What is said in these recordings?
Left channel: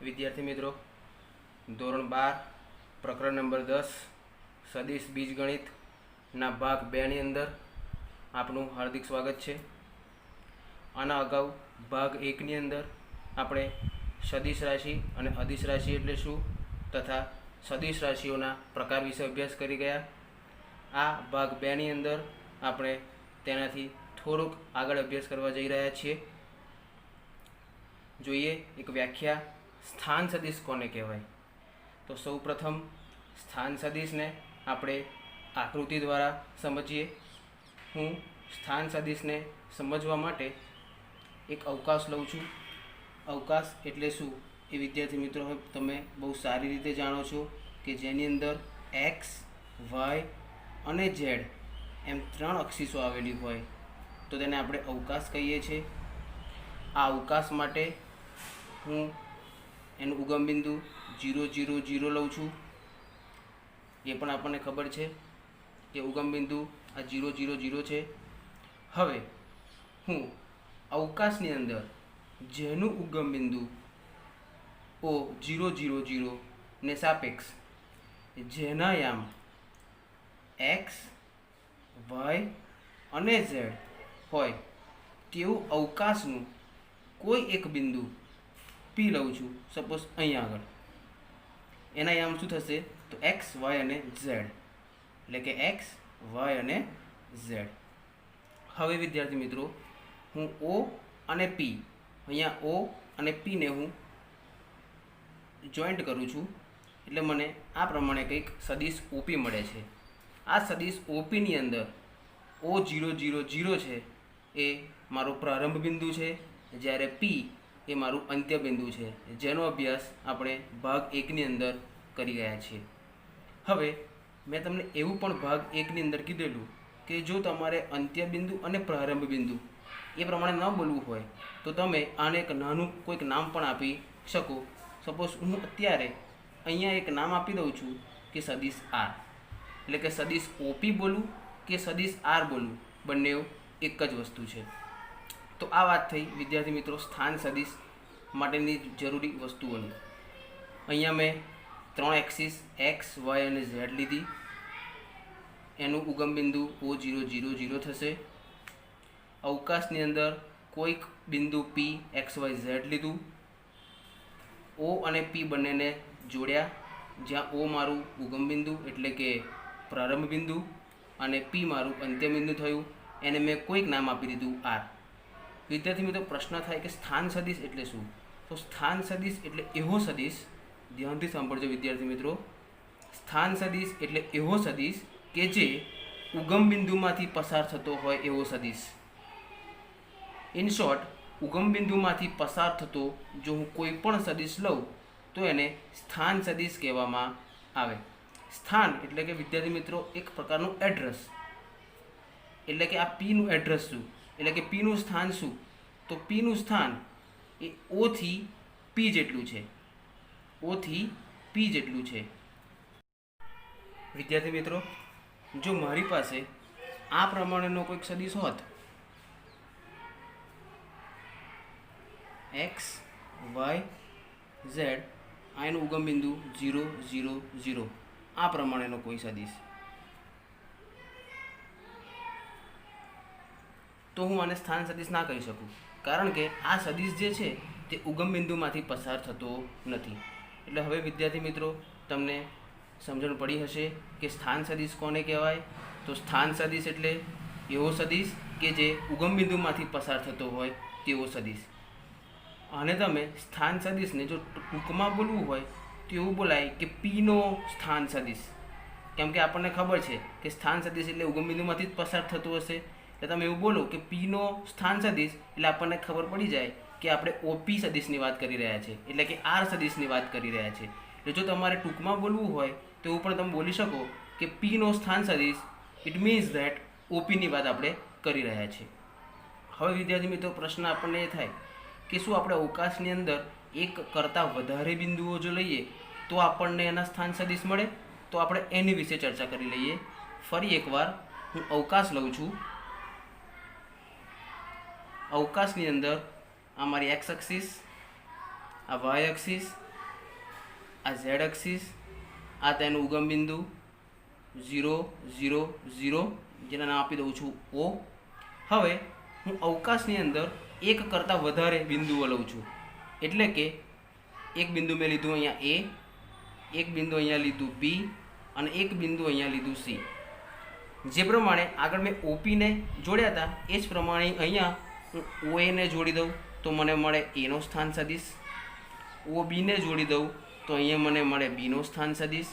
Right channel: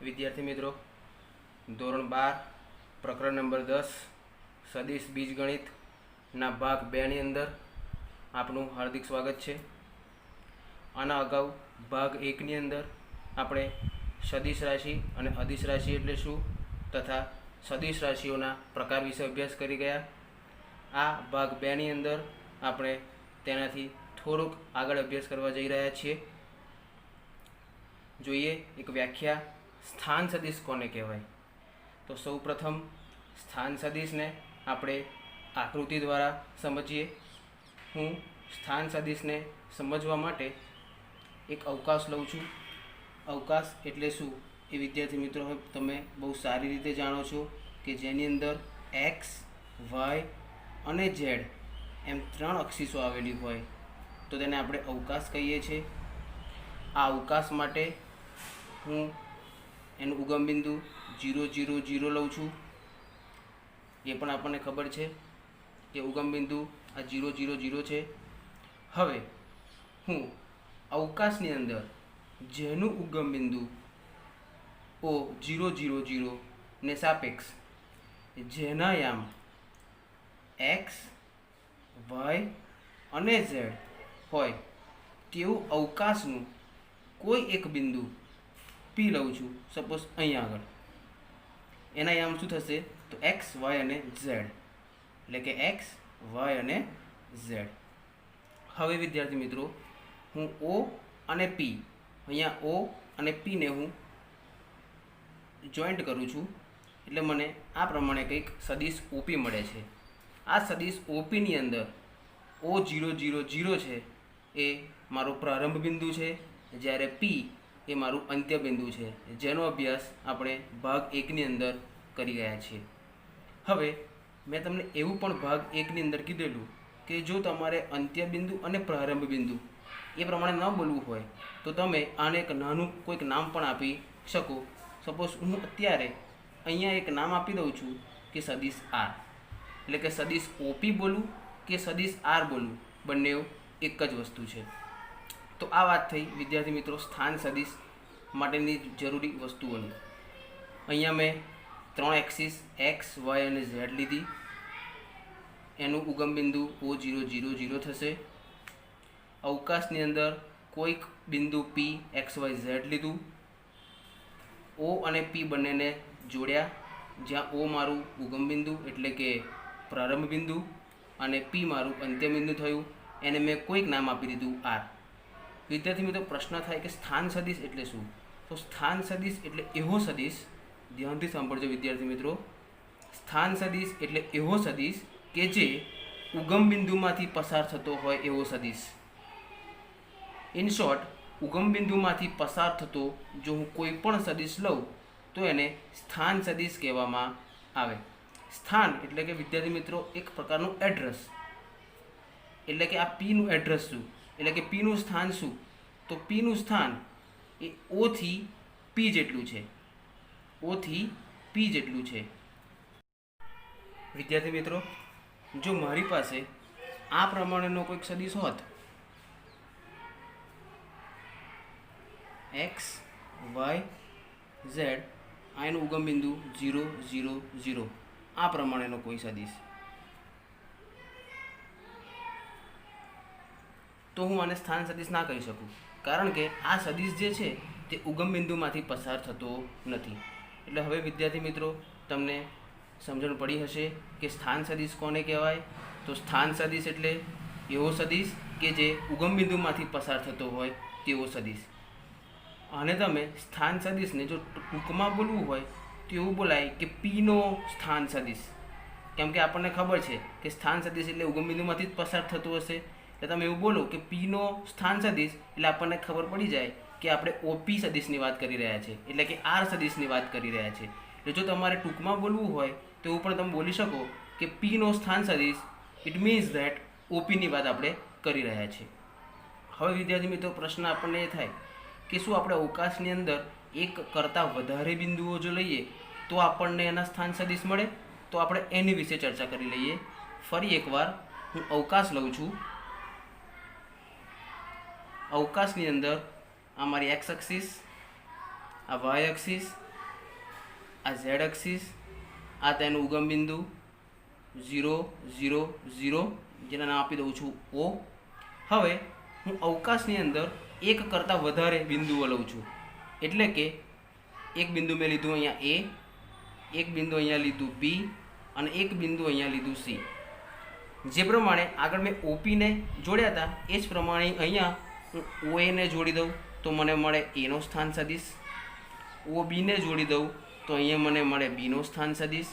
વિદ્યાર્થી મિત્રો, ધોરણ 12 પ્રકરણ નંબર 10 સદિશ બીજગણિતના ભાગ 2 ની અંદર આપનું હાર્દિક સ્વાગત છે. આના અગાઉ ભાગ 1 ની અંદર આપણે સદિશ રાશિ અને અદિશ રાશિ એટલે શું તથા સદિશ રાશિઓના પ્રકાર વિશે અભ્યાસ કરી ગયા. આ ભાગ 2 ની અંદર આપણે તેનાથી થોડુંક આગળ અભ્યાસ કરવા જઈ રહ્યા છીએ. જોઈએ એક વ્યાખ્યા, સ્થાન સદિશ કોને કહેવાય? તો સૌપ્રથમ સ્થાન સદિશને આપણે આકૃતિ દ્વારા સમજીએ. હું સ્થાન સદિશને સમજવા માટે એક અવકાશ લઉં છું. અવકાશ એટલે શું એ વિદ્યાર્થી મિત્રો તમે બહુ સારી રીતે જાણો છો કે જેની અંદર એક્સ, વાય અને ઝેડ એમ 3 અક્ષીસો આવેલી હોય તો તેને આપણે અવકાશ કહીએ છીએ. આ અવકાશ માટે હું એનું ઉગમ બિંદુ 0, 0, 0 લઉં છું. એ પણ આપણને ખબર છે કે ઉગમ બિંદુ આ 0, 0, 0 છે. હવે હું અવકાશની અંદર જેનું ઉગમ બિંદુ O 0, 0, 0 ને સાપેક્ષ જેના યામ એક્સ, વાય અને ઝેડ હોય તેવું અવકાશનું કોઈ એક બિંદુ પી લઉં છું. સપોઝ અહીંયા આગળ એના યામ શું થશે તો એક્સ, વાય અને ઝેડ, એટલે કે એક્સ, વાય અને ઝેડ. હવે વિદ્યાર્થી મિત્રો, હું ઓ અને પી, અહીંયા ઓ અને પીને હું જોઈન્ટ કરું છું એટલે મને આ પ્રમાણે કંઈક સદિશ ઓપી મળે છે. આ સદિશ ઓપીની અંદર O 0, 0, 0 છે એ મારો પ્રારંભ બિંદુ છે, જ્યારે પી એ મારું અંત્ય બિંદુ છે, જેનો અભ્યાસ આપણે ભાગ 1 ની અંદર કરી રહ્યા છીએ. હવે મેં તમને એવું પણ ભાગ 1 ની અંદર કીધેલું કે જો તમારે અંત્ય બિંદુ અને પ્રારંભ બિંદુ એ પ્રમાણે ન બોલવું હોય તો તમે આને એક નાનું કોઈક નામ પણ આપી શકો. સપોઝ હું અત્યારે અહીંયા એક નામ આપી દઉં છું કે સદિશ આર, એટલે કે સદિશ ઓપી બોલું કે સદિશ આર બોલું, બંને એક જ વસ્તુ છે. તો આ વાત થઈ વિદ્યાર્થી મિત્રો સ્થાન સદિશ માટેની જરૂરી વસ્તુઓની. અહીંયા મેં 3 એક્સિસ એક્સ, વાય અને ઝેડ લીધી. એનું ઉગમ બિંદુ O 0, 0, 0 થશે. અવકાશની અંદર કોઈક બિંદુ પી એક્સ, વાય, ઝેડ લીધું. O અને પી બંનેને જોડ્યા, જ્યાં O મારું ઉગમ બિંદુ એટલે કે પ્રારંભ બિંદુ અને પી મારું અંત્ય બિંદુ થયું. એને મેં કોઈક નામ આપી દીધું આર. વિદ્યાર્થી મિત્રો પ્રશ્ન થાય કે સ્થાન સદિશ એટલે શું? તો સ્થાન સદિશ એટલે એવો સદિશ, ધ્યાનથી સાંભળજો વિદ્યાર્થી મિત્રો, સ્થાન સદિશ એટલે એવો સદિશ કે જે ઉગમ બિંદુમાંથી પસાર થતો હોય એવો સદિશ. ઇન શોર્ટ, ઉગમ બિંદુમાંથી પસાર થતો જો હું કોઈ પણ સદિશ લઉં તો એને સ્થાન સદિશ કહેવામાં આવે. સ્થાન એટલે કે વિદ્યાર્થી મિત્રો એક પ્રકારનું એડ્રેસ, એટલે કે આ પીનું એડ્રેસ શું, એટલે કે પીનું સ્થાન શું? તો પીનું સ્થાન એ O થી પી જેટલું છે. O થી પી જેટલું છે. વિદ્યાર્થી મિત્રો, જો મારી પાસે આ પ્રમાણેનો કોઈક સદિશ હોત, એક્સ, વાય, ઝેડ, આ એનું ઉગમ બિંદુ 0, 0, 0, આ પ્રમાણેનો કોઈ સદિશ, તો હું આને સ્થાન સદિશ ના કહી શકું, કારણ કે આ સદિશ જે છે તે ઉગમ બિંદુમાંથી પસાર થતો નથી. એટલે હવે વિદ્યાર્થી મિત્રો તમને સમજણ પડી હશે કે સ્થાન સદિશ કોને કહેવાય. તો સ્થાન સદિશ એટલે એવો સદિશ કે જે ઉગમ બિંદુમાંથી પસાર થતો હોય તેવો સદિશ. અને તમે સ્થાન સદિશને જો ટૂંકમાં બોલવું હોય તો એવું બોલાય કે પીનો સ્થાન સદિશ, કેમ કે આપણને ખબર છે કે સ્થાન સદિશ એટલે ઉગમ બિંદુમાંથી જ પસાર થતું હશે. એટલે તમે એવું બોલો કે પીનો સ્થાન સદિશ એટલે આપણને ખબર પડી જાય કે આપણે ઓપી સદિશની વાત કરી રહ્યા છીએ, એટલે કે આર સદિશની વાત કરી રહ્યા છીએ. એટલે જો તમારે ટૂંકમાં બોલવું હોય તો એવું પણ તમે બોલી શકો કે પીનો સ્થાન સદિશ, ઇટ મીન્સ ધેટ ઓપીની વાત આપણે કરી રહ્યા છીએ. હવે વિદ્યાર્થી મિત્રો પ્રશ્ન આપણને એ થાય કે શું આપણે અવકાશની અંદર એક કરતાં વધારે બિંદુઓ જો લઈએ તો આપણને એના સ્થાન સદિશ મળે? તો આપણે એની વિશે ચર્ચા કરી લઈએ. ફરી એકવાર હું અવકાશ લઉં છું. અવકાશની અંદર આ મારી એક્સ એક્સિસ, આ વાય એક્સિસ આ ઝેડ એક્સિસ, આ તેનું ઉગમ બિંદુ 0 0 0, જેના નામ આપી દઉં છું O. હવે હું અવકાશની અંદર એક કરતાં વધારે બિંદુઓ લઉં છું, એટલે કે એક બિંદુ મેં લીધું અહીંયા A, એક બિંદુ અહીંયા લીધું B અને એક બિંદુ અહીંયા લીધું C. જે પ્રમાણે આગળ મેં OPને જોડ્યા હતા એ જ પ્રમાણે અહીંયા હું OAને જોડી દઉં તો મને મળે Aનો સ્થાન સદિશ, OBને જોડી દઉં તો અહીંયા મને મળે Bનો સ્થાન સદિશ,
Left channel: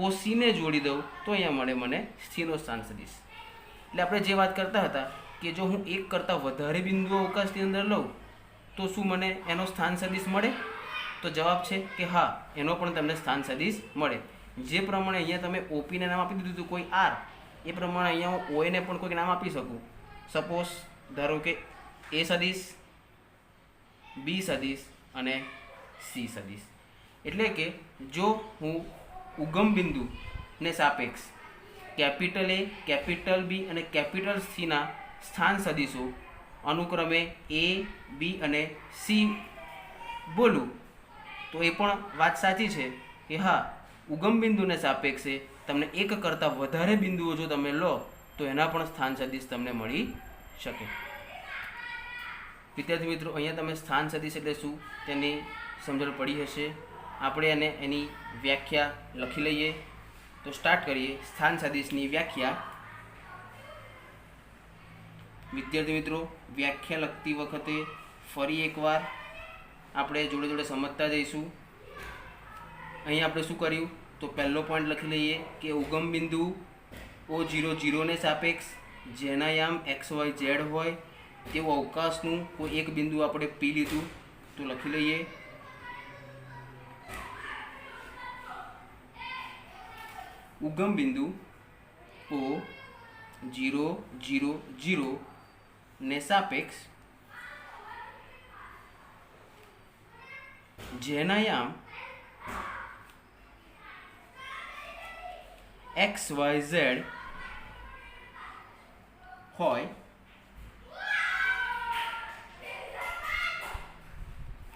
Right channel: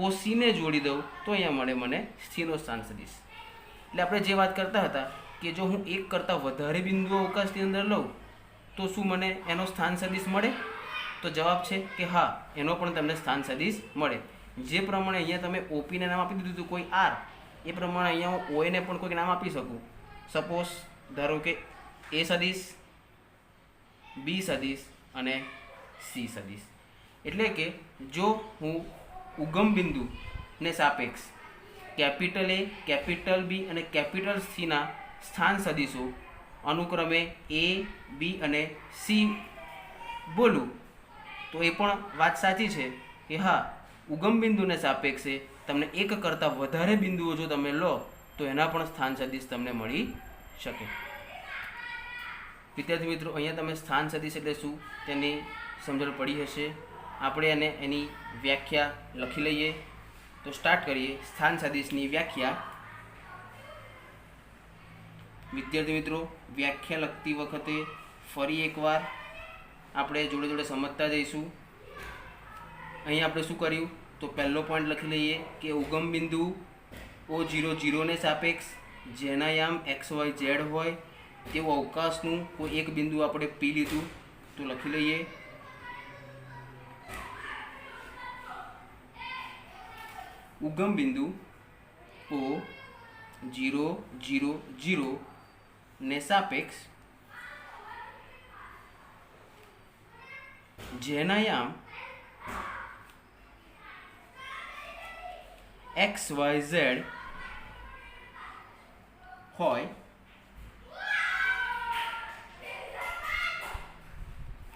OCને જોડી દઉં તો અહીંયા મને Cનો સ્થાન સદિશ. એટલે આપણે જે વાત કરતા હતા કે જો હું એક કરતાં વધારે બિંદુઓ અવકાશની અંદર લઉં તો શું મને એનો સ્થાન સદિશ મળે? તો જવાબ છે કે હા, એનો પણ તમને સ્થાન સદિશ મળે. જે પ્રમાણે અહીંયા તમે OPને નામ આપી દીધું હતું કોઈ R, એ પ્રમાણે અહીંયા હું OAને પણ કોઈક નામ આપી શકું. સપોઝ ધારો કે A સદિશ, B સદિશ અને C સદિશ. એટલે કે જો હું ઉગમ બિંદુને સાપેક્ષ કેપિટલ A, કેપિટલ B અને કેપિટલ Cના સ્થાન સદિશો અનુક્રમે A, B અને C બોલું તો એ પણ વાત સાચી છે કે હા, ઉગમ બિંદુને સાપેક્ષે તમને એક કરતાં વધારે બિંદુઓ જો તમે લો તો એના પણ સ્થાન સદિશ તમને મળી શકે. વિદ્યાર્થી મિત્રો, અહીંયા તમે સ્થાન સદિશ એટલે શું તેની સમજણ પડી હશે. આપણે એની વ્યાખ્યા લખી લઈએ. તો સ્ટાર્ટ કરીએ સ્થાન સદિશની વ્યાખ્યા. વિદ્યાર્થી મિત્રો, વ્યાખ્યા લખતી વખતે ફરી એકવાર આપણે જોડે જોડે સમજતા જઈશું. અહીં આપણે શું કર્યું તો પહેલો પોઈન્ટ લખી લઈએ કે ઉગમ બિંદુ O0 0ને સાપેક્ષ જેના યામ XYZ હોય તેવું અવકાશનું કોઈ એક બિંદુ આપણે P લીધું તો લખી લઈએ. ઉગમ બિંદુ O0 0 0 ને સાપેક્ષ જેના યામ XYZ હોય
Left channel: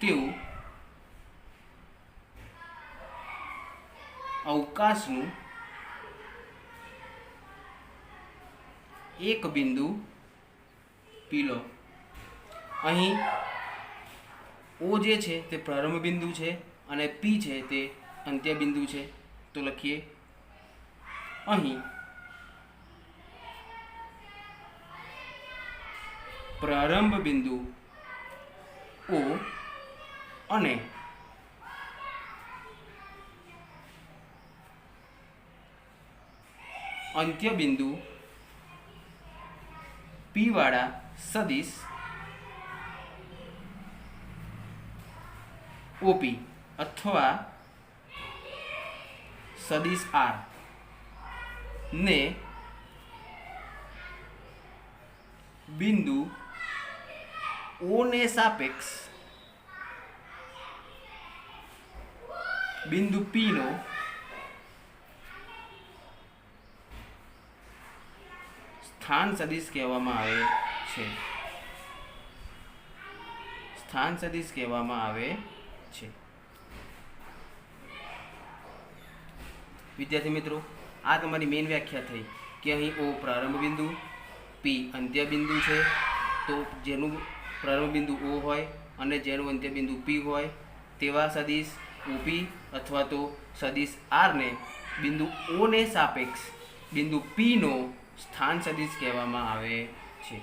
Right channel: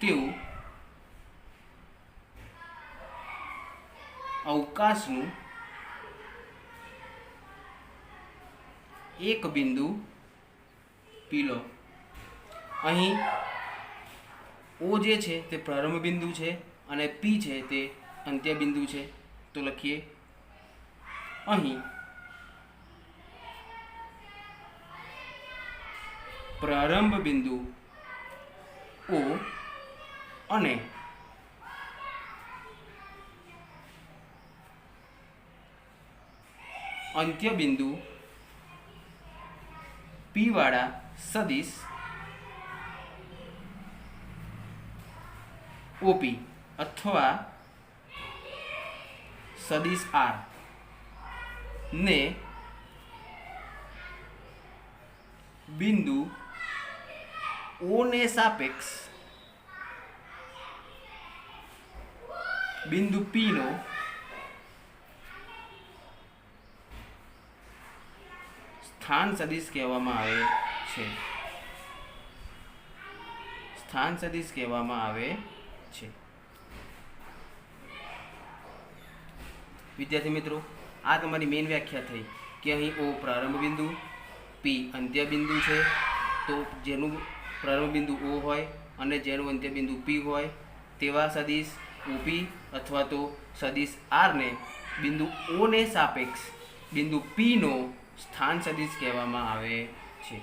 તેવું અવકાશનું એક બિંદુ P લો. અહીં O જે છે તે પ્રારંભ બિંદુ છે અને P છે તે અંત્ય બિંદુ છે. તો લખીએ અહીં પ્રારંભ બિંદુ O અને અંત્ય બિંદુ P વાળા સદિશ OP અથવા સદિશ R ને બિંદુ O ને સાપેક્ષ બિંદુ P નો સ્થાન સદિશ કહેવામાં આવે છે. સ્થાન સદિશ કહેવામાં આવે છે. વિદ્યાર્થી મિત્રો, આ તમારી મેઇન વ્યાખ્યા થઈ કે અહીં O પ્રારંભ બિંદુ, P અંત્ય બિંદુ છે. તો જેનું પ્રારંભ બિંદુ O હોય અને જેનું અંત્ય બિંદુ P હોય તેવા સદિશ OP અથવા તો સદિશ R ને બિંદુ O ને સાપેક્ષ બિંદુ P નો સ્થાન સદિશ કહેવામાં આવે છે.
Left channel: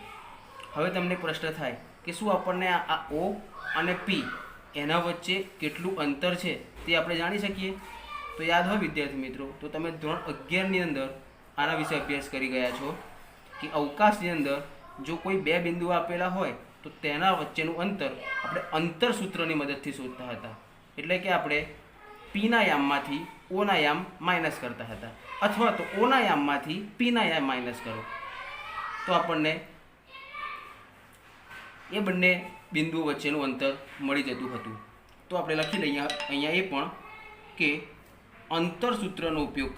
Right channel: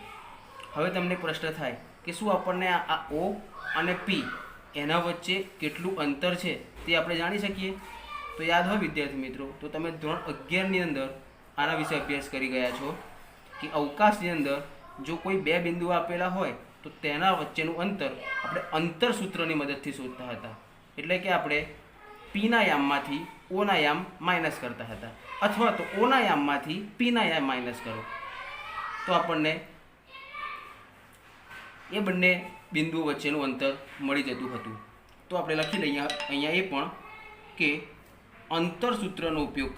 હવે તમને પ્રશ્ન થાય કે શું આપણને આ O અને P એના વચ્ચે કેટલું અંતર છે તે આપણે જાણી શકીએ? તો યાદ હોય વિદ્યાર્થી મિત્રો, તો તમે ધોરણ 11ની અંદર આના વિશે અભ્યાસ કરી ગયા છો કે અવકાશની અંદર જો કોઈ બે બિંદુઓ આપેલા હોય તો તેના વચ્ચેનું અંતર આપણે અંતર સૂત્રની મદદથી શોધતા હતા. એટલે કે આપણે Pના યામમાંથી Oના યામ માઇનસ કરતા હતા, અથવા તો Oના યામમાંથી Pના યામ માઇનસ કરો તો આપણને એ બંને બિંદુઓ વચ્ચેનું અંતર મળી જતું હતું. તો આપણે લખી લઈએ અહીંયા એ પણ કે અંતર સૂત્રનો ઉપયોગ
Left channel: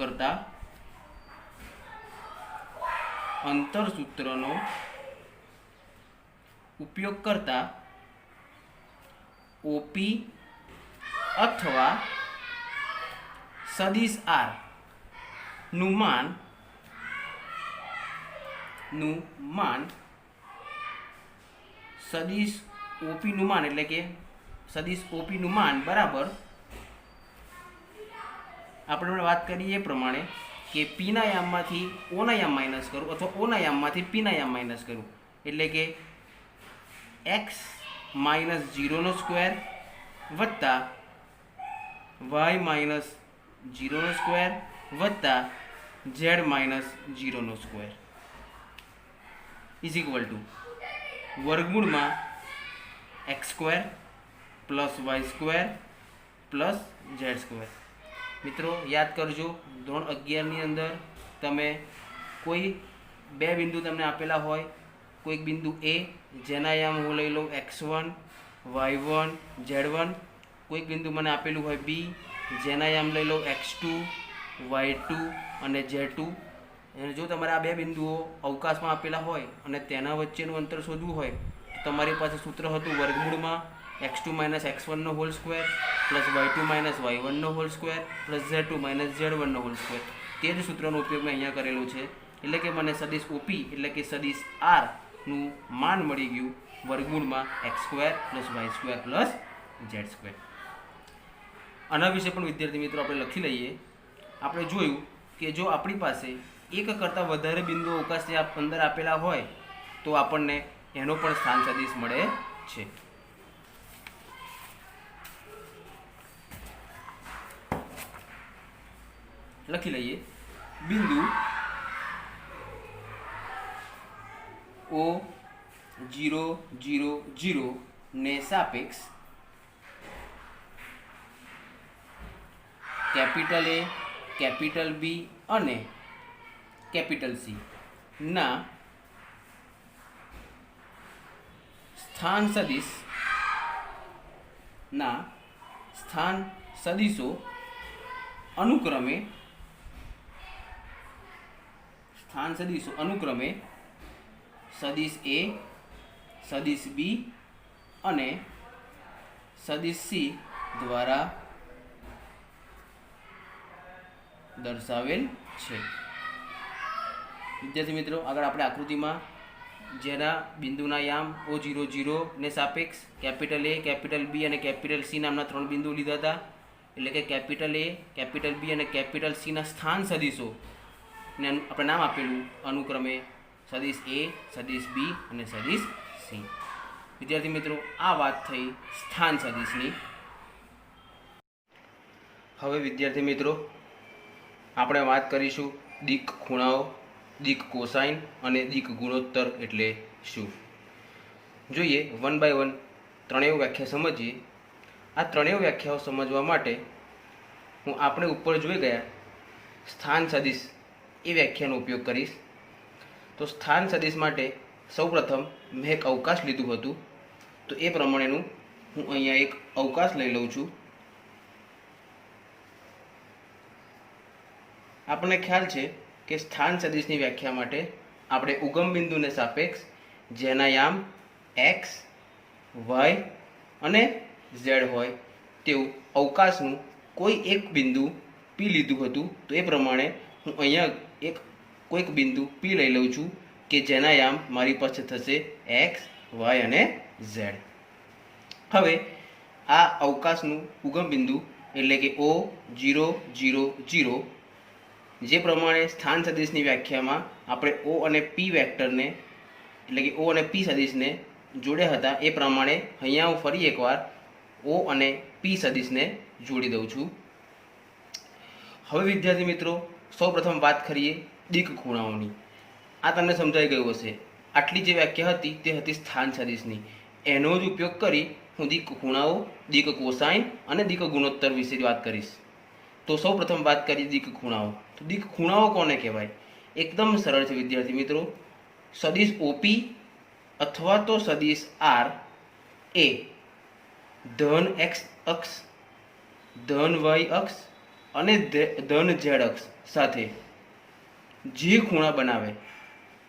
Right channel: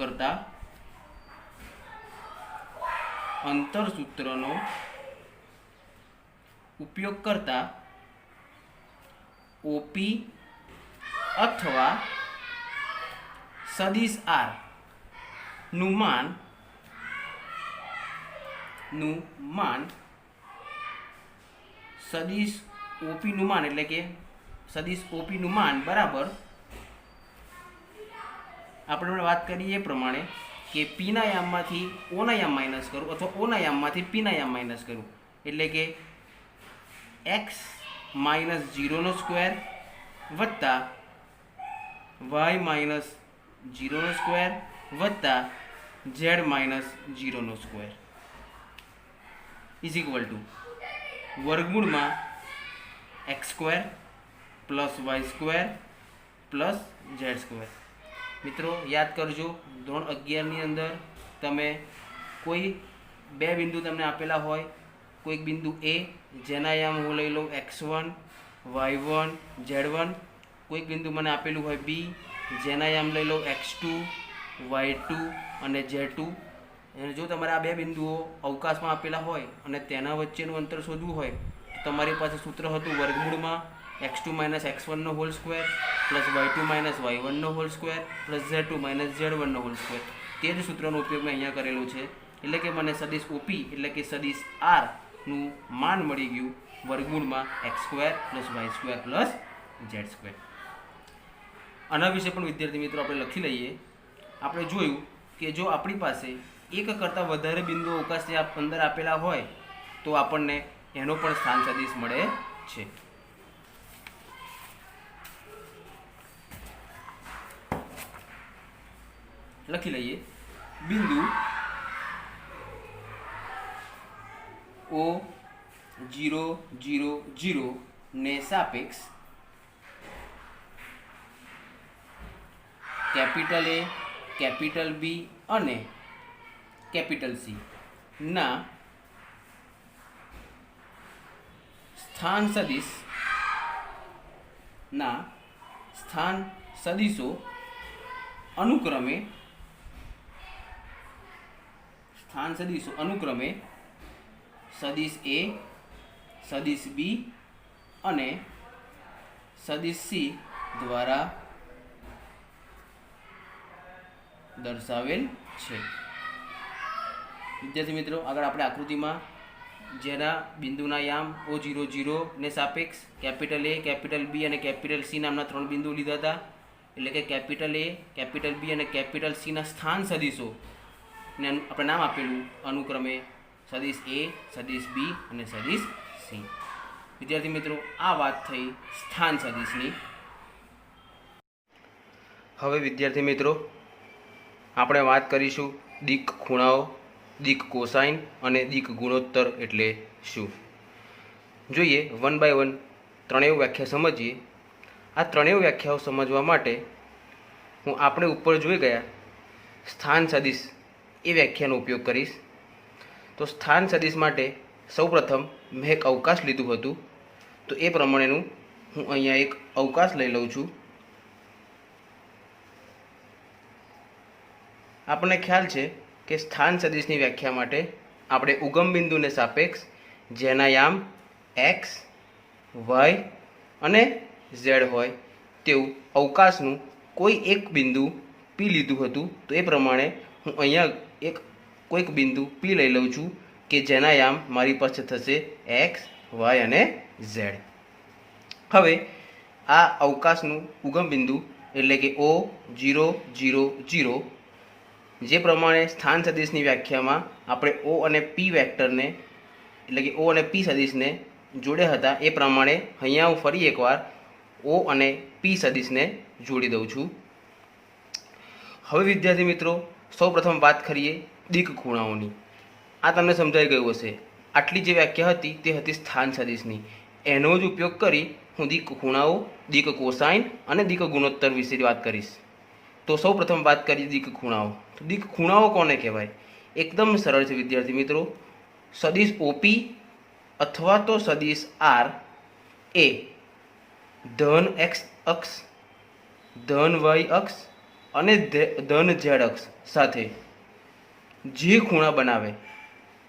કરતા OP અથવા સદિશ આર નું માન સદિશ ઓપી નું માન એટલે કે સદિશ ઓપી નું માન બરાબર આપણે વાત કરીએ એ પ્રમાણે કે પીના યામમાંથી ઓના યામ માઇનસ કરું અથવા ઓના યામમાંથી પીના યામ માઇનસ કરું એટલે કે એક્સ માઇનસ 0 સ્ક્વેર વત્તા વાય માઇનસ 0 સ્ક્વેર વત્તા Z minus 0 square is equal to વર્ગમૂળમાં x square plus Y square plus Z square. મિત્રો યાદ કરજો, ધોરણ 11ની અંદર તમે કોઈ બે બિંદુ તમને આપેલા હોય, કોઈક બિંદુ એ જેના યામ હું લઈ લઉં x1 y1 z1, કોઈક બિંદુ મને આપેલું હોય બી જેના યામ લઈ લઉં x2 y2 અને z2. અને જો તમારે આ બે બિંદુઓ અવકાશમાં આપેલા હોય અને તેના વચ્ચેનું અંતર શોધવું હોય તો તમારી પાસે સૂત્ર હતું વર્ગમૂળમાં x2 minus x1 whole square plus y2 minus y1 whole square plus z2 minus z1 whole square. તે જ સૂત્રનો ઉપયોગ મેં અહીંયા કરેલો છે. એટલે કે મને સદિશ ઓપી એટલે કે સદિશ આરનું માન મળી ગયું વર્ગમૂળમાં x square plus Y square plus Z square. આના વિશે પણ વિદ્યાર્થી મિત્રો આપણે લખી લઈએ. આપણે જોયું કે જો આપણી પાસે એક કરતાં વધારે બિંદુઓ અવકાશની અંદર આપેલા હોય તો આપણને એનો પણ સ્થાન સદિશ મળે છે. લખી લઈએ. બિંદુ O000 ને સાપેક્ષ કેપિટલ એ, કેપિટલ બી અને કેપિટલ સી ના સ્થાન સદિશો અનુક્રમે સદિશ એ, સદિશ બી અને સદિશ સી દ્વારા દર્શાવેલ છે. વિદ્યાર્થી મિત્રો આગળ આપણે આકૃતિમાં જેના બિંદુના યામ O00 ને સાપેક્ષ કેપિટલ એ, કેપિટલ બી અને કેપિટલ સી નામના 3 બિંદુ લીધા હતા. એટલે કે કેપિટલ એ, કેપિટલ બી અને કેપિટલ સીના સ્થાન સદિશો ને આપણે નામ આપેલું અનુક્રમે સદિશ એ, સદિશ બી અને સદિશ સી. વિદ્યાર્થી મિત્રો આ વાત થઈ સ્થાન સદિશની. હવે વિદ્યાર્થી મિત્રો આપણે વાત કરીશું દિક ખૂણાઓ, દિક કોસાઇન અને દિક ગુણોત્તર એટલે શું. જોઈએ 1 બાય 1 ત્રણેય વ્યાખ્યા સમજીએ. આ ત્રણેય વ્યાખ્યાઓ સમજવા માટે હું આપણે ઉપર જોઈ ગયા સ્થાન સદિશ એ વ્યાખ્યાનો ઉપયોગ કરીશ. તો સ્થાન સદિશ માટે સૌપ્રથમ મેં એક અવકાશ લીધું હતું, તો એ પ્રમાણેનું હું અહીંયા એક અવકાશ લઈ લઉં છું. આપણને ખ્યાલ છે કે સ્થાન સદિશની વ્યાખ્યા માટે આપણે ઉગમ બિંદુને સાપેક્ષ જેના યામ x, y અને z હોય તેવું અવકાશનું કોઈ એક બિંદુ p લીધું હતું. તો એ પ્રમાણે હું અહીંયા કોઈક બિંદુ p લઈ લઉં છું કે જેના યામ મારી પાસે થશે x, y અને z. હવે આ અવકાશનું ઉગમ બિંદુ એટલે કે O000 જે પ્રમાણે સ્થાન સદિશની વ્યાખ્યામાં આપણે O અને P વેક્ટરને એટલે કે O અને P સદિશને જોડ્યા હતા એ પ્રમાણે અહીંયા હું ફરી એકવાર O અને P સદિશને જોડી દઉં છું. હવે વિદ્યાર્થી મિત્રો સૌપ્રથમ વાત કરીએ દિક ખૂણાઓની. આ તમને સમજાઈ ગયું હશે. આટલી જે વ્યાખ્યા હતી તે હતી સ્થાન સદિશની. એનો જ ઉપયોગ કરી હું દિક ખૂણાઓ, દિક કોસાઇન અને દિક ગુણોત્તર વિશે વાત કરીશ. તો સૌપ્રથમ વાત કરીએ દિક ખૂણાઓ. તો દિક ખૂણાઓ કોને કહેવાય? એકદમ સરળ છે વિદ્યાર્થી મિત્રો. સદિશ ઓપી અથવા તો સદિશ આર એ ધન એક્સ અક્ષ, ધન વાય અક્ષ અને ધન ઝેડ અક્ષ સાથે જે ખૂણા બનાવે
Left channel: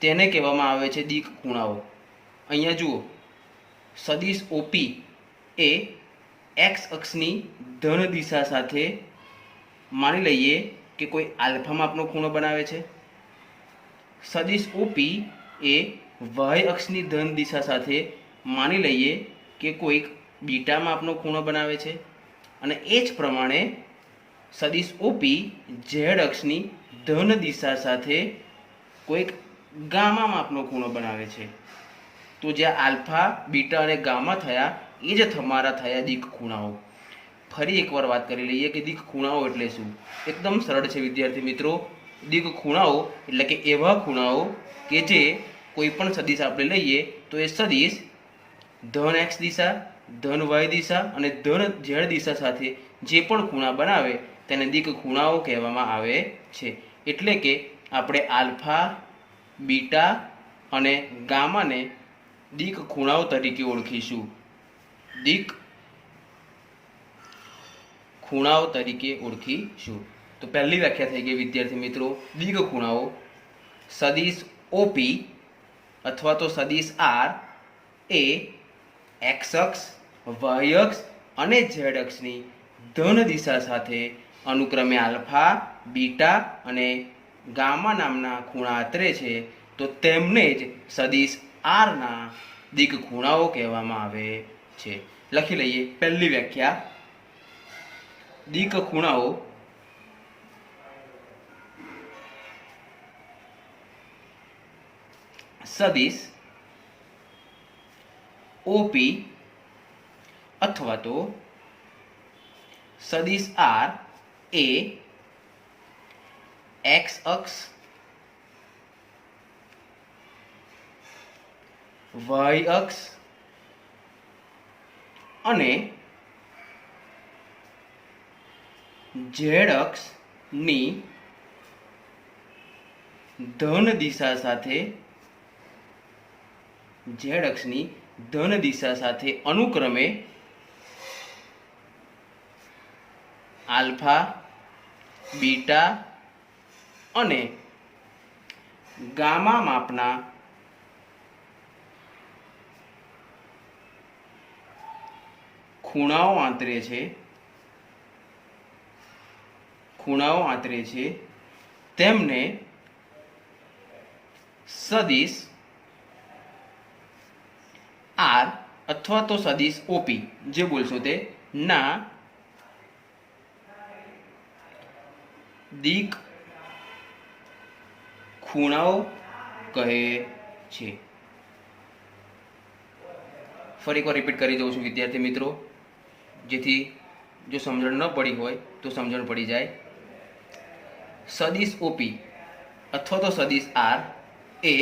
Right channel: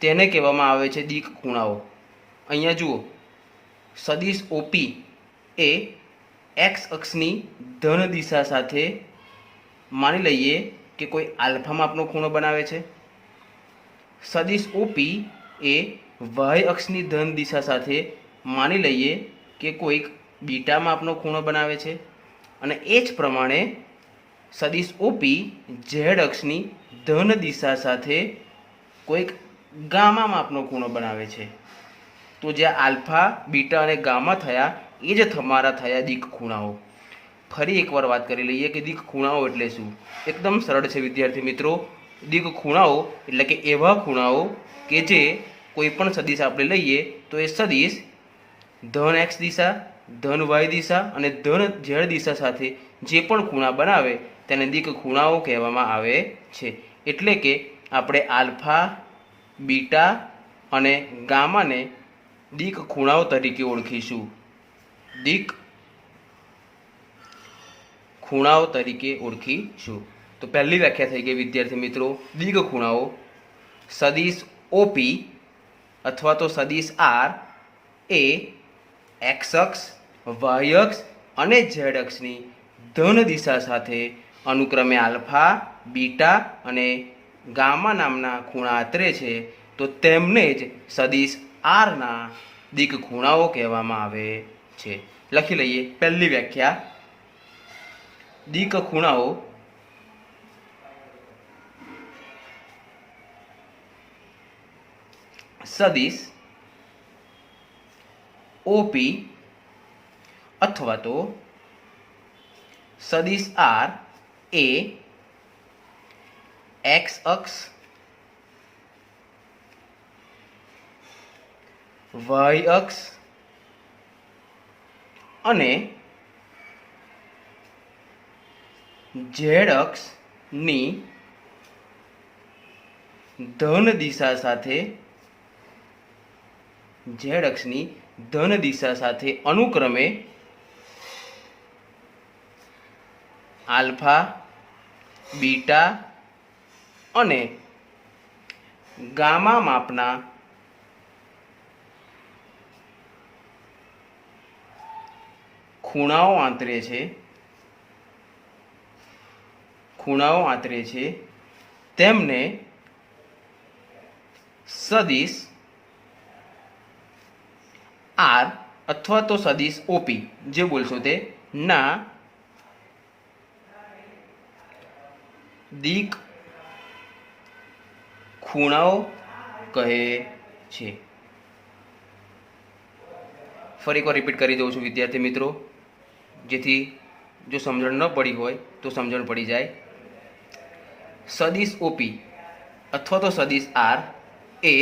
તેને કહેવામાં આવે છે દિક ખૂણાઓ. અહીંયા જુઓ, સદિશ ઓપી એ એક્સ અક્ષની ધન દિશા સાથે માની લઈએ કે કોઈ આલ્ફા માપનો ખૂણો બનાવે છે. સદિશ ઓપી એ વાય અક્ષની ધન દિશા સાથે માની લઈએ કે કોઈક બીટા માપનો ખૂણો બનાવે છે. અને એ જ પ્રમાણે સદિશ ઓપી ઝેડ અક્ષની ધન દિશા સાથે કોઈક ગામા માપનો ખૂણો બનાવે છે. તો જ્યાં આલ્ફા બીટા અને ગામા થયા એ જ તમારા થયા દિક ખૂણાઓ. ફરી એકવાર વાત કરી લઈએ કે દિક ખૂણાઓ એટલે શું. એકદમ સરળ છે વિદ્યાર્થી મિત્રો. દિક ખૂણાઓ એટલે કે એવા ખૂણાઓ કે જે કોઈ પણ સદિશ આપણે લઈએ તો એ સદિશ ધન એક્સ દિશા, ધન વાય દિશા અને ધન ઝેડ દિશા સાથે જે પણ ખૂણા બનાવે તેને દિક ખૂણાઓ કહેવામાં આવે છે. એટલે કે આપણે આલ્ફા, બીટા અને ગામાને દિક ખૂણાઓ તરીકે ઓળખીશું. દિક ખૂણાઓ તરીકે ઓળખીશું. તો પહેલી વ્યાખ્યા થઈ ગઈ વિદ્યાર્થી મિત્રો. દિક ખૂણાઓ સદિશ ઓપી અથવા તો સદિશ આર એ એક્સ અક્ષ, વાય અક્ષ અને ઝેડ અક્ષની ધન દિશા સાથે અનુક્રમે આલ્ફા, બીટા અને ગામા નામના ખૂણા આતરે છે. તો તેમને જ સદિશ આરના દિક ખૂણાઓ કહેવામાં આવે છે. લખી લઈએ પહેલી વ્યાખ્યા. દિક ખૂણાઓ સદિશ ઓપી અથવા તો સદિશ આર એ એક્સ અક્ષ, વાય અક્ષ અને ઝેડ અક્ષની ધન દિશા સાથે અનુક્રમે આલ્ફા, બીટા અને ગામા માપના ખૂણાઓ આંતરે છે. તેમને સદિશ આર અથવા તો સદિશ ઓપી જે બોલશો તે ના દિક ખૂણાઓ કહે છે. ફરી એકવાર રિપીટ કરી દઉં છું વિદ્યાર્થી મિત્રો, જેથી જો સમજણ ન પડી હોય તો સમજણ પડી જાય. સદિશ ઓપી અથવા તો સદિશ આર એ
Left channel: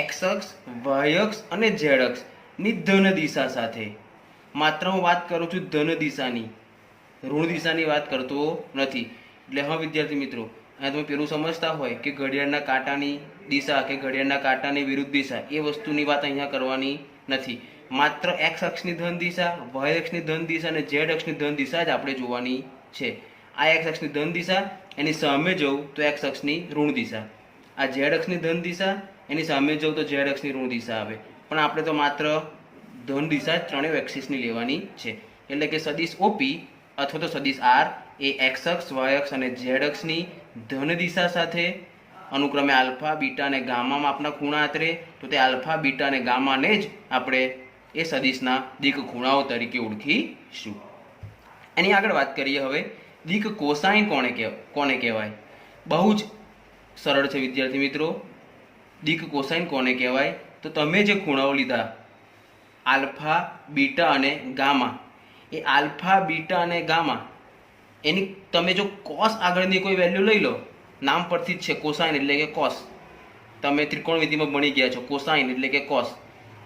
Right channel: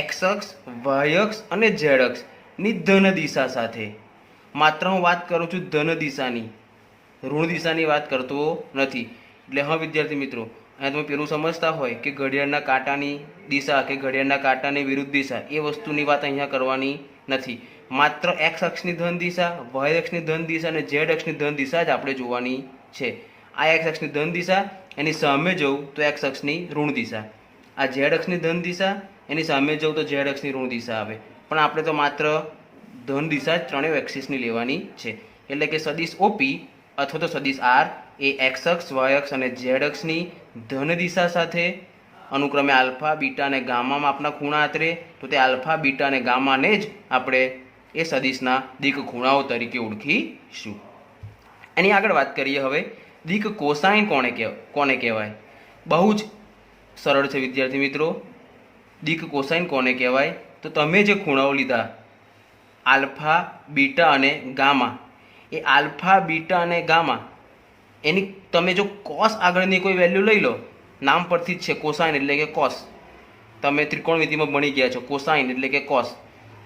એક્સ અક્ષ, વાય અક્ષ અને ઝેડ અક્ષની ધન દિશા સાથે, માત્ર હું વાત કરું છું ધન દિશાની, ઋણ દિશાની વાત કરતો નથી. એટલે હા વિદ્યાર્થી મિત્રો, અહીંયા તમે પેલું સમજતા હોય કે ઘડિયાળના કાંટાની દિશા કે ઘડિયાળના કાંટાની વિરુદ્ધ દિશા, એ વસ્તુની વાત અહીંયા કરવાની નથી. માત્ર એક્સ અક્ષની ધન દિશા, વાય અક્ષની ધન દિશા અને ઝેડ અક્ષની ધન દિશા જ આપણે જોવાની છે. આ એક્સ અક્ષની ધન દિશા, એની સામે જવું તો એક્સ અક્ષની ઋણ દિશા. આ ઝેડ અક્ષની ધન દિશા, એની સામે જવું તો ઝેડ અક્ષની ઋણ દિશા આવે. પણ આપણે તો માત્ર ધન દિશા જ ત્રણેય એક્સિસની લેવાની છે. એટલે કે સદિશ ઓપી અથવા તો સદિશ આર એ એક્સ અક્ષ, વાય અક્ષ અને ઝેડ અક્ષની ધન દિશા સાથે અનુક્રમે આલ્ફા, બીટા અને ગામા માપના ખૂણા આતરે. તો તે આલ્ફા, બીટા અને ગામાને જ આપણે એ સદિશના દિક ખૂણાઓ તરીકે ઓળખીશું. એની આગળ વાત કરીએ હવે દિક કોસાઇન કોને કહેવાય. બહુ જ સરળ છે વિદ્યાર્થી મિત્રો. દિક કોસાઇન કોને કહેવાય? તો તમે જે ખૂણાઓ લીધા આલ્ફા, બીટા અને ગામા, એ આલ્ફા, બીટા અને ગામા એની તમે જો કોસ આગળની કોઈ વેલ્યુ લઈ લો, નામ પરથી જ છે કોસાઇન એટલે કે કોસ. તમે ત્રિકોણમિતિમાં ભણી ગયા છો, કોસાઇન એટલે કે કોસ.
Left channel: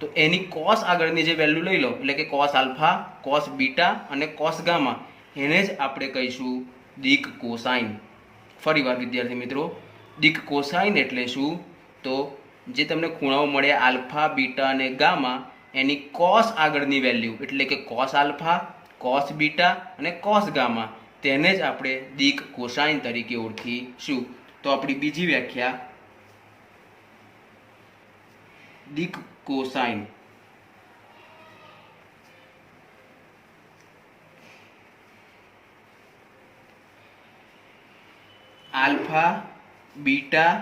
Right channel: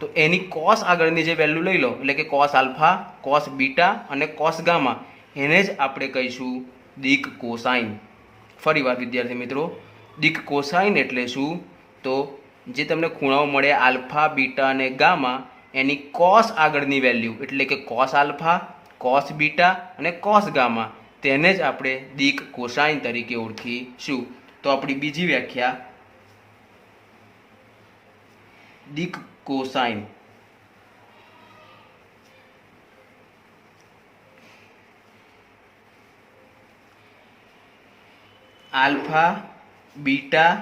તો એની કોસ આગળની જે વેલ્યુ લઈ લો એટલે કે કોસ આલ્ફા, કોસ બીટા અને કોસ ગામા, એને જ આપણે કહીશું દિક કોસાઇન. ફરીવાર વિદ્યાર્થી મિત્રો, દિક કોસાઇન એટલે શું? તો જે તમને ખૂણાઓ મળે આલ્ફા, બીટા અને ગામા, એની કોસ આગળની વેલ્યુ એટલે કે કોસ આલ્ફા, કોસ બીટા અને કોસ ગામા, તેને જ આપણે દિક કોસાઇન તરીકે ઓળખીશું. તો આપણી બીજી વ્યાખ્યા દિક કોસાઇન. આલ્ફા, બીટા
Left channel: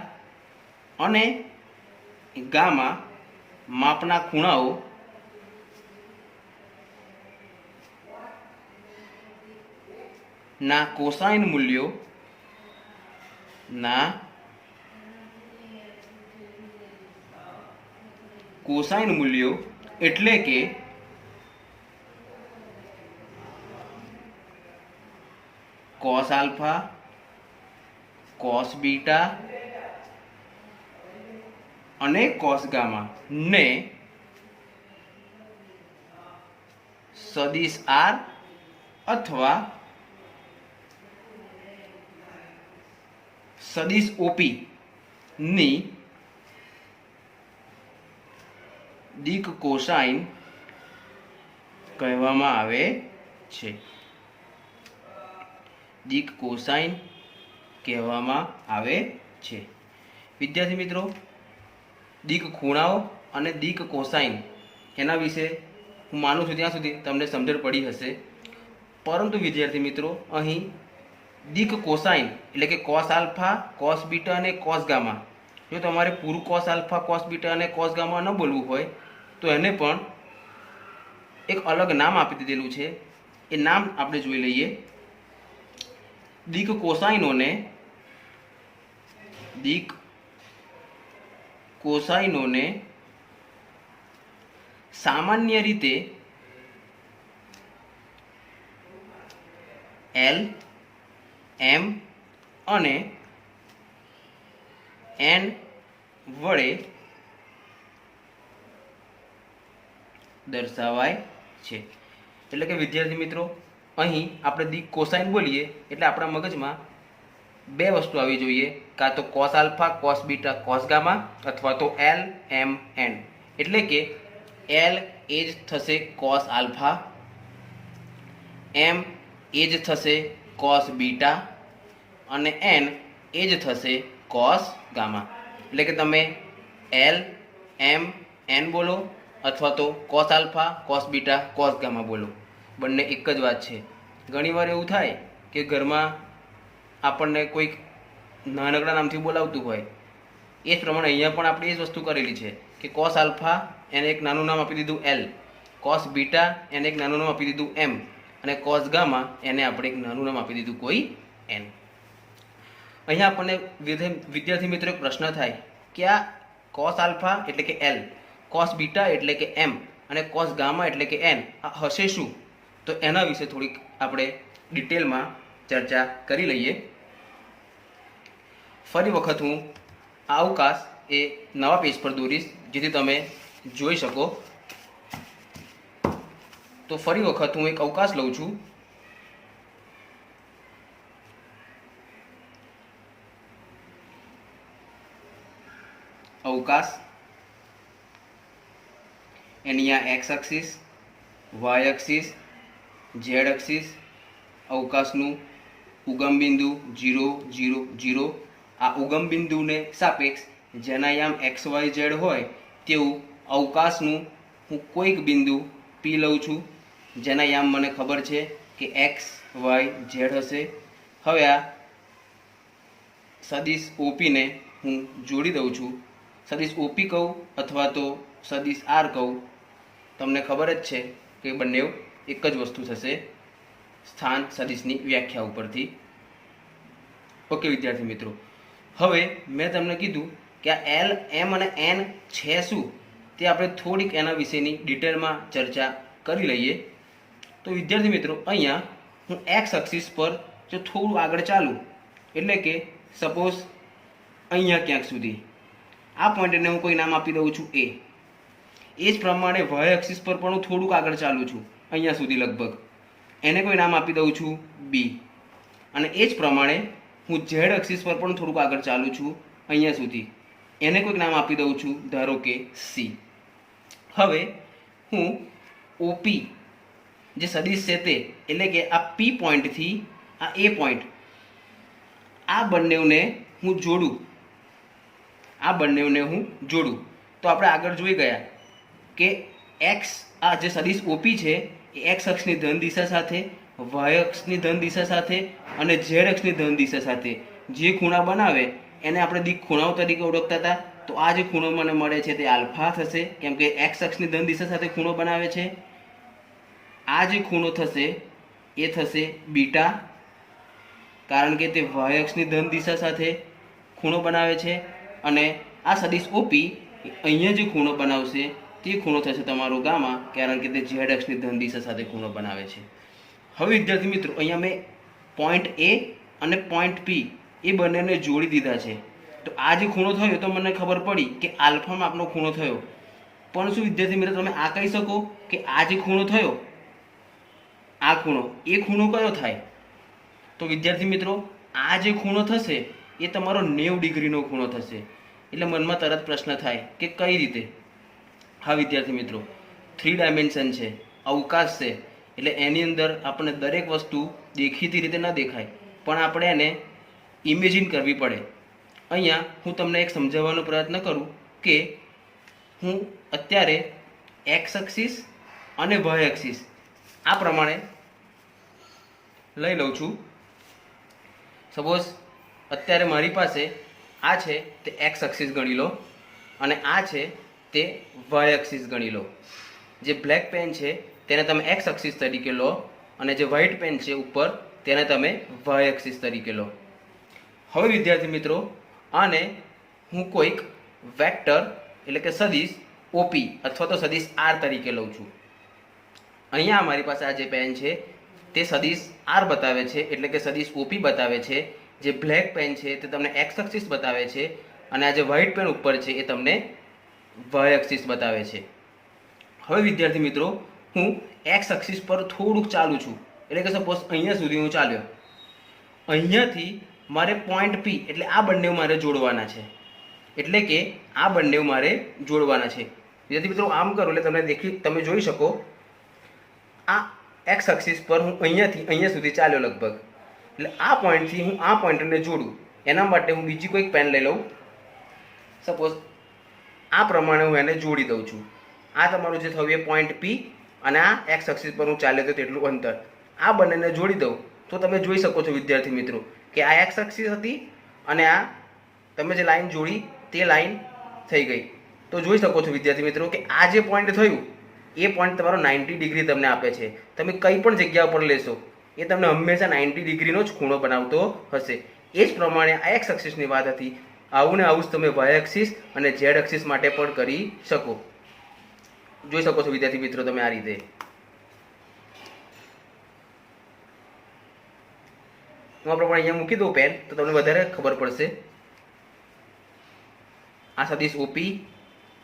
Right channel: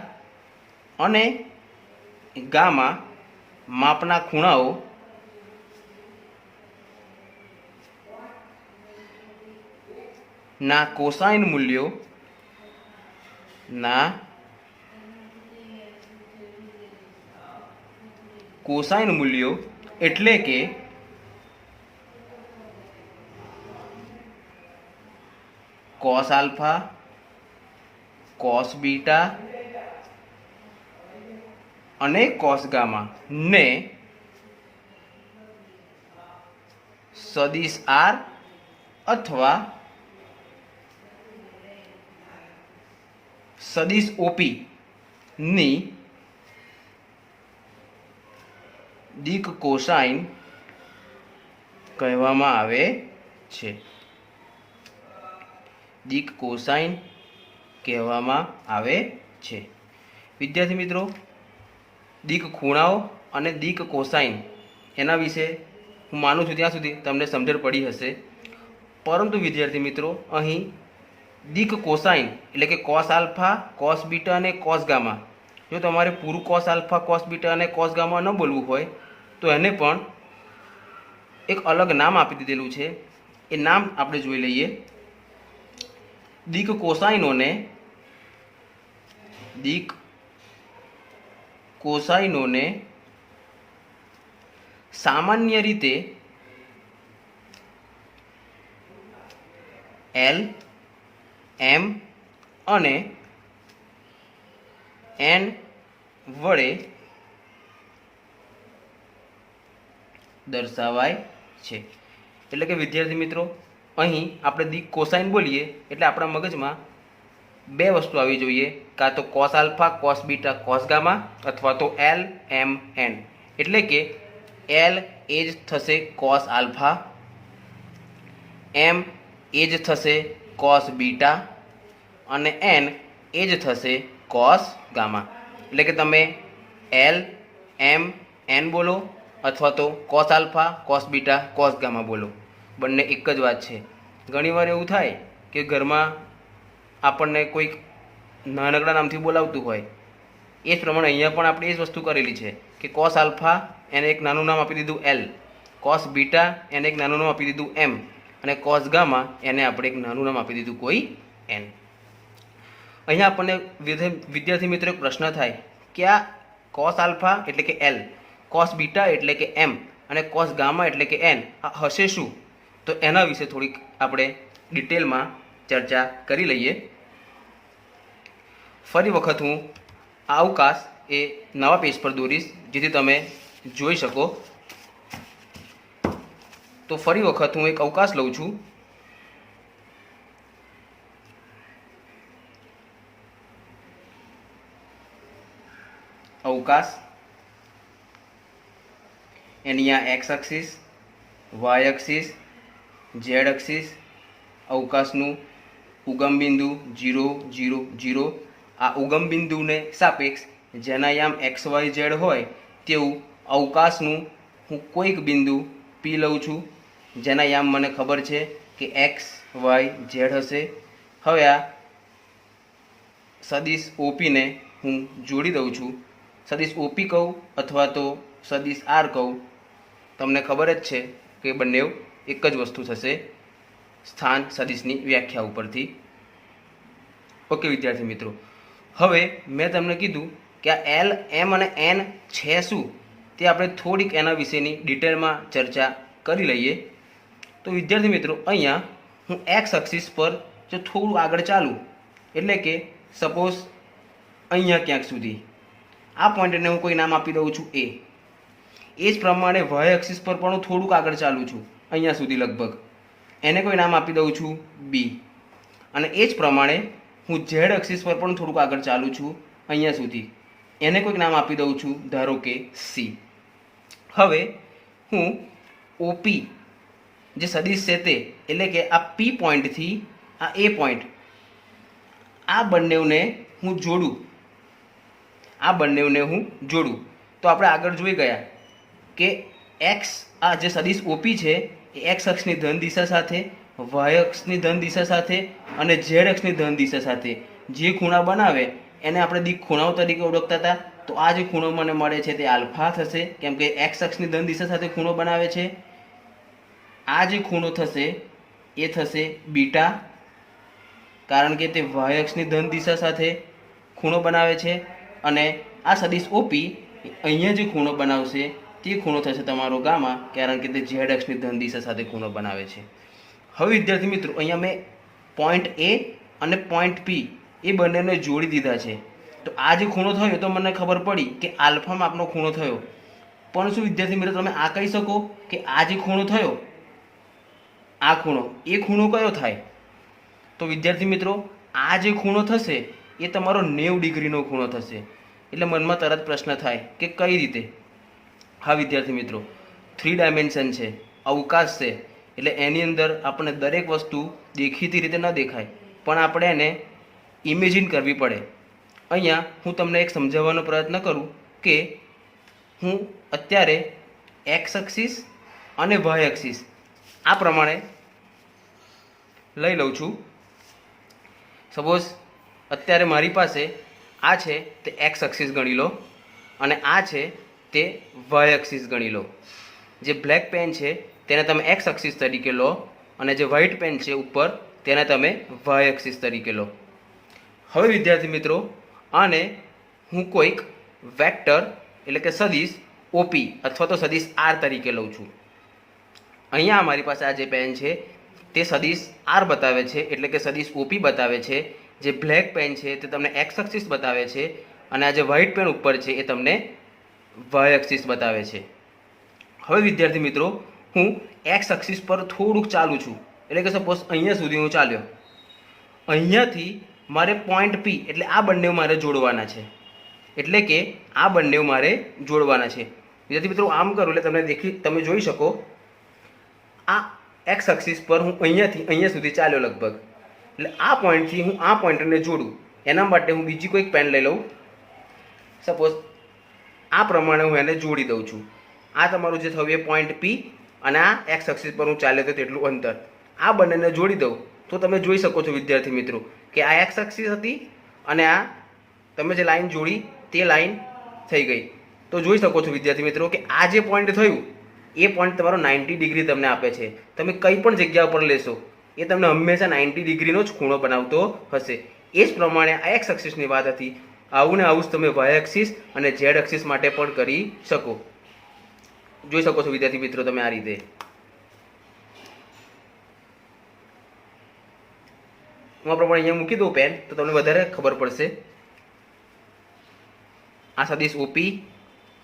અને ગામા માપના ખૂણાઓ ના કોસાઇન મૂલ્યો એટલે કે કોસ આલ્ફા, કોસ બીટા અને કોસ ગામા ને સદિશ આર અથવા સદિશ ઓપી ની દિક કોસાઇન કહેવામાં આવે છે. દિક કોસાઇન કહેવામાં આવે છે. વિદ્યાર્થી મિત્રો, દિક ખૂણાઓ અને દિક કોસાઇન એના વિશે હું માનું છું ત્યાં સુધી તમને સમજણ પડી હશે. પરંતુ વિદ્યાર્થી મિત્રો, અહીં દિક કોસાઇન એટલે કે કોસ આલ્ફા, કોસ બીટા અને કોસ ગામા, જો તમારે પૂરું કોસ આલ્ફા, કોસ બીટા અને કોસ ગામા ન બોલવું હોય તો એને પણ એક અલગ નામ આપી દીધેલું છે. એ નામ આપણે જોઈ લઈએ. દિક કોસાઇનોને સામાન્ય રીતે એલ, એમ અને એન વડે દર્શાવાય છે. એટલે કે વિદ્યાર્થી મિત્રો, અહીં આપણે દિક કોસાઇન બોલીએ એટલે આપણા મગજમાં બે વસ્તુ આવી જોઈએ, કાં તો cos alpha, cos beta, cos gamma અથવા તો એલ, એમ, એન. એટલે કે એલ એ જ થશે કોસ આલ્ફા, એમ એ જ થશે કોસ બીટા અને એન એ જ થશે કોસ ગામા. એટલે કે તમે એલ, એમ, એન બોલો અથવા તો cos alpha, cos beta, cos gamma બોલો, બંને એક જ વાત છે. ઘણીવાર એવું થાય કે ઘરમાં આપણને કોઈક નાનકડા નામથી બોલાવતું હોય, એ જ પ્રમાણે અહીંયા પણ આપણે એ જ વસ્તુ કરેલી છે કે કોસ આલ્ફા એને એક નાનું નામ આપી દીધું એલ, કોસ બીટા એને એક નાનું નામ આપી દીધું એમ અને કોસ ગામા એને આપણે એક નાનું નામ આપી દીધું કોઈ એન. અહીંયા આપણને વિદ્યાર્થી મિત્રો એક પ્રશ્ન થાય કે આ કોસ આલ્ફા એટલે કે એલ, કોસ બીટા એટલે કે એમ અને કોસ ગામા એટલે કે એન આ હશે શું? તો એના વિશે થોડીક આપણે ડિટેલમાં ચર્ચા કરી લઈએ. ફરી વખત હું આ અવકાશ એ નવા પેજ પર દોરીશ જેથી તમે જોઈ શકો. તો ફરી વખત હું એક અવકાશ લઉં છું. અવકાશ એની આ X axis, Y axis, Z axis, અવકાશનું ઉગમ બિંદુ 0, 0, 0. આ ઉગમ બિંદુને સાપેક્ષ જેના યામ એક્સ, વાય, ઝેડ હોય તેવું અવકાશનું હું કોઈક બિંદુ પી લઉં છું જેના યામ મને ખબર છે કે એક્સ, વાય, ઝેડ હશે. હવે આ સદિશ ઓપીને હું જોડી દઉં છું. સદિશ ઓપી કહું અથવા તો સદિશ આર કહું, તમને ખબર જ છે કે બંને એક જ વસ્તુ થશે સ્થાન સદિશની વ્યાખ્યા ઉપરથી. ઓકે વિદ્યાર્થી મિત્રો, હવે મેં તમને કીધું કે આ એલ, એમ અને એન છે શું તે આપણે થોડીક એના વિશેની ડિટેલમાં ચર્ચા કરી લઈએ. તો વિદ્યાર્થી મિત્રો, અહીંયા હું એક્સ એક્સિસ પર જો થોડું આગળ ચાલું એટલે કે સપોઝ અહીંયા ક્યાંક સુધી આ પોઈન્ટને હું કોઈ નામ આપી દઉં છું એ. એ જ પ્રમાણે વાય એક્સિસ પર પણ હું થોડુંક આગળ ચાલું છું અહીંયા સુધી લગભગ, એને કોઈ નામ આપી દઉં છું બી. અને એ જ પ્રમાણે હું ઝેડ એક્સિસ પર પણ થોડુંક આગળ ચાલું છું અહીંયા સુધી, એને કોઈક નામ આપી દઉં છું ધારો કે સી. હવે હું ઓપી જે સદિશ છે તે એટલે કે આ પી પોઈન્ટથી આ એ પોઈન્ટ, આ બંનેને હું જોડું, તો આપણે આગળ જોઈ ગયા કે એક્સ આ જે સદિશ ઓપી છે એ એક્સ અક્ષની ધન દિશા સાથે, વાય અક્ષની ધન દિશા સાથે અને ઝેડ અક્ષની ધન દિશા સાથે જે ખૂણા બનાવે એને આપણે દિક ખૂણાઓ તરીકે ઓળખતા હતા. તો આ જે ખૂણો મને મળે છે તે આલ્ફા થશે, કેમ કે એક્સ અક્ષની ધન દિશા સાથે ખૂણો બનાવે છે. આ જે ખૂણો થશે એ થશે બીટા, કારણ કે તે વાય અક્ષની ધન દિશા સાથે ખૂણો બનાવે છે. અને આ સદિશ ઓપી અહીંયા જે ખૂણો બનાવશે તે ખૂણો થશે તમારો ગામા, કારણ કે તે ઝેડ અક્ષની ધન દિશા સાથે ખૂણો બનાવે છે. હવે વિદ્યાર્થી મિત્રો, અહીંયા મેં પોઈન્ટ એ અને પોઈન્ટ પી એ બંનેને જોડી દીધા છે. તો આ જે ખૂણો થયો તો મને ખબર પડી કે આલ્ફા માપનો ખૂણો થયો. પણ શું વિદ્યાર્થી મિત્રો તમે આ કહી શકો કે આ જે ખૂણો થયો, આ ખૂણો, એ ખૂણો કયો થાય? તો વિદ્યાર્થી મિત્રો, આ જે ખૂણો થશે એ તમારો 90 ડિગ્રીનો ખૂણો થશે. એટલે મનમાં તરત પ્રશ્ન થાય કે કઈ રીતે? હા વિદ્યાર્થી મિત્રો, 3 ડાયમેન્શન છે, અવકાશ છે, એટલે એની અંદર આપણને દરેક વસ્તુ દેખીતી રીતે ન દેખાય, પણ આપણે એને ઇમેજિન કરવી પડે. અહીંયા હું તમને એક સમજાવવાનો પ્રયત્ન કરું કે હું અત્યારે એક્સ એક્સિસ અને વાય એક્સિસ આ પ્રમાણે લઈ લઉં છું. સપોઝ અત્યારે મારી પાસે આ છે તે એક્સ એક્સિસ ગણી લો, અને આ છે તે વાય એક્સિસ ગણી લો. જે બ્લેક પેન છે તેને તમે એક્સ એક્સિસ તરીકે લો, અને જે વ્હાઇટ પેન છે ઉપર તેને તમે વાય એક્સિસ તરીકે લો. હવે વિદ્યાર્થી મિત્રો, આને હું કોઈક વેક્ટર એટલે કે સદિશ ઓપી અથવા તો સદિશ આર તરીકે લઉં છું. અહીંયા અમારી પાસે આ જે પેન છે તે સદિશ આર બતાવે છે, એટલે કે સદિશ ઓપી બતાવે છે. જે બ્લેક પેન છે તે તમને એક્સ એક્સિસ બતાવે છે, અને આ જે વ્હાઇટ પેન ઉપર છે એ તમને વાય એક્સિસ બતાવે છે. હવે વિદ્યાર્થી મિત્રો, હું એક્સ એક્સિસ પર થોડુંક ચાલું છું, એટલે કે સપોઝ અહીંયા સુધી હું ચાલ્યો. અહીંયાથી મારે પોઈન્ટ પી એટલે આ બંને મારે જોડવાના છે, એટલે કે આ બંને મારે જોડવાના છે. વિદ્યાર્થી મિત્રો, આમ કરું એટલે તમે જોઈ શકો આ એક્સ એક્સિસ પર હું અહીંયાથી અહીંયા સુધી ચાલ્યો લગભગ. એટલે આ પોઈન્ટથી હું આ પોઈન્ટને જોડું એના માટે હું બીજી કોઈક પેન લઈ લઉં. સપોઝ આ પ્રમાણે હું એને જોડી દઉં છું. આ તમારું જે થયું એ પોઈન્ટ પી, અને આ એક્સ એક્સિસ પર હું ચાલ્યો તો તેટલું અંતર. આ બંનેને જોડી દઉં તો તમે જોઈ શકો છો વિદ્યાર્થી મિત્રો કે આ એક્સ એક્સિસ હતી, અને આ તમે જે લાઈન જોડી તે લાઈન થઈ ગઈ. તો જોઈ શકો છો વિદ્યાર્થી મિત્રો કે આ જે પોઈન્ટ થયું એ પોઈન્ટ તમારો 90 ડિગ્રી તમને આપે છે. તમે કંઈ પણ જગ્યા પર લેશો એ તમને હંમેશા 90 ડિગ્રીનો જ ખૂણો બનાવતો હશે. એ જ પ્રમાણે આ એક્સ એક્સિસની વાત હતી. આવું ને આવું જ તમે વાય એક્સિસ અને ઝેડ એક્સિસ માટે પણ કરી શકો. જોઈ શકો છો વિદ્યાર્થી મિત્રો તમે આ રીતે. હું આ પ્રમાણે અહીંયા મૂકી દઉં પેન તો તમને વધારે ખબર પડશે. આ સદિશ ઓપી,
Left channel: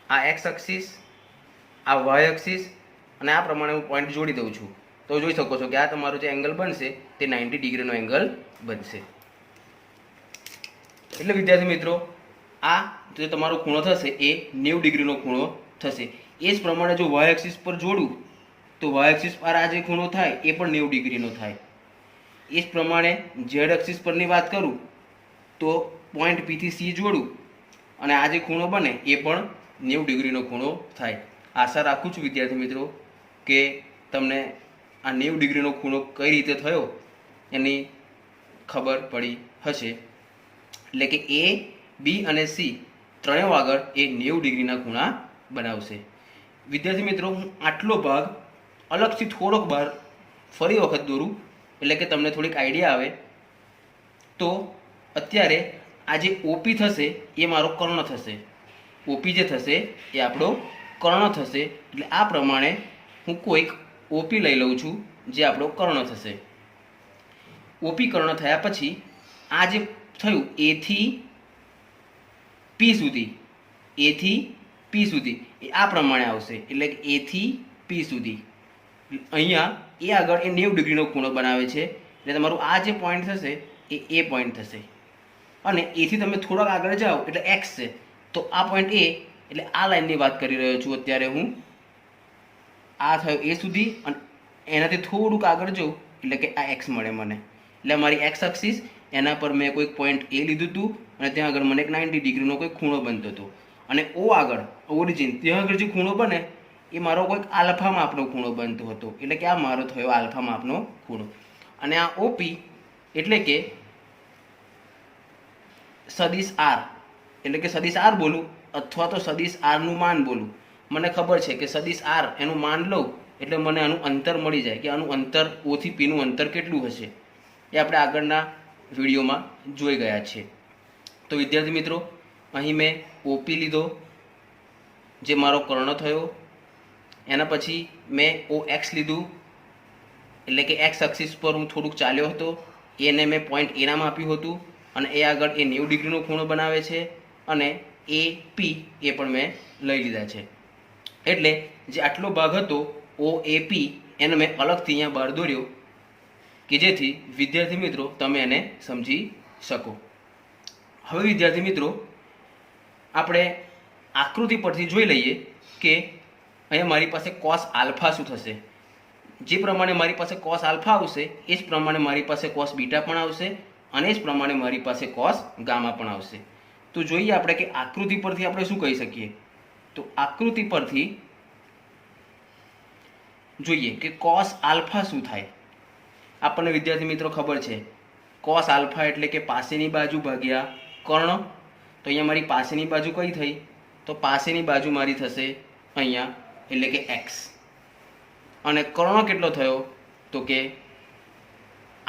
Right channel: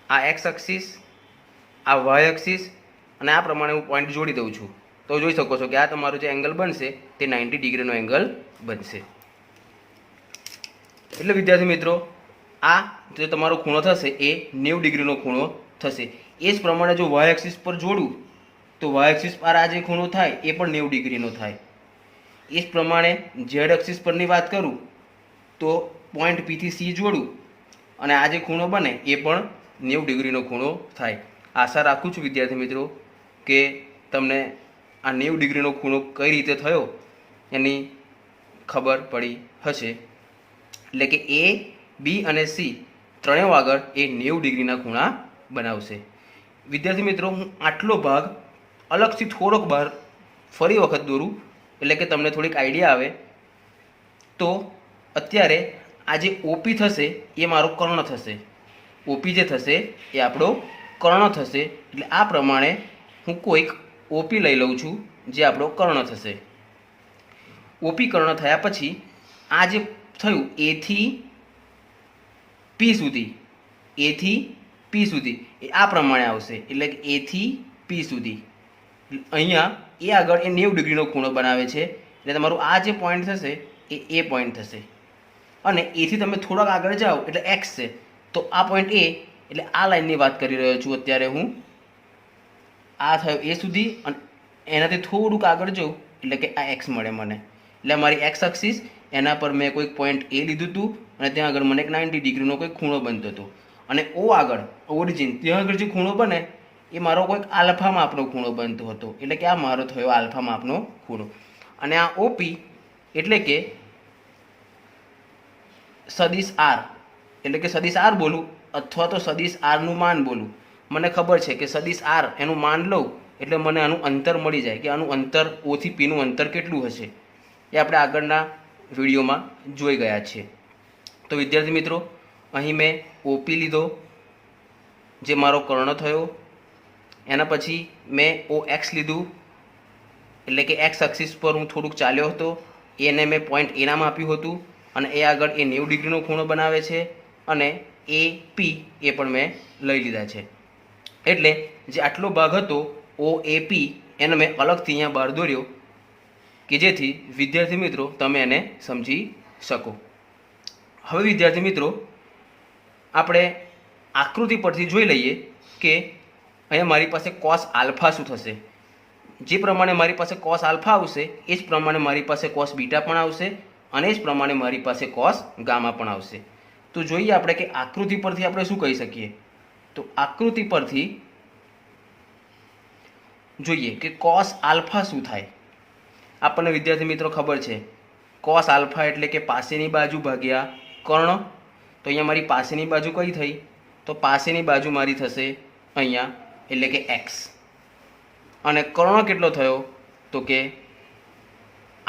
આ એક્સ એક્સિસ, આ વાય એક્સિસ, અને આ પ્રમાણે હું પોઈન્ટ જોડી દઉં છું. તો જોઈ શકો છો કે આ તમારો જે એંગલ બનશે તે 90 ડિગ્રીનો એંગલ બનશે. એટલે વિદ્યાર્થી મિત્રો, આ જે તમારો ખૂણો થશે એ 90 ડિગ્રીનો ખૂણો થશે. એ જ પ્રમાણે જો વાય એક્સિસ પર જોડું તો વાય એક્સિસ પર આ જે ખૂણો થાય એ પણ 90 ડિગ્રીનો થાય. એ જ પ્રમાણે ઝેડ એક્સિસ પરની વાત કરું તો પોઈન્ટ પી થી સી જોડું અને આ જે ખૂણો બને એ પણ 90 ડિગ્રીનો ખૂણો થાય. આશા રાખું છું વિદ્યાર્થી મિત્રો કે તમને આ 90 ડિગ્રીનો ખૂણો કઈ રીતે થયો એની ખબર પડી હશે. એટલે કે એ, બી અને સી ત્રણેય આગળ એ 90 ડિગ્રીના ખૂણા બનાવશે. વિદ્યાર્થી મિત્રો, હું આટલો ભાગ અલગથી થોડોક બહાર ફરી વખત દોરું એટલે કે તમને થોડીક આઈડિયા આવે. તો અત્યારે આ જે ઓપી થશે એ મારો કર્ણ થશે. ઓપી જે થશે એ આપણો કર્ણ થશે. એટલે આ પ્રમાણે હું કોઈક ઓપી લઈ લઉં છું જે આપણો કર્ણ થશે. ઓપી કર્ણ થયા પછી આ જે થયું એથી પી સુધી, એથી પી સુધી એ આ પ્રમાણે આવશે. એટલે કે એથી પી સુધી અહીંયા એ આગળ એ 90 ડિગ્રીનો ખૂણો બનાવે છે. એટલે તમારું આ જે પોઈન્ટ થશે એ પોઈન્ટ થશે. અને એથી તમે થોડાક આગળ જાઓ એટલે એક્સ છે, તો આ પોઈન્ટ એ એટલે આ લાઈનની વાત કરી રહ્યો છું અત્યારે હું. આ થયો એ સુધી, અને એનાથી થોડુંક આગળ જાઉં એટલે કે આ એક્સ મળે મને. એટલે મારી એક્સ એક્સિસ એના પર મેં કોઈક પોઈન્ટ એ લીધું હતું, અને ત્યાં આગળ મને એક 90 ડિગ્રીનો કોઈક ખૂણો બનતો હતો. અને ઓ આગળ ઓરિજિન ત્યાં આગળ જે ખૂણો બને એ મારો કોઈક આલ્ફા માપનો ખૂણો બનતો હતો. એટલે કે આ મારો થયો આલ્ફા માપનો ખૂણો. અને આ ઓપી એટલે કે સદિશ આર એટલે કે સદિશ આર બોલું અથવા તો સદિશ આરનું માન બોલું, મને ખબર છે કે સદિશ આર એનું માન લઉં એટલે મને આનું અંતર મળી જાય કે આનું અંતર ઓ થી પીનું અંતર કેટલું હશે એ આપણે આગળના વિડીયોમાં જોઈ ગયા છીએ. તો વિદ્યાર્થી મિત્રો, અહીં મેં ઓપી લીધો જે મારો કર્ણ થયો, એના પછી મેં ઓ એક્સ લીધું એટલે કે એક્સ એક્સિસ પર હું થોડુંક ચાલ્યો હતો, એને મેં પોઈન્ટ એ નામ આપ્યું હતું અને એ આગળ એ 90 ડિગ્રીનો ખૂણો બનાવે છે અને એ પી એ પણ મેં લઈ લીધા છે. એટલે જે આટલો ભાગ હતો ઓ એ પી એને મેં અલગથી અહીંયા બહાર દોર્યો કે જેથી વિદ્યાર્થી મિત્રો તમે એને સમજી શકો. હવે વિદ્યાર્થી મિત્રો, આપણે આકૃતિ પરથી જોઈ લઈએ કે અહીંયા મારી પાસે કોસ આલ્ફા શું થશે. જે પ્રમાણે મારી પાસે કોસ આલ્ફા આવશે એ જ પ્રમાણે મારી પાસે કોસ બીટા પણ આવશે અને એ જ પ્રમાણે મારી પાસે કોસ ગામા પણ આવશે. તો જોઈએ આપણે કે આકૃતિ પરથી આપણે શું કહી શકીએ. તો આકૃતિ પરથી જોઈએ કે કોસ આલ્ફા શું થાય. આપણને વિદ્યાર્થી મિત્રો ખબર છે કોસ આલ્ફા એટલે કે પાસેની બાજુ ભાગ્યા કર્ણ. તો અહીંયા મારી પાસેની બાજુ કઈ થઈ, તો પાસેની બાજુ મારી થશે અહીંયા એટલે કે એક્સ અને કર્ણ કેટલો થયો તો કે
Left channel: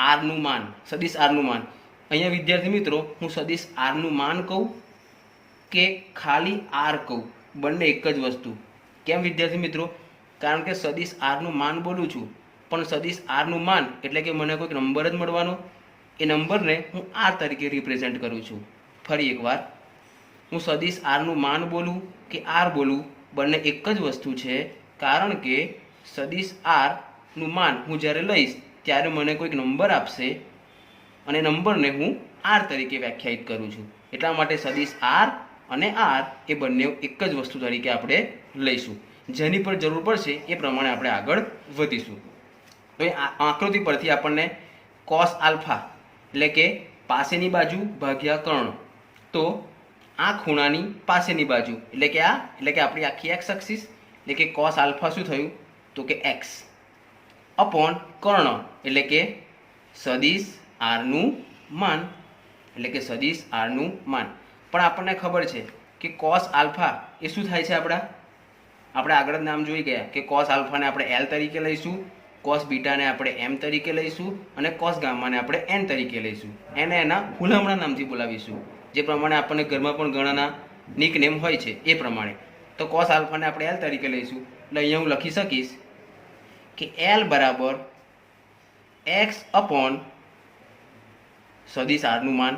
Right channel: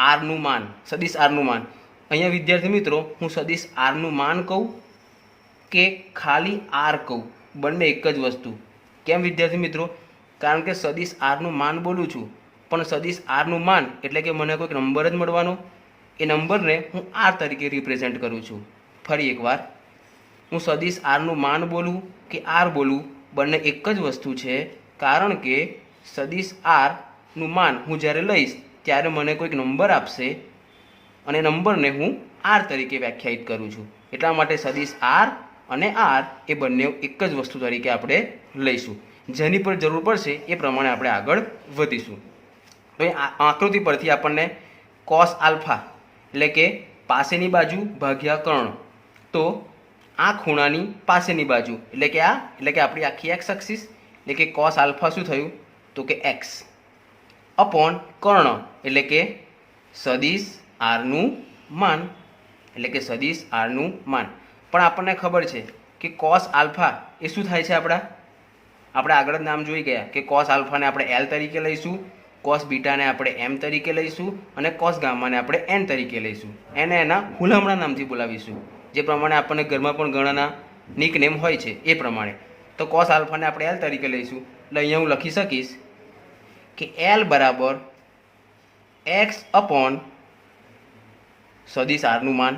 આરનું માન, સદિશ આરનું માન. અહીંયા વિદ્યાર્થી મિત્રો હું સદિશ આરનું માન કહું કે ખાલી આર કહું, બંને એક જ વસ્તુ. કેમ વિદ્યાર્થી મિત્રો? કારણ કે સદિશ આરનું માન બોલું છું પણ સદિશ આરનું માન એટલે કે મને કોઈક નંબર જ મળવાનો, એ નંબરને હું આર તરીકે રિપ્રેઝેન્ટ કરું છું. ફરી એકવાર, હું સદિશ આરનું માન બોલું કે આર બોલું બંને એક જ વસ્તુ છે, કારણ કે સદિશ આરનું માન હું જ્યારે લઈશ ત્યારે મને કોઈક નંબર આપશે અને નંબરને હું આર તરીકે વ્યાખ્યાયિત કરું છું. એટલા માટે સદિશ આર અને આર એ બંને એક જ વસ્તુ તરીકે આપણે લઈશું. જેની પર જરૂર પડશે એ પ્રમાણે આપણે આગળ વધીશું. તો એ આકૃતિ પરથી આપણને કોસ આલ્ફા એટલે કે પાસેની બાજુ ભાગ્યા કર્ણ, તો આ ખૂણાની પાસેની બાજુ એટલે કે આપણી આખી એક્સ એક્સિસ એટલે કે કોસ આલ્ફા શું થયું તો કે એક્સ અપોન કર્ણ એટલે કે સદિશ આરનું માન, એટલે કે સદિશ આરનું માન. પણ આપણને ખબર છે કે કોસ આલ્ફા એ શું થાય છે, આપણે આગળ જ નામ જોઈ ગયા કે કોસ આલ્ફાને આપણે એલ તરીકે લઈશું, કોસ બીટાને આપણે એમ તરીકે લઈશું અને કોસ ગામાને આપણે એન તરીકે લઈશું. એને એના હુલામણા નામથી બોલાવીશું, જે પ્રમાણે આપણને ઘરમાં પણ ઘણાના નિકનેમ હોય છે એ પ્રમાણે. તો કોસ આલ્ફાને આપણે એલ તરીકે લઈશું એટલે અહીંયા હું લખી શકીશ કે એલ બરાબર એક્સ અપોન સદિશ આરનું માન,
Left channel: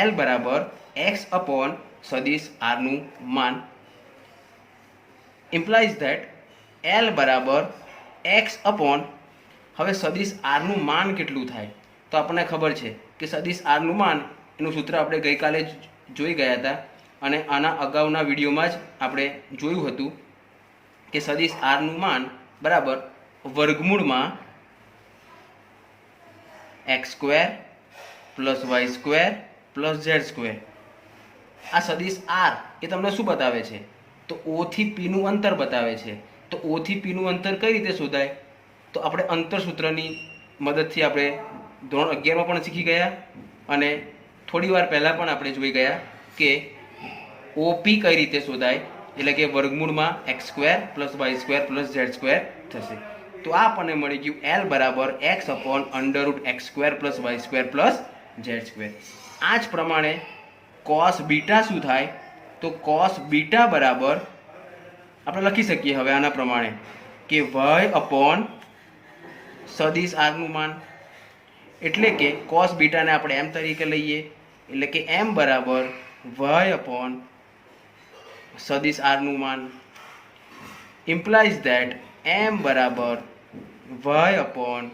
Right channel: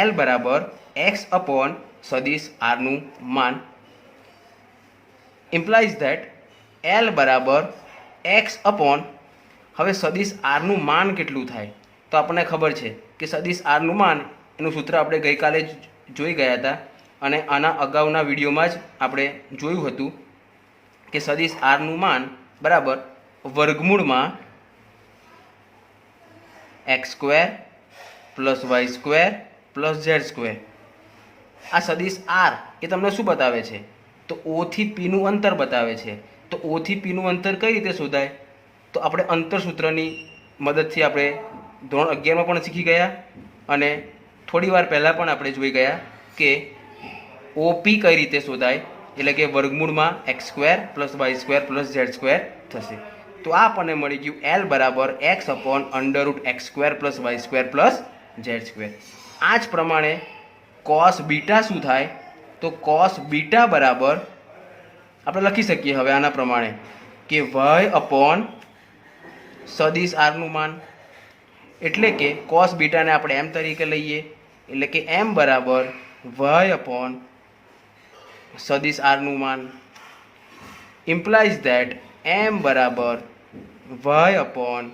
એલ બરાબર એક્સ અપોન સદિશ આરનું માન ઇમ્પ્લાઇઝ ધેટ એલ બરાબર એક્સ અપોન, હવે સદિશ આરનું માન કેટલું થાય તો આપણને ખબર છે કે સદિશ આરનું માન એનું સૂત્ર આપણે ગઈકાલે જ જોઈ ગયા હતા અને આના અગાઉના વિડીયોમાં જ આપણે જોયું હતું કે સદિશ આરનું માન બરાબર વર્ગમૂળમાં x square plus Y square plus Z square. આ સદિશ આર એ તમને શું બતાવે છે તો ઓ થી પીનું અંતર બતાવે છે. તો ઓ થી પીનું અંતર કઈ રીતે શોધાય તો આપણે અંતર સૂત્રની મદદથી આપણે ધોરણ 11માં પણ શીખી ગયા અને થોડી વાર પહેલાં પણ આપણે જોઈ ગયા કે ઓપી કઈ રીતે શોધાય, એટલે કે વર્ગમૂળમાં x square plus Y square plus Z square થશે. તો આ આપણને મળી ગયું એલ બરાબર X upon under root X square plus Y square plus Z square. આ જ પ્રમાણે કોસ બીટા શું થાય તો કોસ બીટા બરાબર આપણે લખી શકીએ હવે આના પ્રમાણે કે વાય અપોન સદિશ આરનું માન, એટલે કે કોસ બીટાને આપણે એમ તરીકે લઈએ એટલે કે એમ બરાબર વાય અપોન સદિશ આરનું માન ઇમ્પ્લાઇઝ ધેટ એમ બરાબર વાય અપોન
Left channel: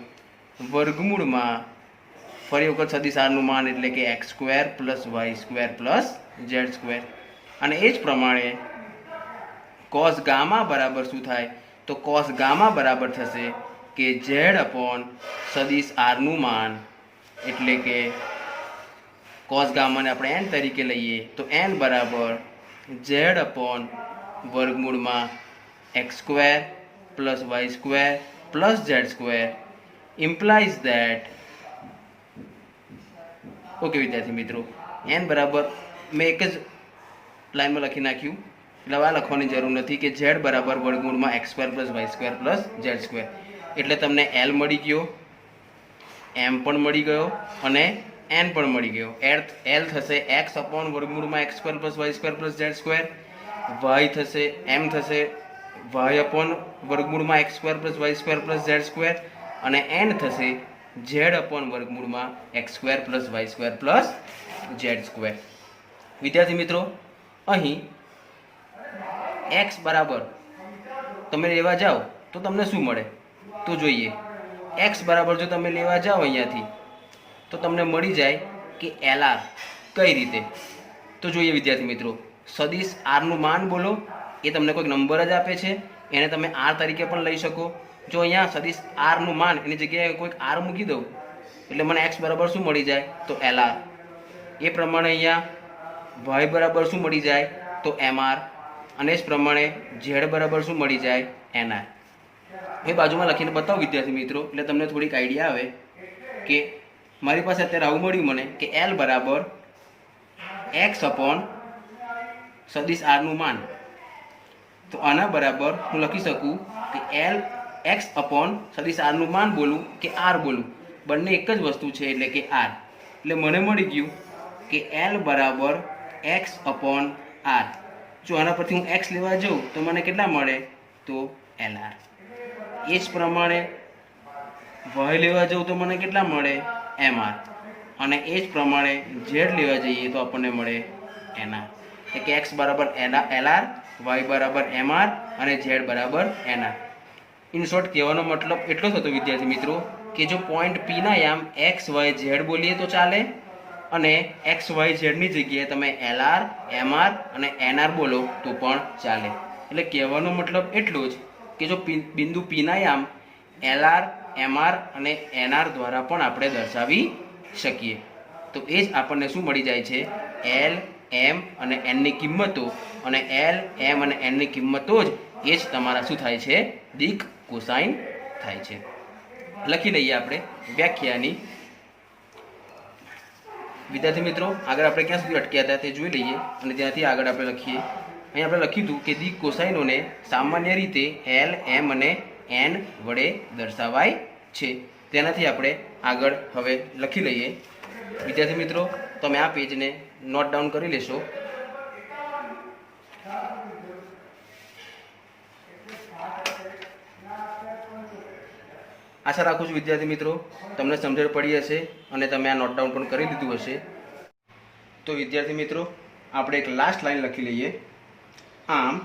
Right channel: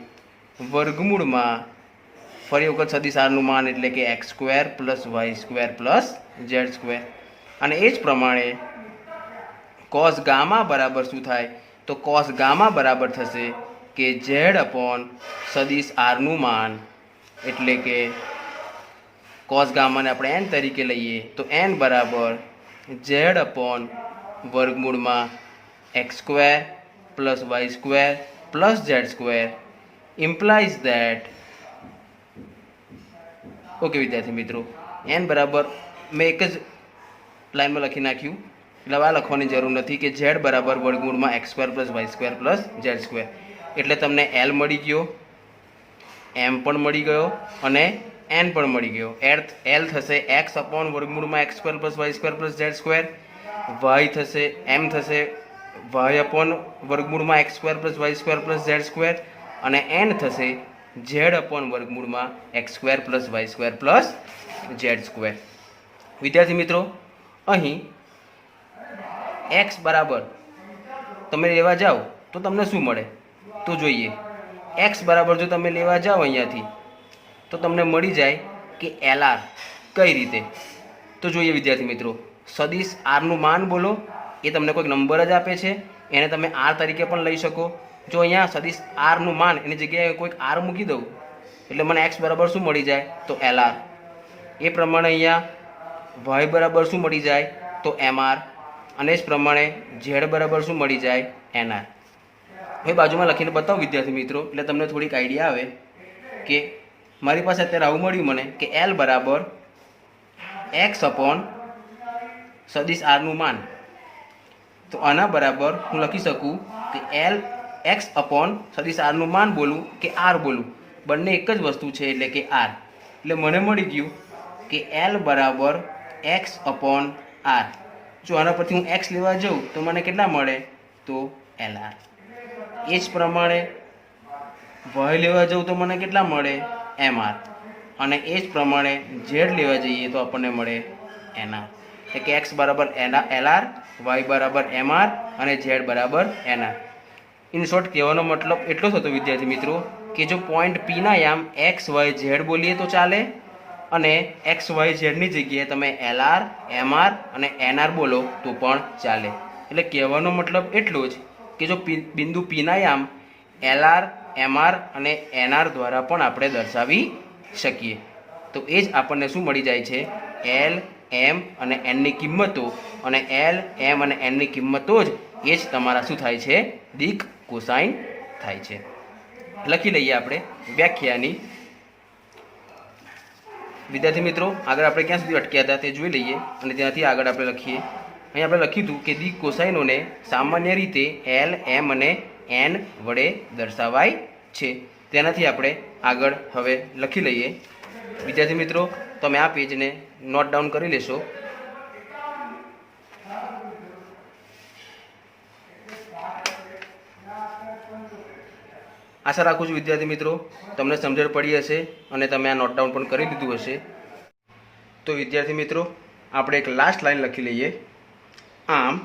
વર્ગમૂળમાં ફરી વખત સદિશ આરનું માન એટલે કે X square plus Y square plus Z square. અને એ જ પ્રમાણે કોસ ગામા બરાબર શું થાય તો કોસ ગામા બરાબર થશે કે ઝેડ અપોન સદિશ આરનું માન, એટલે કે કોસ ગામાને આપણે એન તરીકે લઈએ તો એન બરાબર ઝેડ અપોન વર્ગમૂળમાં x square plus Y square plus Z square implies that. Okay વિદ્યાર્થી મિત્રો, એન બરાબર મેં એક જ લાઈનમાં લખી નાખ્યું, એટલે આ લખવાની જરૂર નથી કે ઝેડ બરાબર વર્ગમૂળમાં x square plus Y square plus Z square. એટલે તમને એલ મળી ગયો, એમ પણ મળી ગયો અને એન પણ મળી ગયો. એલ થશે એક્સ અપોન વર્ગમૂળમાં x square plus Y square plus Z square. Y થશે એમ થશે વાય અપોન વર્ગમૂળમાં x square plus Y square plus Z square. અને એન થશે ઝેડ અપોન વર્ગમૂળમાં x square plus Y square plus Z square. વિદ્યાર્થી મિત્રો, અહીં x બરાબર તમે લેવા જાઓ તો તમને શું મળે તો જોઈએ. એક્સ બરાબર જો તમે લેવા જાઓ અહીંયાથી તો તમને મળી જાય કે એલ આર. કઈ રીતે તો જોઈએ વિદ્યાર્થી મિત્રો. સદિશ આરનું માન બોલો, એ તમને કોઈક નંબર જ આપે છે, એને તમે આર તરીકે પણ લઈ શકો. જો અહીંયા સદિશ આરનું માન એની જગ્યાએ કોઈક આર મૂકી દઉં એટલે મને એક્સ બરાબર શું મળી જાય તો એલ આર. એ પ્રમાણે અહીંયા વાય બરાબર શું મળી જાય તો એમ આર. અને જ પ્રમાણે ઝેડ બરાબર શું મળી જાય એન આર. એ બાજુમાં લખીને બતાવો વિદ્યાર્થી મિત્રો, એટલે તમને થોડીક આઈડિયા આવે કે મારી પાસે અત્યારે આવું મળ્યું મને કે એલ બરાબર એક્સ અપોન સદિશ આરનું માન. તો આના બરાબર હું લખી શકું કે એલ એક્સ અપોન સદિશ આરનું માન બોલું કે આર બોલું, બંને એક જ વસ્તુ છે એટલે કે આર. એટલે મને મળી ગયું કે એલ બરાબર એક્સ અપોન આર. જો આના પરથી હું એક્સ લેવા જાઉં તો મને કેટલા મળે તો એલ આર. એ જ પ્રમાણે વાય લેવા જાઉં તો મને કેટલા મળે એમ આર. અને એ જ પ્રમાણે ઝેડ લેવા જઈએ તો આપણને મળે એન આર. એટલે કે એક્સ બરાબર એલ આર, વાય બરાબર એમ આર અને ઝેડ બરાબર એન આર. ઇન શોર્ટ કહેવાનો મતલબ એટલો થતો વિદ્યાર્થી મિત્રો કે જો પોઈન્ટ પીના યામ એક્સ વાય ઝેડ બોલીએ તો ચાલે, અને એક્સ વાય ઝેડની જગ્યાએ તમે એલ આર, એમ આર અને એન આર બોલો તો પણ ચાલે. એટલે કહેવાનો મતલબ એટલો જ કે જો બિંદુ પીના યામ એલ આર, એમ આર અને એન આર દ્વારા પણ આપણે દર્શાવી શકીએ. તો એ જ આપણને શું મળી જાય છે એલ, એમ અને એનની કિંમતો. અને એલ, એમ અને એનની કિંમતો જ એ જ તમારા શું થાય છે દિક કોસાઇન થાય છે. લખી લઈએ આપણે વ્યાખ્યાની. વિદ્યાર્થી મિત્રો, આગળ આપણે ક્યાં સુધી અટક્યા હતા તે જોઈ લઈએ અને ત્યાંથી આગળ આપણે લખીએ. અહીં આપણે લખ્યું હતું કે દિક કોસાઇનોને સામાન્ય રીતે એલ, એમ અને એન વડે દર્શાવાય છે. તેનાથી આપણે આગળ હવે લખી લઈએ. વિદ્યાર્થી મિત્રો, તમે આ પેજને નોટ ડાઉન કરી લેશો. આશા રાખું છું વિદ્યાર્થી મિત્રો તમને સમજણ પડી હશે અને તમે આ નોટ ડાઉન પણ કરી લીધું હશે. તો વિદ્યાર્થી મિત્રો, આપણે એક લાસ્ટ લાઈન લખી લઈએ. આમ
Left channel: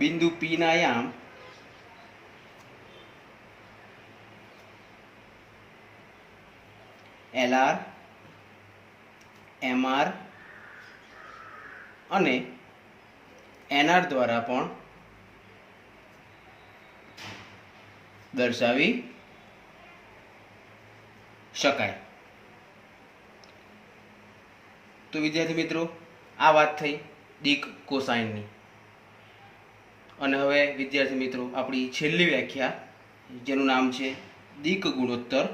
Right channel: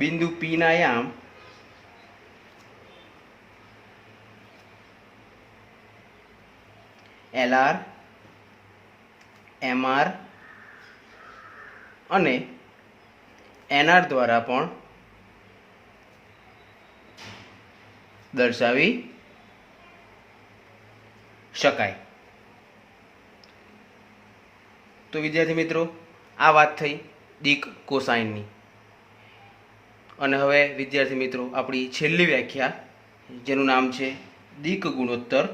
બિંદુ પી ના યામ એલ આર, એમ આર અને એન આર દ્વારા પણ દર્શાવી શકાય. તો વિદ્યાર્થી મિત્રો, આ વાત થઈ દિક કોસાઇનની. અને હવે વિદ્યાર્થી મિત્રો, આપણી છેલ્લી વ્યાખ્યા જેનું નામ છે દિક ગુણોત્તર.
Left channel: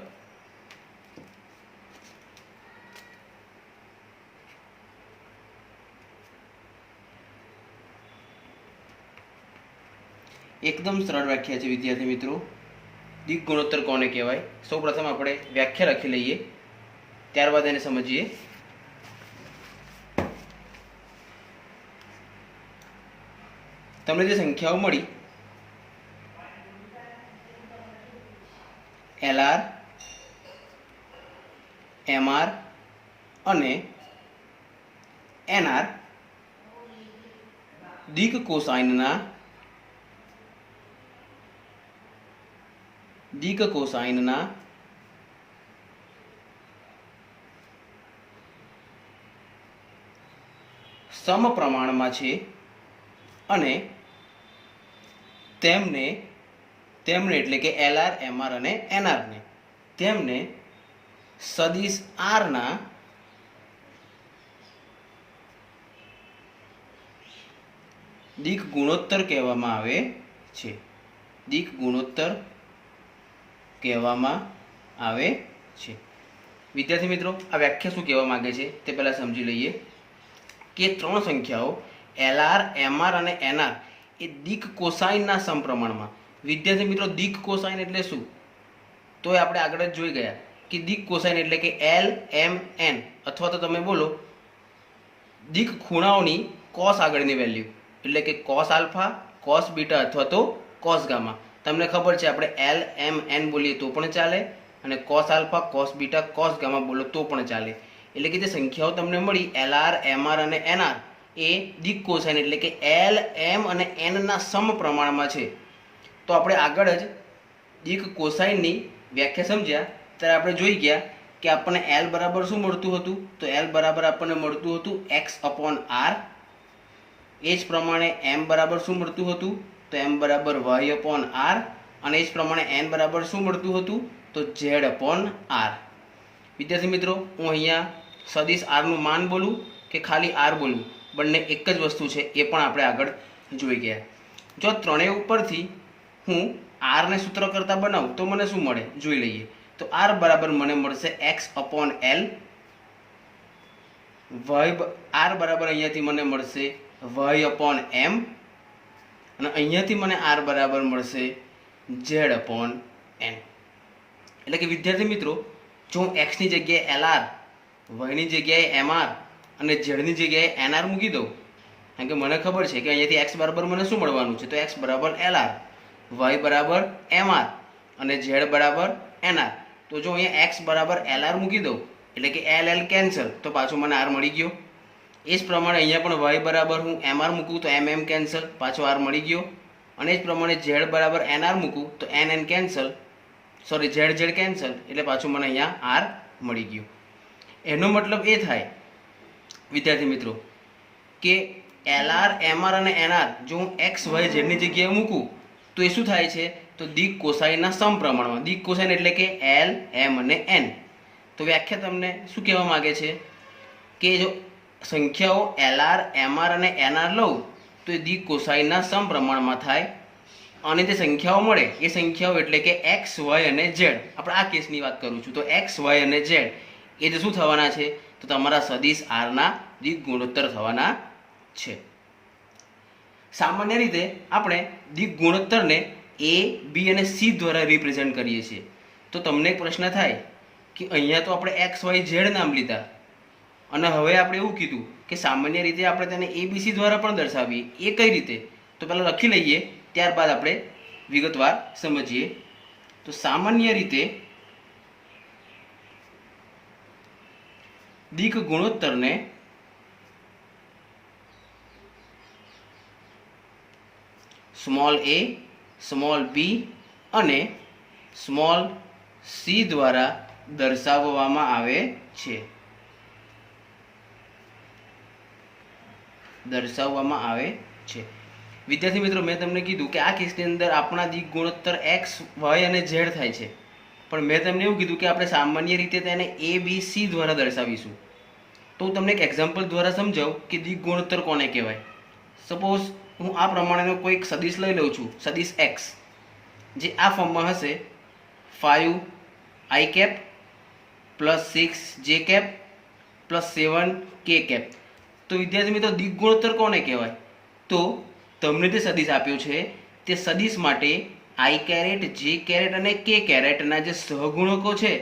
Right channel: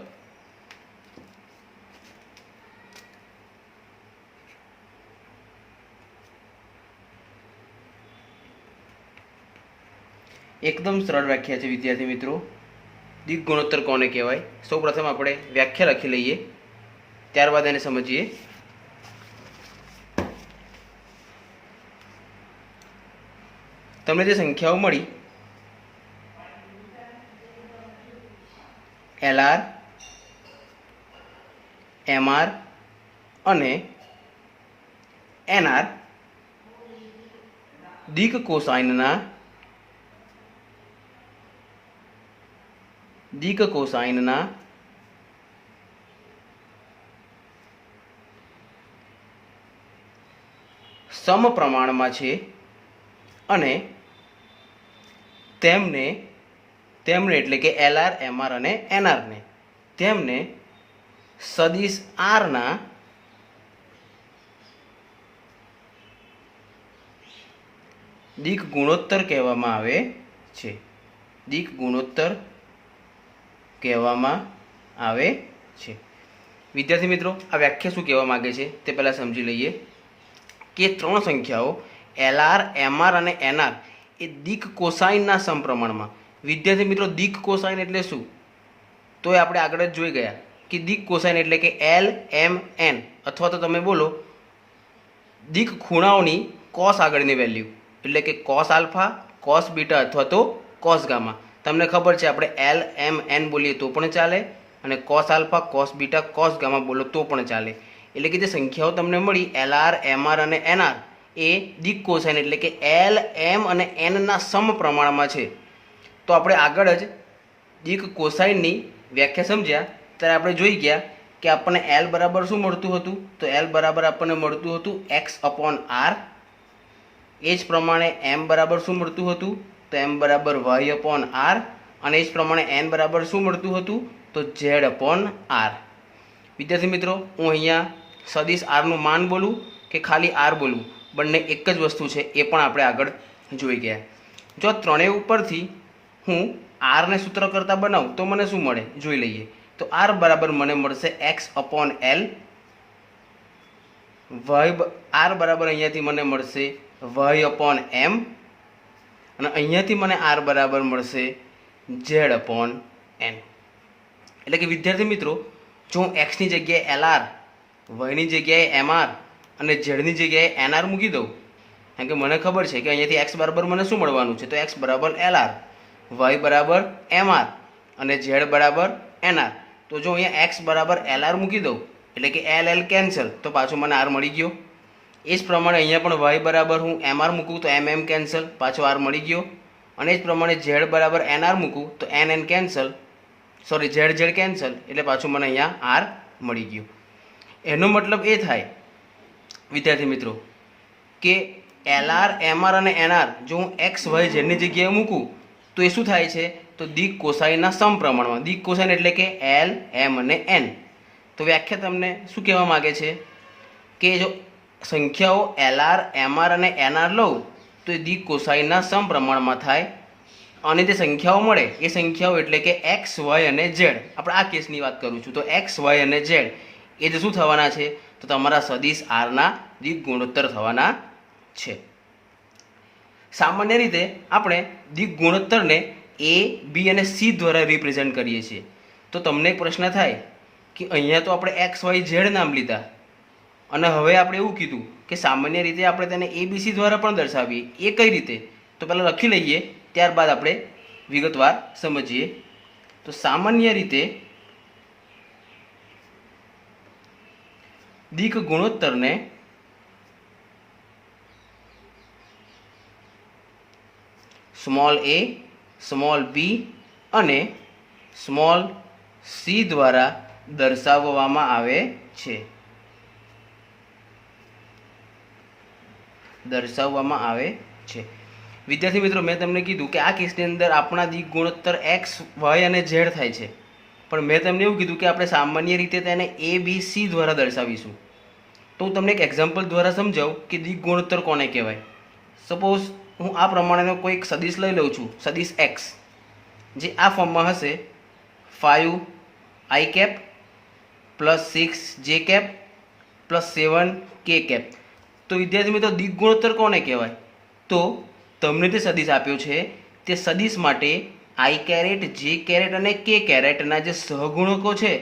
એકદમ સરળ વ્યાખ્યા છે વિદ્યાર્થી મિત્રો. દિક ગુણોત્તર કોને કહેવાય? સૌપ્રથમ આપણે વ્યાખ્યા લખી લઈએ, ત્યારબાદ એને સમજીએ. તમને જે સંખ્યાઓ મળી એલ આર, એમ આર અને એન આર દિક કોસાઇનના સમપ્રમાણમાં છે અને તેમને એટલે કે એલ આર, એમ આર અને એન આરને તેમને સદિશ આરના દિક ગુણોત્તર કહેવામાં આવે છે. દિક ગુણોત્તર કહેવામાં આવે છે। વિદ્યાર્થી મિત્રો, આ વ્યાખ્યા શું કહેવા માગે છે તે પહેલાં સમજી લઈએ કે ત્રણ સંખ્યાઓ LR, MR અને NR એ દિક કોસાઇનના સમપ્રમાણમાં। વિદ્યાર્થી મિત્રો, દિક કોસાઇન એટલે શું? તો એ આપણે આગળ જ જોઈ ગયા કે દિક કોસાઇન એટલે કે L, M, N અથવા તો તમે બોલો દિક ખૂણાઓની કોસ આગળની વેલ્યુ એટલે કે કોસ આલ્ફા, કોસ બીટા અથવા તો કોસ ગામા। તમને ખબર છે આપણે L, M, N બોલીએ તો પણ ચાલે અને cos alpha, cos beta, cos gamma બોલો તો પણ ચાલે। એટલે કે જે સંખ્યાઓ તમને મળી LR, MR અને NR એ દિક કોસાઇન એટલે કે L, M અને N ના સમપ્રમાણમાં છે। તો આપણે આગળ જ દિક કોસાઇનની વ્યાખ્યા સમજ્યા ત્યારે આપણે જોઈ ગયા કે આપણને L બરાબર શું મળતું હતું? તો L બરાબર આપણને મળતું હતું x/r। એ જ પ્રમાણે M બરાબર શું મળતું હતું? તો M બરાબર y/r અને એ જ પ્રમાણે N બરાબર શું મળતું હતું? તો z/r। વિદ્યાર્થી મિત્રો, હું અહીંયા સદિશ r નું માન બોલું કે ખાલી r બોલું, બંને એક જ વસ્તુ છે, એ પણ આપણે આગળ જોઈ ગયા। જો ત્રણેય ઉપરથી હું r ને સૂત્ર કરતા બનાવું તો મને શું મળે જોઈ લઈએ। તો r બરાબર મને મળશે x/l, r બરાબર અહીંયાથી મને મળશે y/m અને અહીંયાથી મને r બરાબર મળશે z/n। એટલે કે વિદ્યાર્થી મિત્રો, જો હું x ની જગ્યાએ LR, y ની જગ્યાએ MR અને z ની જગ્યાએ NR મૂકી દઉં, કારણ કે મને ખબર છે કે અહીંયાથી x બરાબર મને શું મળવાનું છે? તો x બરાબર LR, y બરાબર MR અને z બરાબર NR। તો જો અહીંયા x બરાબર LR મૂકી દઉં એટલે કે L કેન્સલ, તો પાછું મને r મળી ગયો। એ જ પ્રમાણે અહીંયા પણ y બરાબર હું MR મૂકું તો MM કેન્સલ, પાછો r મળી ગયો। અને એ જ પ્રમાણે z બરાબર NR મૂકું તો NN cancel, sorry z cancel, એટલે પાછું મને અહીંયા r મળી ગયું। એનો મતલબ એ થાય વિદ્યાર્થી મિત્રો કે LR, MR અને NR જો હું x, y, z ની જગ્યાએ મૂકું તો એ શું થાય છે? તો દિક કોસાઇનના સમપ્રમાણમાં। દિક કોસાઇન એટલે કે L, M અને N। તો વ્યાખ્યા તમને શું કહેવા માગે છે કે જો સંખ્યાઓ LR, MR અને NR લઉં તો એ દિક કોસાઇનના સમપ્રમાણમાં થાય અને જે સંખ્યાઓ મળે એ સંખ્યાઓ એટલે કે x, y અને z। આપણે આ કેસની વાત કરું છું। તો x, y અને z એ જ શું થવાના છે? તો તમારા સદિશ r ના દિક ગુણોત્તર થવાના છે। સામાન્ય રીતે આપણે દિક ગુણોત્તરને A, B અને C દ્વારા રિપ્રેઝેન્ટ કરીએ છીએ। તો તમને એક પ્રશ્ન થાય કે અહીંયા તો આપણે x, y, z નામ લીધા અને હવે આપણે એવું કીધું કે સામાન્ય રીતે આપણે તેને ABC દ્વારા પણ દર્શાવીએ, એ કઈ રીતે? તો પહેલાં લખી લઈએ, ત્યારબાદ આપણે વિગતવાર સમજીએ। તો સામાન્ય રીતે દિક ગુણોત્તરને સ્મોલ a, સ્મોલ b અને સ્મોલ c દ્વારા દર્શાવવામાં આવે છે। વિદ્યાર્થી મિત્રો, મેં તમને કીધું કે આ કેસની અંદર આપણા દિક ગુણોત્તર x, y અને z થાય છે, પણ મેં તમને એવું કીધું કે આપણે સામાન્ય રીતે તેને ABC દ્વારા દર્શાવીશું। તો હું તમને એક એક્ઝામ્પલ દ્વારા સમજાવું કે દિક ગુણોત્તર કોને કહેવાય। સપોઝ હું આ પ્રમાણેનો કોઈક સદિશ લઈ લઉં છું, સદિશ x, જે આ ફોર્મમાં હશે 5i cap plus 6j cap plus 7k cap. તો વિદ્યાર્થી મિત્રો, દિક ગુણોત્તર કોને કહેવાય? તો તમને જે સદિશ આપ્યો છે તે સદિશ માટે i કેરેટ, j કેરેટ અને k કેરેટના જે સહગુણકો છે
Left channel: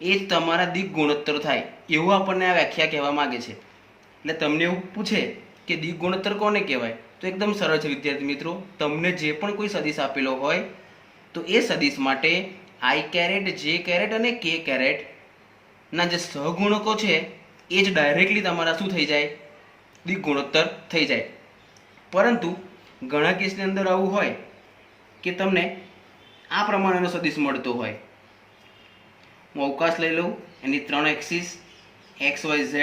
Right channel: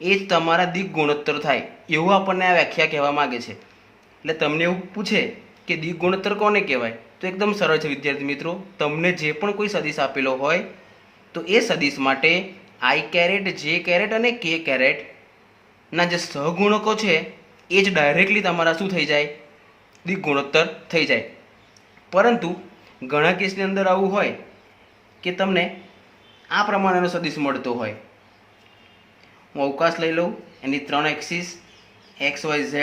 એ જ તમારા દિક ગુણોત્તર થાય, એવું આપણને આ વ્યાખ્યા કહેવા માગે છે। એટલે તમને એવું પૂછે કે દિક ગુણોત્તર કોને કહેવાય, તો એકદમ સરળ છે વિદ્યાર્થી મિત્રો। તમને જે પણ કોઈ સદિશ આપેલો હોય તો એ સદિશ માટે i કેરેટ, j કેરેટ અને k કેરેટના જે સહગુણકો છે એ જ ડાયરેક્ટલી તમારા શું થઈ જાય? દિક ગુણોત્તર થઈ જાય। પરંતુ ઘણા કેસની અંદર આવું હોય કે તમને આ પ્રમાણેનો સદિશ મળતો હોય। હું અવકાશ લઈ લઉં, એની 3 એક્સિસ x, y, z,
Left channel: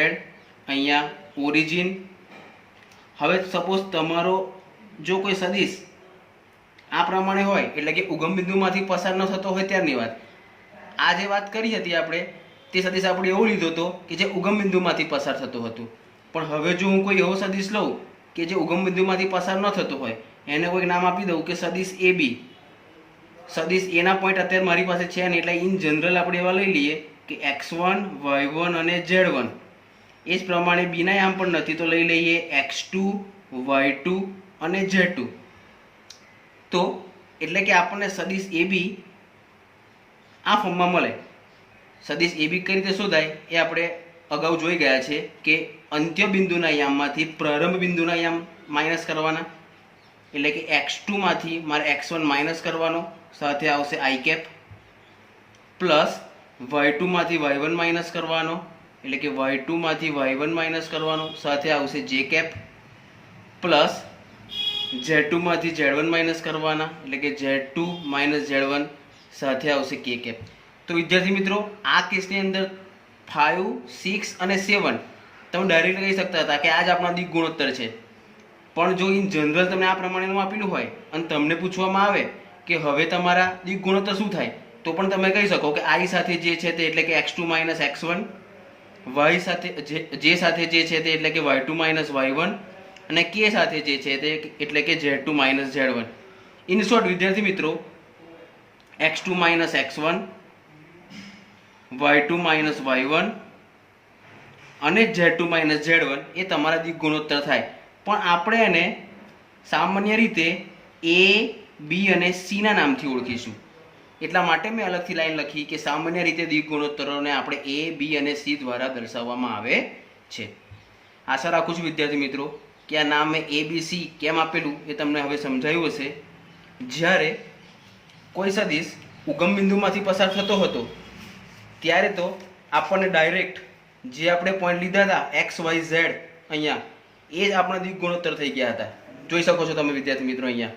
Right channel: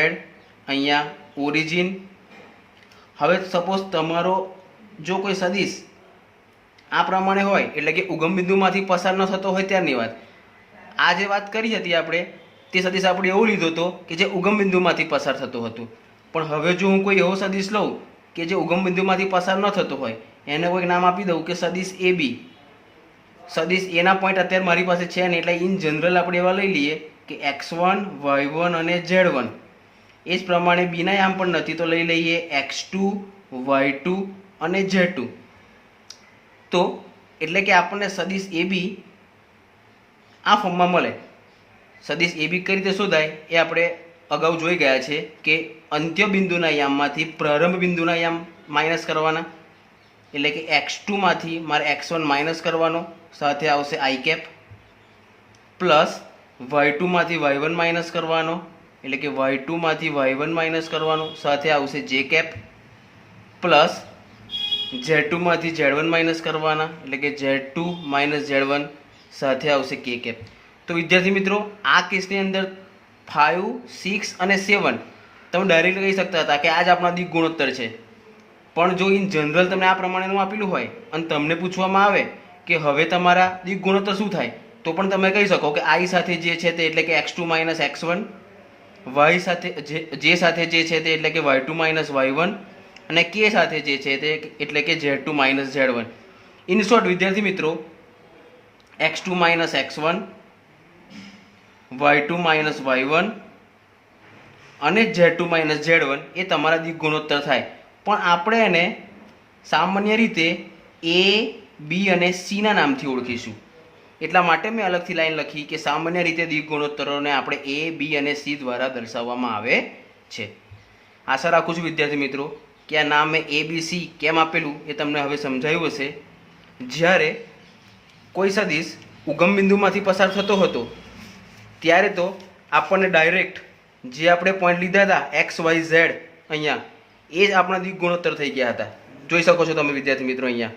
અહીંયા ઓરિજિન। હવે સપોઝ તમારો જો કોઈ સદિશ આ પ્રમાણે હોય એટલે કે ઉગમ બિંદુમાંથી પસાર ન થતો હોય ત્યારની વાત। આ જે વાત કરી હતી આપણે તે સદિશ આપણે એવો લીધો હતો કે જે ઉગમ બિંદુમાંથી પસાર થતો હતો, પણ હવે જો હું કોઈ એવો સદિશ લઉં કે જે ઉગમ બિંદુમાંથી પસાર ન થતો હોય, એને કોઈક નામ આપી દઉં કે સદિશ AB। સદિશ એના પોઈન્ટ અત્યારે મારી પાસે છે ને, એટલે ઇન જનરલ આપણે એવા લઈ લઈએ કે x1 y1 અને z1. એ જ પ્રમાણે બીના યામ પણ નથી તો લઈ લઈએ x2 y2 અને z2. તો એટલે કે આપણને સદિશ AB આ ફોર્મમાં મળે. સદિશ AB કઈ રીતે શોધાય એ આપણે અગાઉ જોઈ ગયા છે કે અંત્ય બિંદુના યામમાંથી પ્રારંભ બિંદુના યામ માઇનસ કરવાના, એટલે કે x2 માંથી મારે x1 માઇનસ કરવાનો, સાથે આવશે i કેપ, પ્લસ y2 માંથી y1 માઇનસ કરવાનો, એટલે કે y2 માંથી y1 માઇનસ કરવાનો, સાથે આવશે j કેપ, પ્લસ z2 માંથી z1 માઇનસ કરવાના, એટલે કે z2 માઇનસ z1, સાથે આવશે k કેપ. તો વિદ્યાર્થી મિત્રો, આ કેસની અંદર 5, 6 અને 7 તમે ડાયરેક્ટ કહી શકતા હતા કે આ જ આપણા દિક ગુણોત્તર છે. પણ જો ઇન જનરલ તમને આ પ્રમાણેનું આપેલું હોય અને તમને પૂછવામાં આવે કે હવે તમારા દિક ગુણોત્તર શું થાય, તો પણ તમે કહી શકો કે i સાથે જે છે તે એટલે કે x2 માઇનસ x1, y સાથે j સાથે જે છે તે એટલે કે y2 માઇનસ y1, અને k સાથે જે છે તે એટલે કે z2 minus z1. In short વિદ્યાર્થી મિત્રો, x2 minus x1, y2 minus y1 અને z2 માઇનસ z1 એ તમારા દિક ગુણોત્તર થાય. પણ આપણે એને સામાન્ય રીતે a, b અને c ના નામથી ઓળખીશું. એટલા માટે મેં અલગથી લાઈન લખી કે સામાન્ય રીતે દિક ગુણોત્તરોને આપણે a, b અને c દ્વારા દર્શાવવામાં આવે છે. આશા રાખું છું વિદ્યાર્થી મિત્રો કે આ નામ મેં a, b, c કેમ આપેલું એ તમને હવે સમજાયું હશે. જ્યારે કોઈ સદિશ ઉગમ બિંદુમાંથી પસાર થતો હતો ત્યારે તો આપણને ડાયરેક્ટ જે આપણે પોઈન્ટ લીધા હતા x, y, z અહીંયા, એ જ આપણા દિક ગુણોત્તર થઈ ગયા હતા. જોઈ શકો છો તમે વિદ્યાર્થી મિત્રો અહીંયા.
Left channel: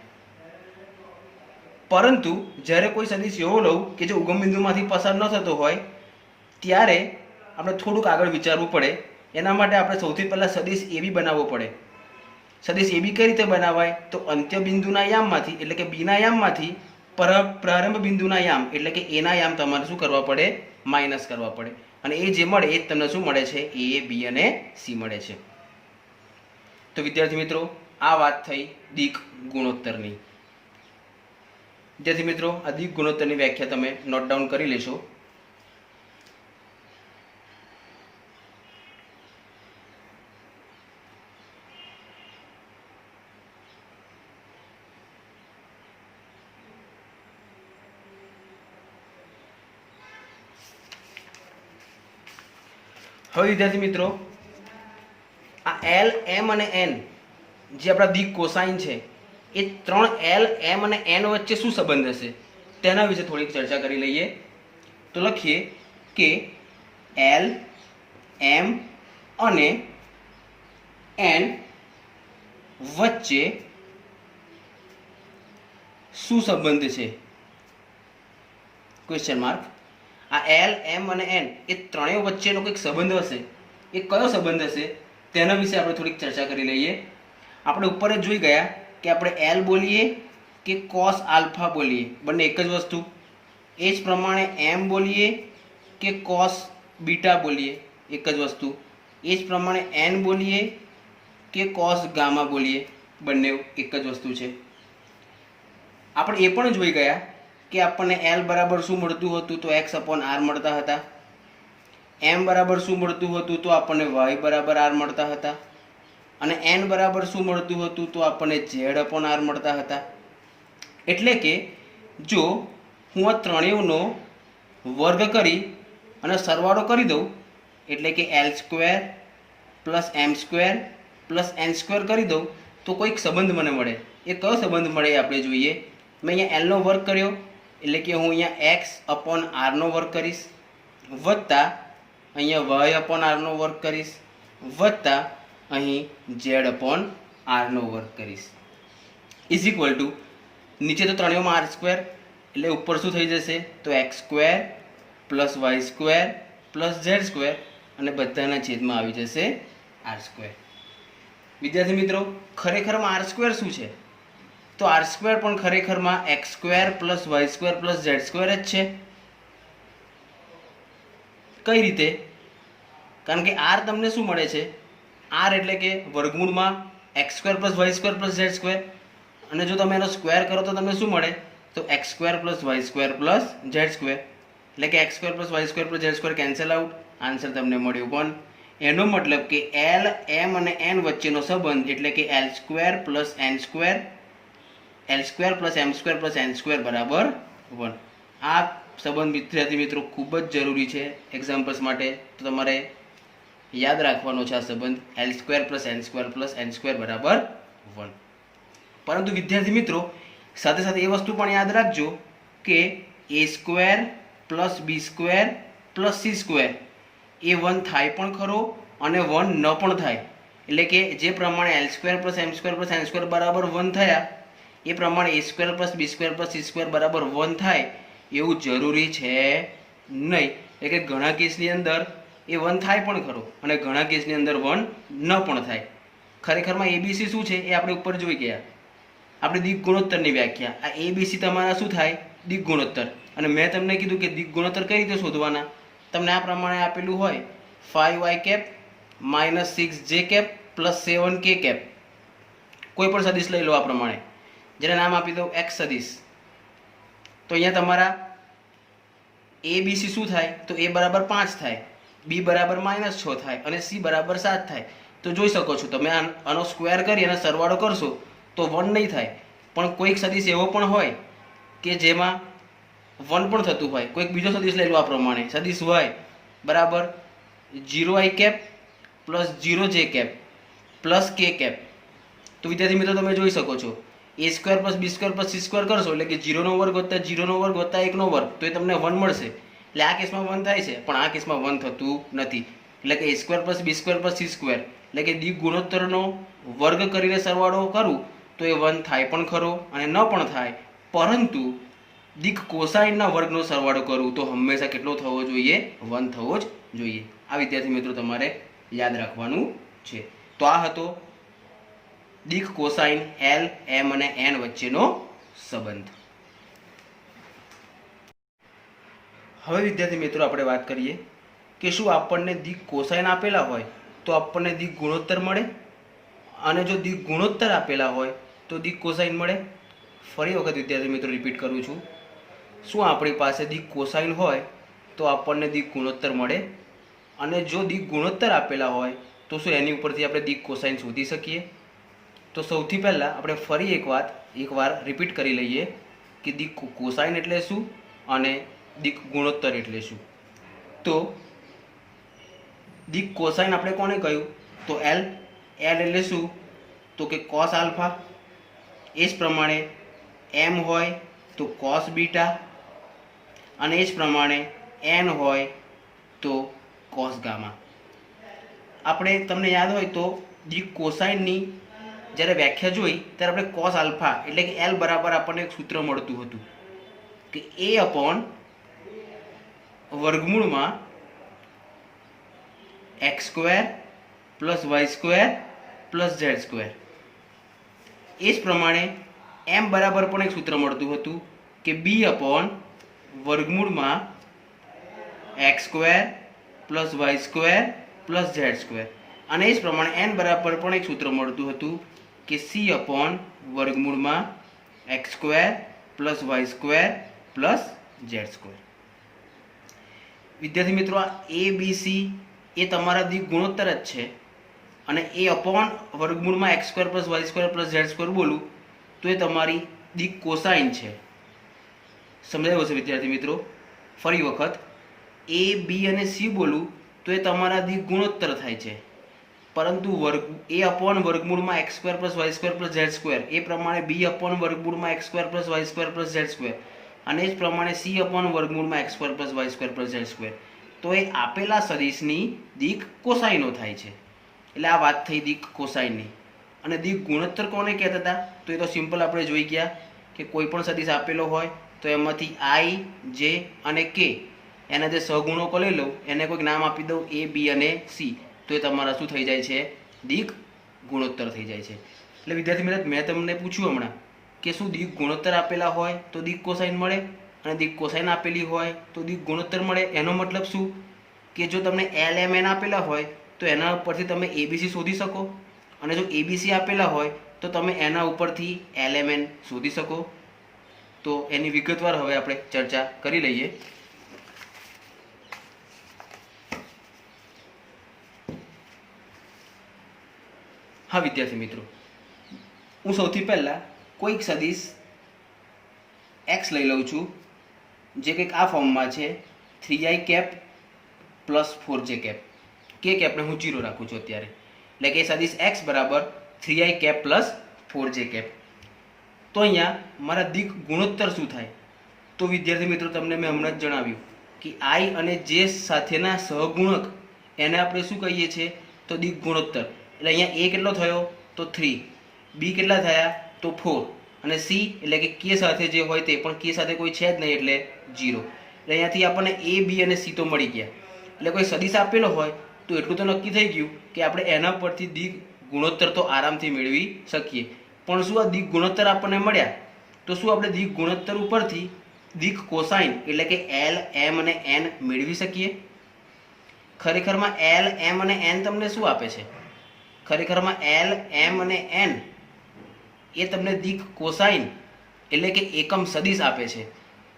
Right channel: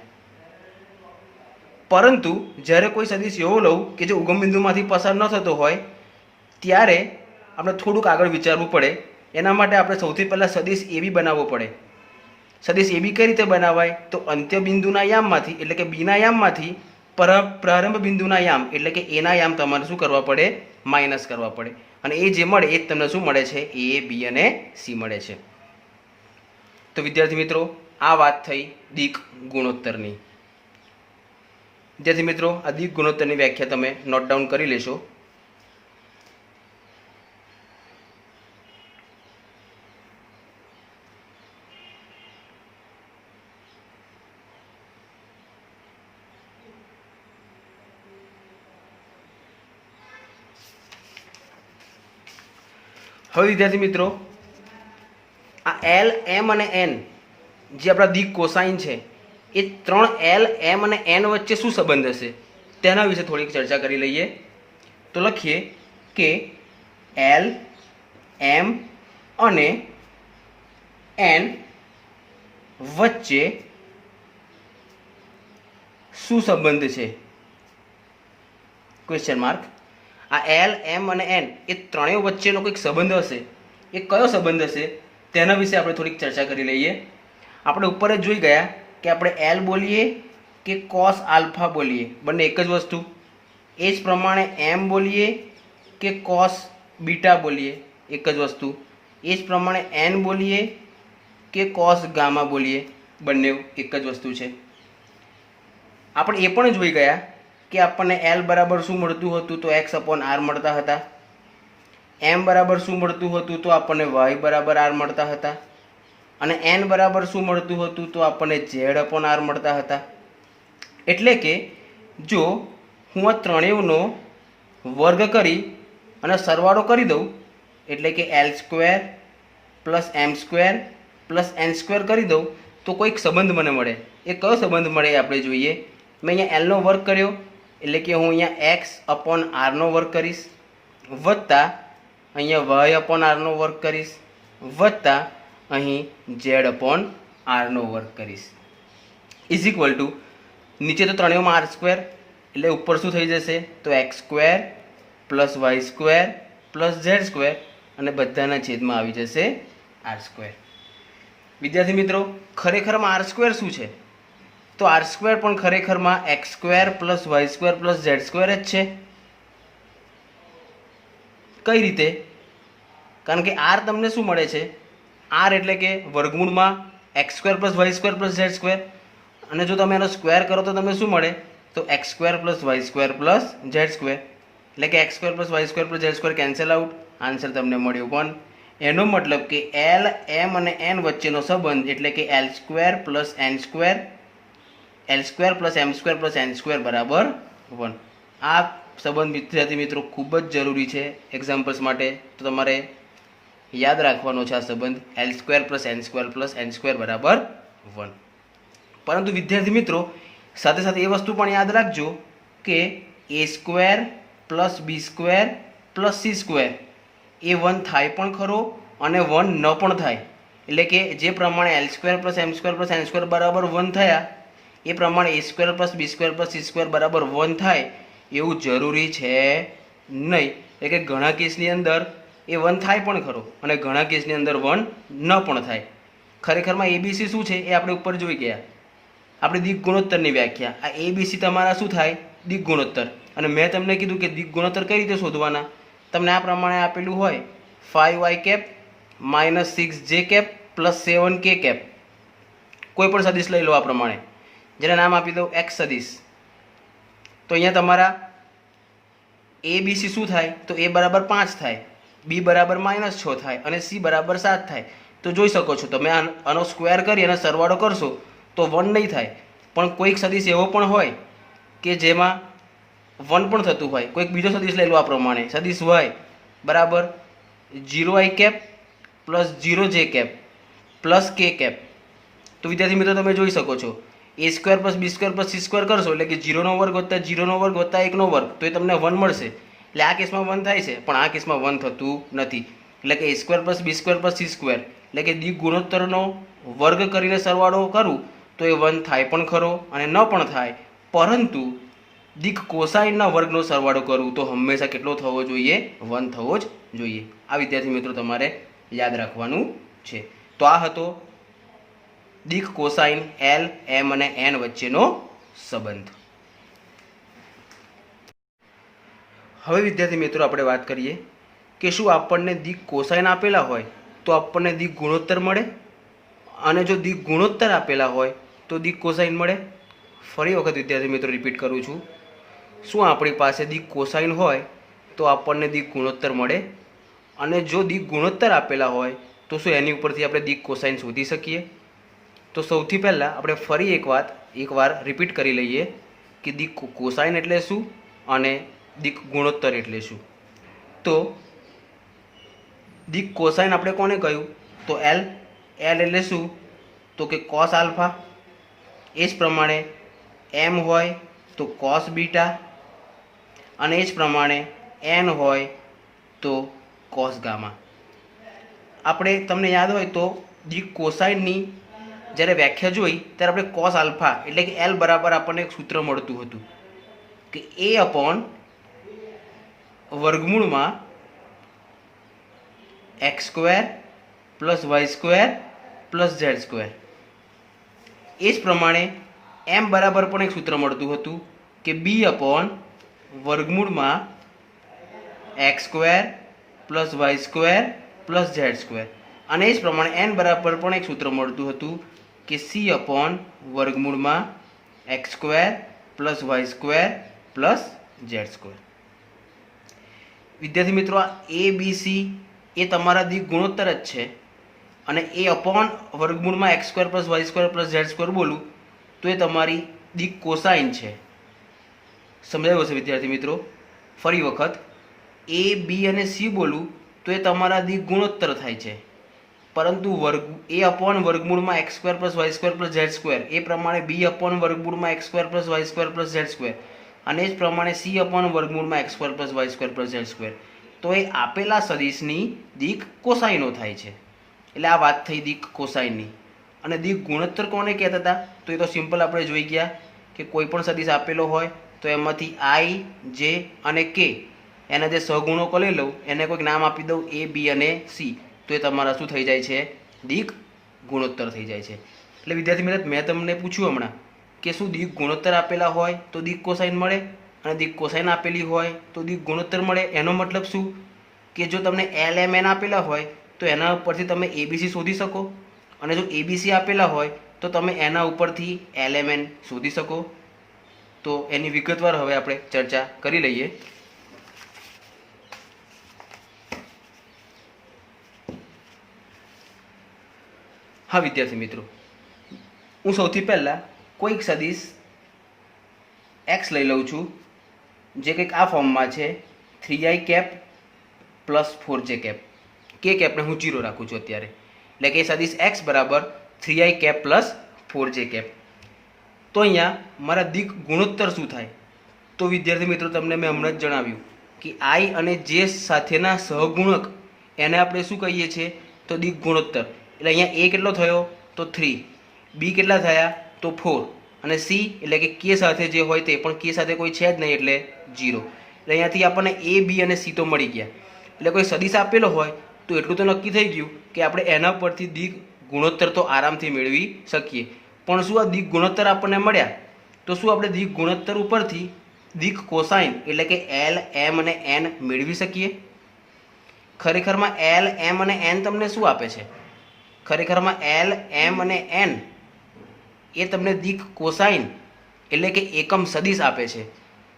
પરંતુ જ્યારે કોઈ સદિશ એવો લઉં કે જે ઉગમ બિંદુમાંથી પસાર ન થતો હોય ત્યારે આપણે થોડુંક આગળ વિચારવું પડે. એના માટે આપણે સૌથી પહેલાં સદિશ AB બનાવવો પડે. સદિશ AB કઈ રીતે બનાવાય, તો અંત્ય બિંદુના યામમાંથી એટલે કે બીના યામમાંથી પ્રારંભ બિંદુના યામ એટલે કે એના યામ તમારે શું કરવા પડે, માઇનસ કરવા પડે. અને એ જે મળે એ જ તમને શું મળે છે, a, b અને c મળે છે. તો વિદ્યાર્થી મિત્રો, આ વાત થઈ દિક ગુણોત્તરની. વિદ્યાર્થી મિત્રો, આ દિક ગુણોત્તરની વ્યાખ્યા તમે નોટ ડાઉન કરી લેશો. હવે વિદ્યાર્થી મિત્રો, આ L, M અને N જે આપણા દિક કોસાઇન છે એ 3 L, M અને N વચ્ચે શું સંબંધ હશે તેના વિશે થોડીક ચર્ચા કરી લઈએ. તો લખીએ કે L, M અને N વચ્ચે શું સંબંધ છે? Question mark. આ L, M અને N એ ત્રણેય વચ્ચેનો કોઈક સંબંધ હશે. એ કયો સંબંધ હશે તેના વિશે આપણે થોડીક ચર્ચા કરી લઈએ. આપણે ઉપર જ જોઈ ગયા કે આપણે L બોલીએ કે cos આલ્ફા બોલીએ, બંને એક જ વસ્તુ. એ જ પ્રમાણે M બોલીએ કે cos બીટા બોલીએ, એક જ વસ્તુ. એ જ પ્રમાણે N બોલીએ કે cos ગામા બોલીએ, બંને એક જ વસ્તુ છે. આપણે એ પણ જોઈ ગયા કે આપણને L બરાબર શું મળતું હતું, તો x/r મળતા હતા. M બરાબર શું મળતું હતું, તો આપણને y બરાબર r મળતા હતા. અને N બરાબર શું મળતું હતું, તો આપણને z/r મળતા હતા. એટલે કે જો હું આ ત્રણેયનો વર્ગ કરી અને સરવાળો કરી દઉં, એટલે કે L² plus M² plus N² કરી દઉં તો કોઈક સંબંધ મને મળે. એ કયો સંબંધ મળે એ આપણે જોઈએ. મેં અહીંયા L નો વર્ગ કર્યો એટલે કે હું અહીંયા x/r નો વર્ગ કરીશ, વત્તા અહીંયા y/r નો વર્ગ કરીશ, વત્તા અહીં z/r નો વર્ગ કરીશ, ઇઝ ઇક્વલ ટુ નીચે તો ત્રણેયમાં r² એટલે ઉપર શું થઈ જશે, તો x² plus y² plus z² અને બધાના છેદમાં આવી જશે r². વિદ્યાર્થી મિત્રો, ખરેખરમાં r² શું છે, તો r² પણ ખરેખરમાં x² plus y² plus z² જ છે. કઈ રીતે? કારણ કે r તમને શું મળે છે, r એટલે કે વર્ગમૂળમાં x² plus y² plus z², અને જો તમે એનો સ્ક્વેર કરો તો તમને શું મળે, તો X square plus Y square plus Z square, એટલે કે X square plus Y square plus Z square cancel out, answer તમને મળ્યો 1. એનો મતલબ કે એલ એમ અને એન વચ્ચેનો સંબંધ એટલે કે L square plus N square, L square plus M square plus N square બરાબર 1. આ સંબંધ વિદ્યાર્થી મિત્રો ખૂબ જ જરૂરી છે એક્ઝામ્પલ્સ માટે, તો તમારે યાદ રાખવાનો છે આ સંબંધ L square plus N square બરાબર 1. પરંતુ વિદ્યાર્થી મિત્રો સાથે સાથે એ વસ્તુ પણ યાદ રાખજો કે એ square plus b square plus c square એ 1 થાય પણ ખરો અને 1 ન પણ થાય. એટલે કે જે પ્રમાણે L square plus M square plus N square બરાબર 1 થયા એ પ્રમાણે એ square plus b square plus c square બરાબર 1 થાય એવું જરૂરી છે નહીં. એટલે કે ઘણા કેસની અંદર એ 1 થાય પણ ખરો અને ઘણા કેસની અંદર 1 ન પણ થાય. ખરેખરમાં એબીસી શું છે એ આપણે ઉપર જોઈ ગયા, આપણે દિક ગુણોત્તરની વ્યાખ્યા. આ એબીસી તમારા શું થાય? દિક ગુણોત્તર. અને મેં તમને કીધું કે દિક ગુણોત્તર કઈ રીતે શોધવાના. તમને આ પ્રમાણે આપેલું હોય 5y cap minus 6j cap plus 7k cap, કોઈ પણ સદિશ લઈ લો આ પ્રમાણે, જેને નામ આપી દો એક્સ સદિશ. તો અહીંયા તમારા એ બી સી શું થાય? તો એ બરાબર 5 થાય, બી બરાબર -6 થાય અને સી બરાબર 7 થાય. તો જોઈ શકો છો તમે આનો સ્ક્વેર કરી અને સરવાળો કરશો તો 1 નહીં થાય. પણ કોઈક સદિશ એવો પણ હોય કે જેમાં 1 પણ થતું હોય. કોઈક બીજો સદિશ લઈ લો આ પ્રમાણે, સદિશ y બરાબર 0i cap plus 0j cap plus k cap. તો વિદ્યાર્થી મિત્રો તમે જોઈ શકો છો a square plus b square plus c square કરશો એટલે કે 0નો વર્ગ વત્તા 0નો વર્ગ વત્તા 1નો વર્ગ, તો એ તમને 1 મળશે. એટલે આ કેસમાં 1 થાય છે પણ આ કેસમાં 1 થતું નથી. એટલે કે એ square plus b square plus c square એટલે કે દિક ગુણોત્તરનો વર્ગ કરીને સરવાળો કરું તો એ 1 થાય પણ ખરો અને ન પણ થાય. પરંતુ દિક કોસાઇનના વર્ગનો સરવાળો કરું તો હંમેશા કેટલો થવો જોઈએ? 1 થવો જ જોઈએ. આ વિદ્યાર્થી મિત્રો તમારે યાદ રાખવાનું છે. તો આ હતો દિક કોસાઇન એલ એમ અને એન વચ્ચેનો સંબંધ. હવે વિદ્યાર્થી મિત્રો આપણે વાત કરીએ કે શું આપણને દિક કોસાઇન આપેલા હોય તો આપણને દિક ગુણોત્તર મળે, અને જો દિક ગુણોત્તર આપેલા હોય તો દિક કોસાઇન મળે. ફરી વખત વિદ્યાર્થી મિત્રો રિપીટ કરું છું, શું આપણી પાસે દિક કોસાઇન હોય તો આપણને દિક ગુણોત્તર મળે, અને જો દિક ગુણોત્તર આપેલા હોય તો શું એની ઉપરથી આપણે દિક કોસાઇન શોધી શકીએ? તો સૌથી પહેલાં આપણે ફરી એકવાર રિપીટ કરી લઈએ કે દિક કોસાઇન એટલે શું અને દિક ગુણોત્તર એટલે શું. તો દિક કોસાઇન આપણે કોને કહ્યું? તો એલ એટલે શું? તો કે કોસ આલ્ફા. એ જ પ્રમાણે એમ હોય તો કોસ બીટા, અને એ જ પ્રમાણે એન હોય તો કોસ ગામા. આપણે તમને યાદ હોય તો દિક કોસાઇનની જ્યારે વ્યાખ્યા જોઈ ત્યારે આપણે કોસ આલ્ફા એટલે કે એલ બરાબર આપણને એક સૂત્ર મળતું હતું કે એ અપોન વર્ગમૂળમાં x square plus Y square plus Z square. એ જ પ્રમાણે એમ બરાબર પણ એક સૂત્ર મળતું હતું કે બી અપોન વર્ગમૂળમાં x square plus Y square plus Z square. અને એ જ પ્રમાણે એન બરાબર પણ એક સૂત્ર મળતું હતું કે સી અપોન વર્ગમૂળમાં x square plus Y square plus Z square. વિદ્યાર્થી મિત્રો આ એ બી સી એ તમારા દિક ગુણોત્તર જ છે, અને એ અપોન વર્ગમૂળમાં x square plus Y square plus Z square બોલું તો એ તમારી દિક કોસાઇન છે. સમજાયું હશે વિદ્યાર્થી મિત્રો? ફરી વખત એ બી અને સી બોલું તો એ તમારા દિક ગુણોત્તર થાય છે, પરંતુ એ અપોન વર્ગમૂળમાં x square plus Y square plus Z square એ પ્રમાણે બી અપોન વર્ગમૂળમાં x square plus Y square plus Z square, અને એ જ પ્રમાણે સી અપોન વર્ગમૂળમાં x square plus Y square plus Z square. તો એ આપેલા સદિશની દિક કોસાઇનો થાય છે. એટલે આ વાત થઈ દિક કોસાઇનની. અને દિક ગુણોત્તર કોને કહેતા હતા? તો એ તો સિમ્પલ આપણે જોઈ ગયા કે કોઈ પણ સદિશ આપેલો હોય તો એમાંથી આઈ, જે અને કે એના જે સહગુણકો લઈ લઉં એને કોઈક નામ આપી દઉં એ, બી અને સી, તો એ તમારા શું થઈ જાય છે? દિક ગુણોત્તર થઈ જાય છે. એટલે વિદ્યાર્થી મિત્રો મેં તમને પૂછ્યું હમણાં કે શું દિક ગુણોત્તર આપેલા હોય તો દિક કોસાઇન મળે, અને દિક કોસાઇન આપેલી હોય તો દિક ગુણોત્તર મળે. એનો મતલબ શું કે જો તમને એલ એમ એન આપેલા હોય તો એના ઉપરથી તમે એબીસી શોધી શકો, અને જો એબીસી આપેલા હોય તો તમે એના ઉપરથી એલ એમ એન શોધી શકો. તો એની વિગતવાર હવે આપણે ચર્ચા કરી લઈએ. હા વિદ્યાર્થી મિત્રો, હું સૌથી પહેલાં કોઈક સદિશ એક્સ લઈ લઉં છું, જે કંઈક આ ફોર્મમાં છે 3i cap plus 4j cap. કે કેપને હું 0 રાખું છું અત્યારે, એટલે કે સદિશ એક્સ બરાબર 3i cap plus 4j cap. તો અહીંયા મારા દિક ગુણોત્તર શું થાય? તો વિદ્યાર્થી મિત્રો, તમને મેં હમણાં જ જણાવ્યું કે આઈ અને જે સાથેના સહગુણક એને આપણે શું કહીએ છીએ? તો દિક ગુણોત્તર. એટલે અહીંયા એ કેટલો થયો? તો 3. બી કેટલા થયા? તો 4. અને સી એટલે કે કે સાથે જે હોય તે, પણ કે સાથે કોઈ છે જ નહીં એટલે 0. એટલે અહીંયાથી આપણને એ, બી અને સી તો મળી ગયા. એટલે કોઈ સદિશ આપેલો હોય તો એટલું તો નક્કી થઈ ગયું કે આપણે એના પરથી દિક ગુણોત્તર તો આરામથી મેળવી શકીએ. પણ શું આ દિક ગુણોત્તર આપણને મળ્યા તો શું આપણે દિક ગુણોત્તર ઉપરથી દિક કોસાઇન એટલે કે એલ, એમ અને એન મેળવી શકીએ? ખરેખરમાં એલ, એમ અને એન તમને શું આપે છે? ખરેખરમાં એલ, એમ અને એન એ તમને દિક કોસાઇન એટલે કે એકમ સદિશ આપે છે.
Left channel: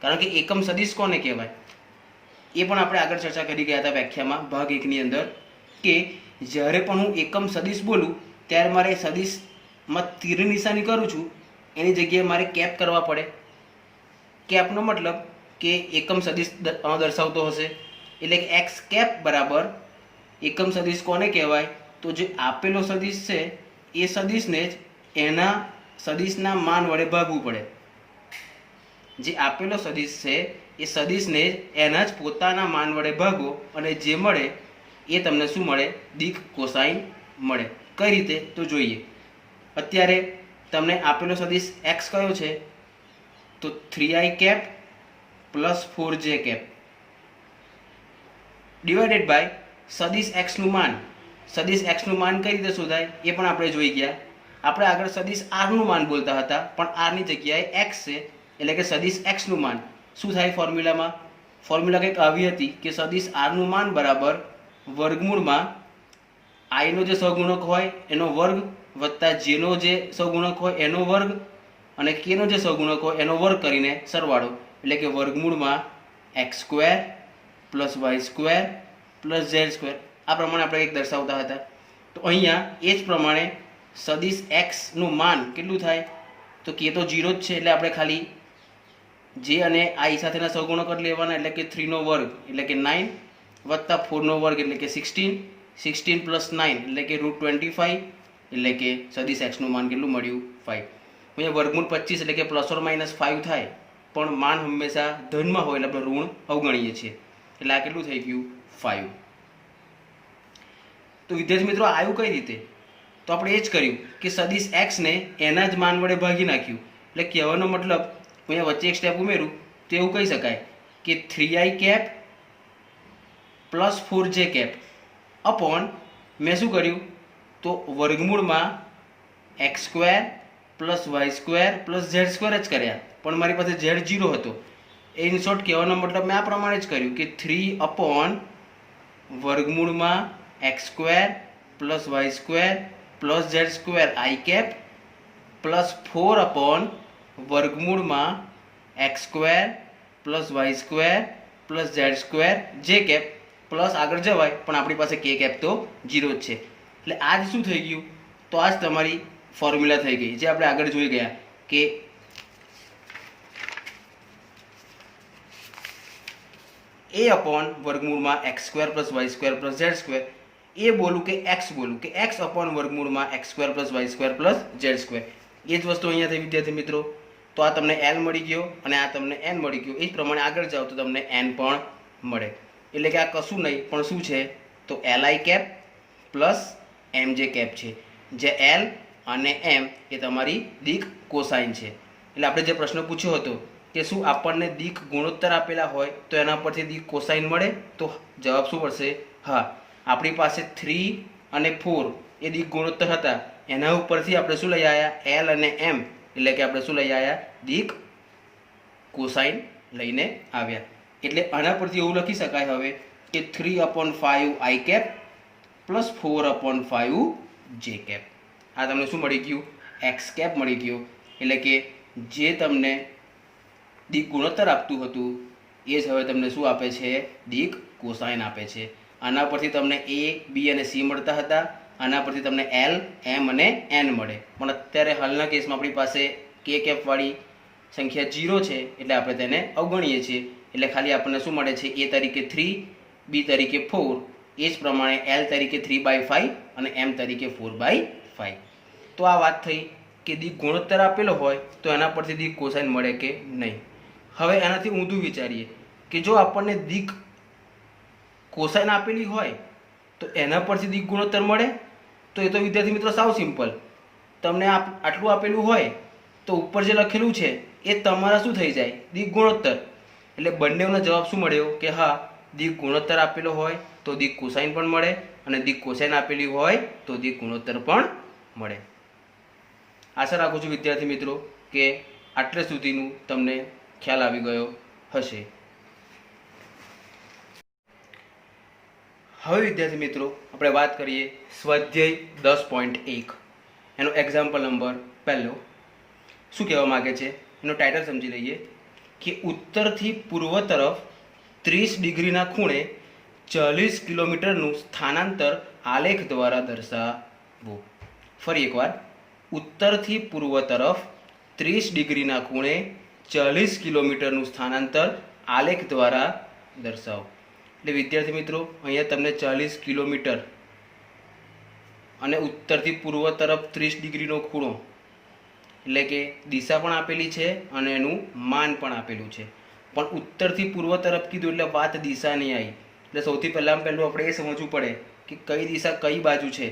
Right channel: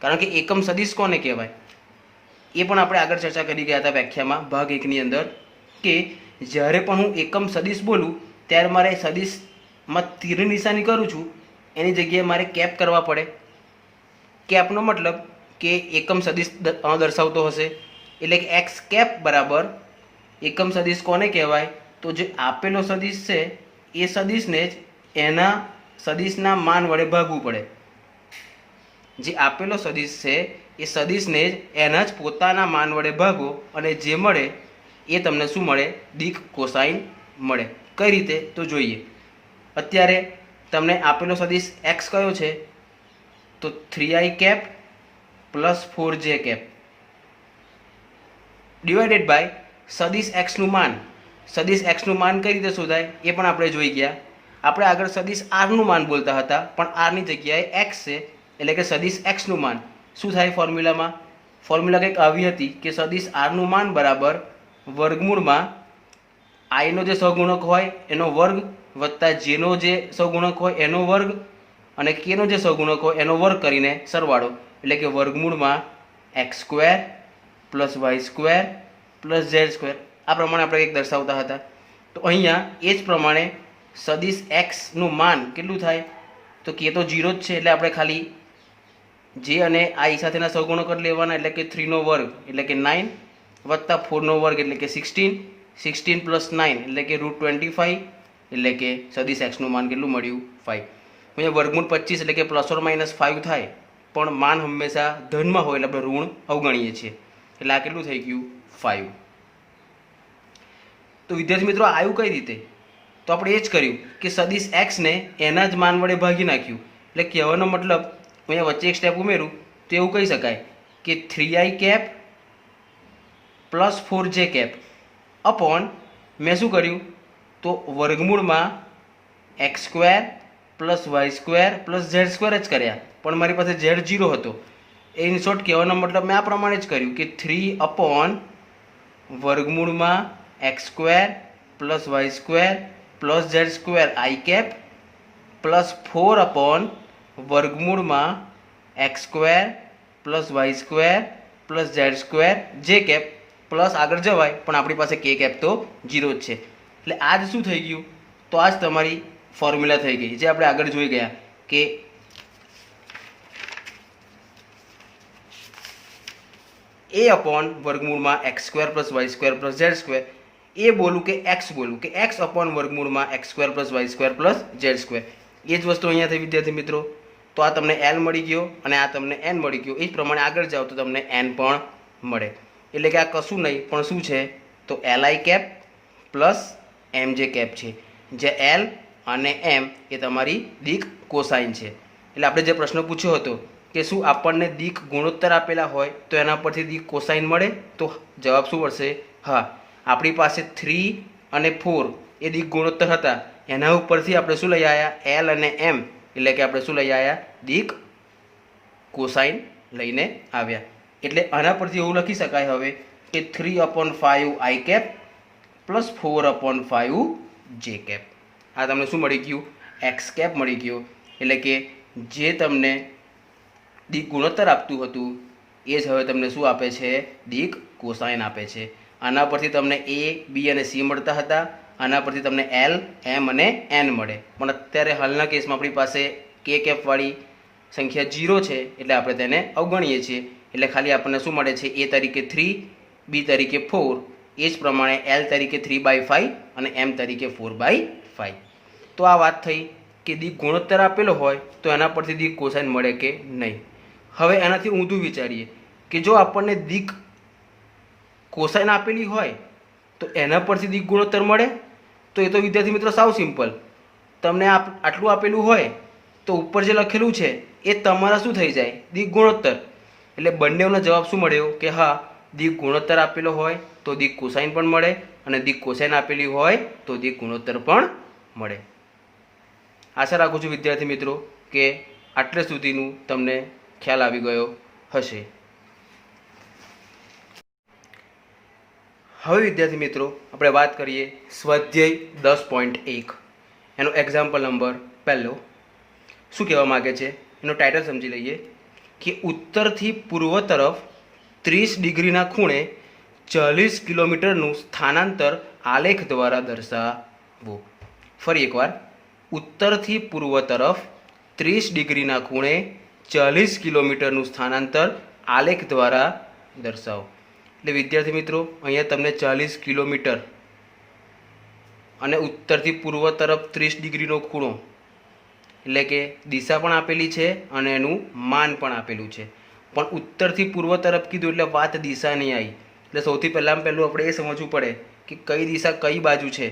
કારણ કે એકમ સદિશ કોને કહેવાય એ પણ આપણે આગળ ચર્ચા કરી ગયા હતા વ્યાખ્યામાં ભાગ 1 ની અંદર, કે જ્યારે પણ હું એકમ સદિશ બોલું ત્યારે મારે સદિશમાં તીરની નિશાની કરું છું એની જગ્યાએ મારે કેપ કરવા પડે. કેપનો મતલબ કે એકમ સદિશ દર્શાવતો હશે. એટલે કે એક્સ કેપ બરાબર એકમ સદિશ કોને કહેવાય? તો જે આપેલો સદિશ છે એ સદિશને જ એના સદિશના માન વડે ભાગવું પડે. જે આપેલો સદિશ છે એ સદિશને જ એના જ પોતાના માન વડે ભાગો અને જે મળે એ તમને શું મળે? દિક કોસાઇન મળે. કઈ રીતે? તો જોઈએ. અત્યારે તમને આપેલો સદિશ એક્સ કયો છે? તો 3i cap plus 4j cap divided by સદિશ એક્સનું માન. સદિશ એક્સનું માન કઈ રીતે શોધાય એ પણ આપણે જોઈ ગયા. આપણે આગળ સદિશ આરનું માન બોલતા હતા, પણ આરની જગ્યાએ એક્સ છે, એટલે કે સદિશ એક્સનું માન શું થાય? ફોર્મ્યુલામાં ફોર્મ્યુલા કંઈક આવી હતી કે સદિશ આરનું માન બરાબર વર્ગમૂળમાં આઈનો જે સહગુણક હોય એનો વર્ગ વત્તા જેનો જે સહગુણક હોય એનો વર્ગ અને કેનો જે સહગુણક હોય એનો વર્ગ કરીને સરવાળો, એટલે કે વર્ગમૂળમાં x square plus Y square plus Z square. આ પ્રમાણે આપણે એક દર્શાવતા હતા. તો અહીંયા એ જ પ્રમાણે સદિશ એક્સનું માન કેટલું થાય? તો કે તો 0 જ છે, એટલે આપણે ખાલી જે અને આઈ સાથેના સહગુણક જ લેવાના, એટલે કે 3નો વર્ગ એટલે કે 9 વત્તા 4નો વર્ગ એટલે કે 16, 16 પ્લસ 9 એટલે કે √25, એટલે કે સદિશ એક્સનું માન કેટલું મળ્યું? 5. અહીંયા વર્ગમૂળ 25 એટલે કે પ્લસ ઓર માઇનસ 5 થાય, પણ માન હંમેશા ધનમાં હોય એટલે આપણે ઋણ અવગણીએ છીએ. એટલે આ કેટલું થઈ ગયું? 5. તો વિદ્યાર્થી મિત્રો, આવ્યું કઈ રીતે? તો આપણે એ જ કર્યું કે સદિશ એક્સને એના જ માન વડે ભાગી નાખ્યું. એટલે કહેવાનો મતલબ, અહીંયા વચ્ચે એક સ્ટેપ ઉમેરું તો એવું કહી શકાય કે 3i cap plus 4j cap upon મેં શું કર્યું? તો વર્ગમૂળમાં x square plus Y square plus Z square જ કર્યા, પણ મારી પાસે ઝેડ 0 હતો. એ ઇન શોર્ટ કહેવાનો મતલબ મેં આ પ્રમાણે જ કર્યું કે 3 અપોન વર્ગમૂળમાં x square plus Y square plus Z square I cap plus 4 upon વર્ગમૂળમાં x square plus Y square plus Z square J cap plus આગળ જવાય, પણ આપણી પાસે કે કેપ તો 0 જ છે. એટલે આ જ શું થઈ ગયું? તો આ જ તમારી ફોર્મ્યુલા થઈ ગઈ, જે આપણે આગળ જોઈ ગયા કે એ અપોન વર્ગમૂળમાં x square plus Y square plus Z square. A બોલું કે એક્સ બોલું કે એક્સ અપોન વર્ગમૂળમાં x square plus Y square plus Z square. એ જ વસ્તુ અહીંયા થઈ વિદ્યાર્થી મિત્રો. તો આ તમને એલ મળી ગયો અને આ તમને એન મળી ગયો. એ જ પ્રમાણે આગળ જાઓ તો તમને એન પણ મળે. એટલે કે આ કશું નહીં પણ શું છે? તો એલઆઈ કેપ પ્લસ એમ જે કેપ છે, જે એલ અને એમ એ તમારી દિક કોસાઇન છે. એટલે આપણે જે પ્રશ્ન પૂછ્યો હતો કે શું આપણને દિક ગુણોત્તર આપેલા હોય તો એના પરથી દિક કોસાઇન મળે? તો જવાબ શું મળશે? હા. આપણી પાસે 3 અને 4 એ દિક ગુણોત્તર હતા, એના ઉપરથી આપણે શું લઈ આવ્યા? એલ અને એમ, એટલે કે આપણે શું લઈ આવ્યા? દિક કોસાઇન લઈને આવ્યા. એટલે આના પરથી એવું લખી શકાય હવે કે 3/5 આઈ કેપ પ્લસ 4/5 જે કેપ. આ તમને શું મળી ગયું? એક્સ કેપ મળી ગયો. એટલે કે જે તમને દિક ગુણોત્તર આપતું હતું એ જ હવે તમને શું આપે છે? દિક કોસાઇન આપે છે. આના પરથી તમને એ, બી અને સી મળતા હતા. આના પરથી તમને એલ, એમ અને એન મળે. પણ અત્યારે હાલના કેસમાં આપણી પાસે કે કેપવાળી સંખ્યા 0 છે એટલે આપણે તેને અવગણીએ છીએ. એટલે ખાલી આપણને શું મળે છે? એ તરીકે 3, બી તરીકે 4, એ જ પ્રમાણે એલ તરીકે 3/5 અને એમ તરીકે 4/5. તો આ વાત થઈ કે દિક ગુણોત્તર આપેલો હોય તો એના પરથી દિક કોસાઇન મળે કે નહીં. હવે એનાથી ઊંધું વિચારીએ કે જો આપણને દિક કોસાઇન આપેલી હોય તો એના પરથી દિક ગુણોત્તર મળે. તો એ તો વિદ્યાર્થી મિત્રો સાવ સિમ્પલ. તમને આટલું આપેલું હોય તો ઉપર જે લખેલું છે એ તમારા શું થઈ જાય? દિક ગુણોત્તર. એટલે બંનેનો જવાબ શું મળ્યો કે હા, દિક ગુણોત્તર આપેલો હોય તો દિક કોસાઇન પણ મળે અને દિક કોસાઇન આપેલી હોય તો દિક ગુણોત્તર પણ મળે. આશા રાખું છું વિદ્યાર્થી મિત્રો કે આટલે સુધીનું તમને ખ્યાલ આવી ગયો હશે. હવે વિદ્યાર્થી મિત્રો આપણે વાત કરીએ સ્વાધ્યાય 10.1 એનો એક્ઝામ્પલ નંબર પહેલો. શું કહેવા માગે છે એનો ટાઇટલ સમજી લઈએ કે ઉત્તરથી પૂર્વ તરફ 30 ડિગ્રીના ખૂણે 40 કિલોમીટરનું સ્થાનાંતર આલેખ દ્વારા દર્શાવો. ફરી એકવાર, ઉત્તરથી પૂર્વ તરફ 30 ડિગ્રીના ખૂણે 40 કિલોમીટરનું સ્થાનાંતર આલેખ દ્વારા દર્શાવો. એટલે વિદ્યાર્થી મિત્રો અહીંયા તમને 40 કિલોમીટર અને ઉત્તરથી પૂર્વ તરફ 30 ડિગ્રીનો ખૂણો એટલે કે દિશા પણ આપેલી છે અને એનું માન પણ આપેલું છે. પણ ઉત્તરથી પૂર્વ તરફ કીધું એટલે વાત દિશાની આવી. એટલે સૌથી પહેલું આપણે એ સમજવું પડે કે કઈ દિશા કઈ બાજુ છે.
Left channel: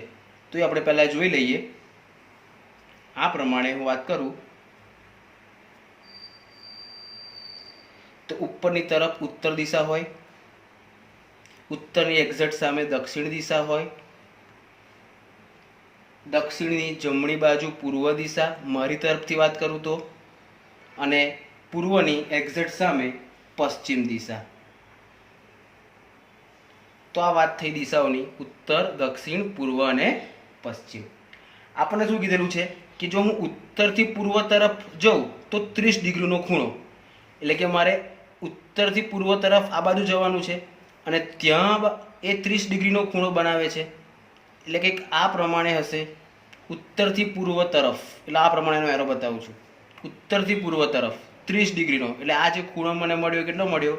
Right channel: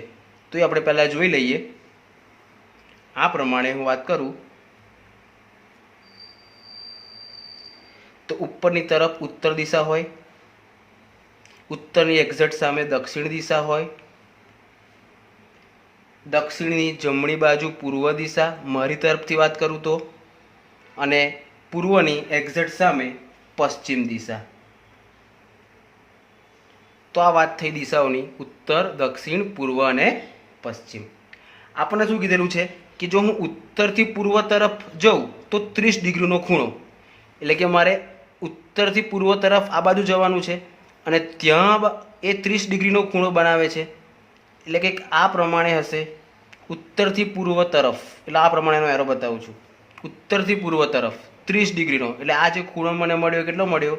તો એ આપણે પહેલાં જોઈ લઈએ. આ પ્રમાણે હું વાત કરું તો ઉપરની તરફ ઉત્તર દિશા હોય, ઉત્તરની એક્ઝેક્ટ સામે દક્ષિણ દિશા હોય, દક્ષિણની જમણી બાજુ પૂર્વ દિશા મારી તરફથી વાત કરું તો, અને પૂર્વની એક્ઝેક્ટ સામે પશ્ચિમ દિશા. તો આ વાત થઈ દિશાઓની, ઉત્તર, દક્ષિણ, પૂર્વ અને પશ્ચિમ. આપણને શું કીધેલું છે કે જો હું ઉત્તરથી પૂર્વ તરફ જાઉં તો 30 ડિગ્રીનો ખૂણો, એટલે કે મારે ઉત્તરથી પૂર્વ તરફ આ બાજુ જવાનું છે અને ત્યાં એ 30 ડિગ્રીનો ખૂણો બનાવે છે. એટલે કે આ પ્રમાણે હશે ઉત્તરથી પૂર્વ તરફ. એટલે આ પ્રમાણેનો એરો બતાવું છું. ઉત્તરથી પૂર્વ તરફ 30 ડિગ્રીનો, એટલે આ જે ખૂણો મને મળ્યો કેટલો મળ્યો?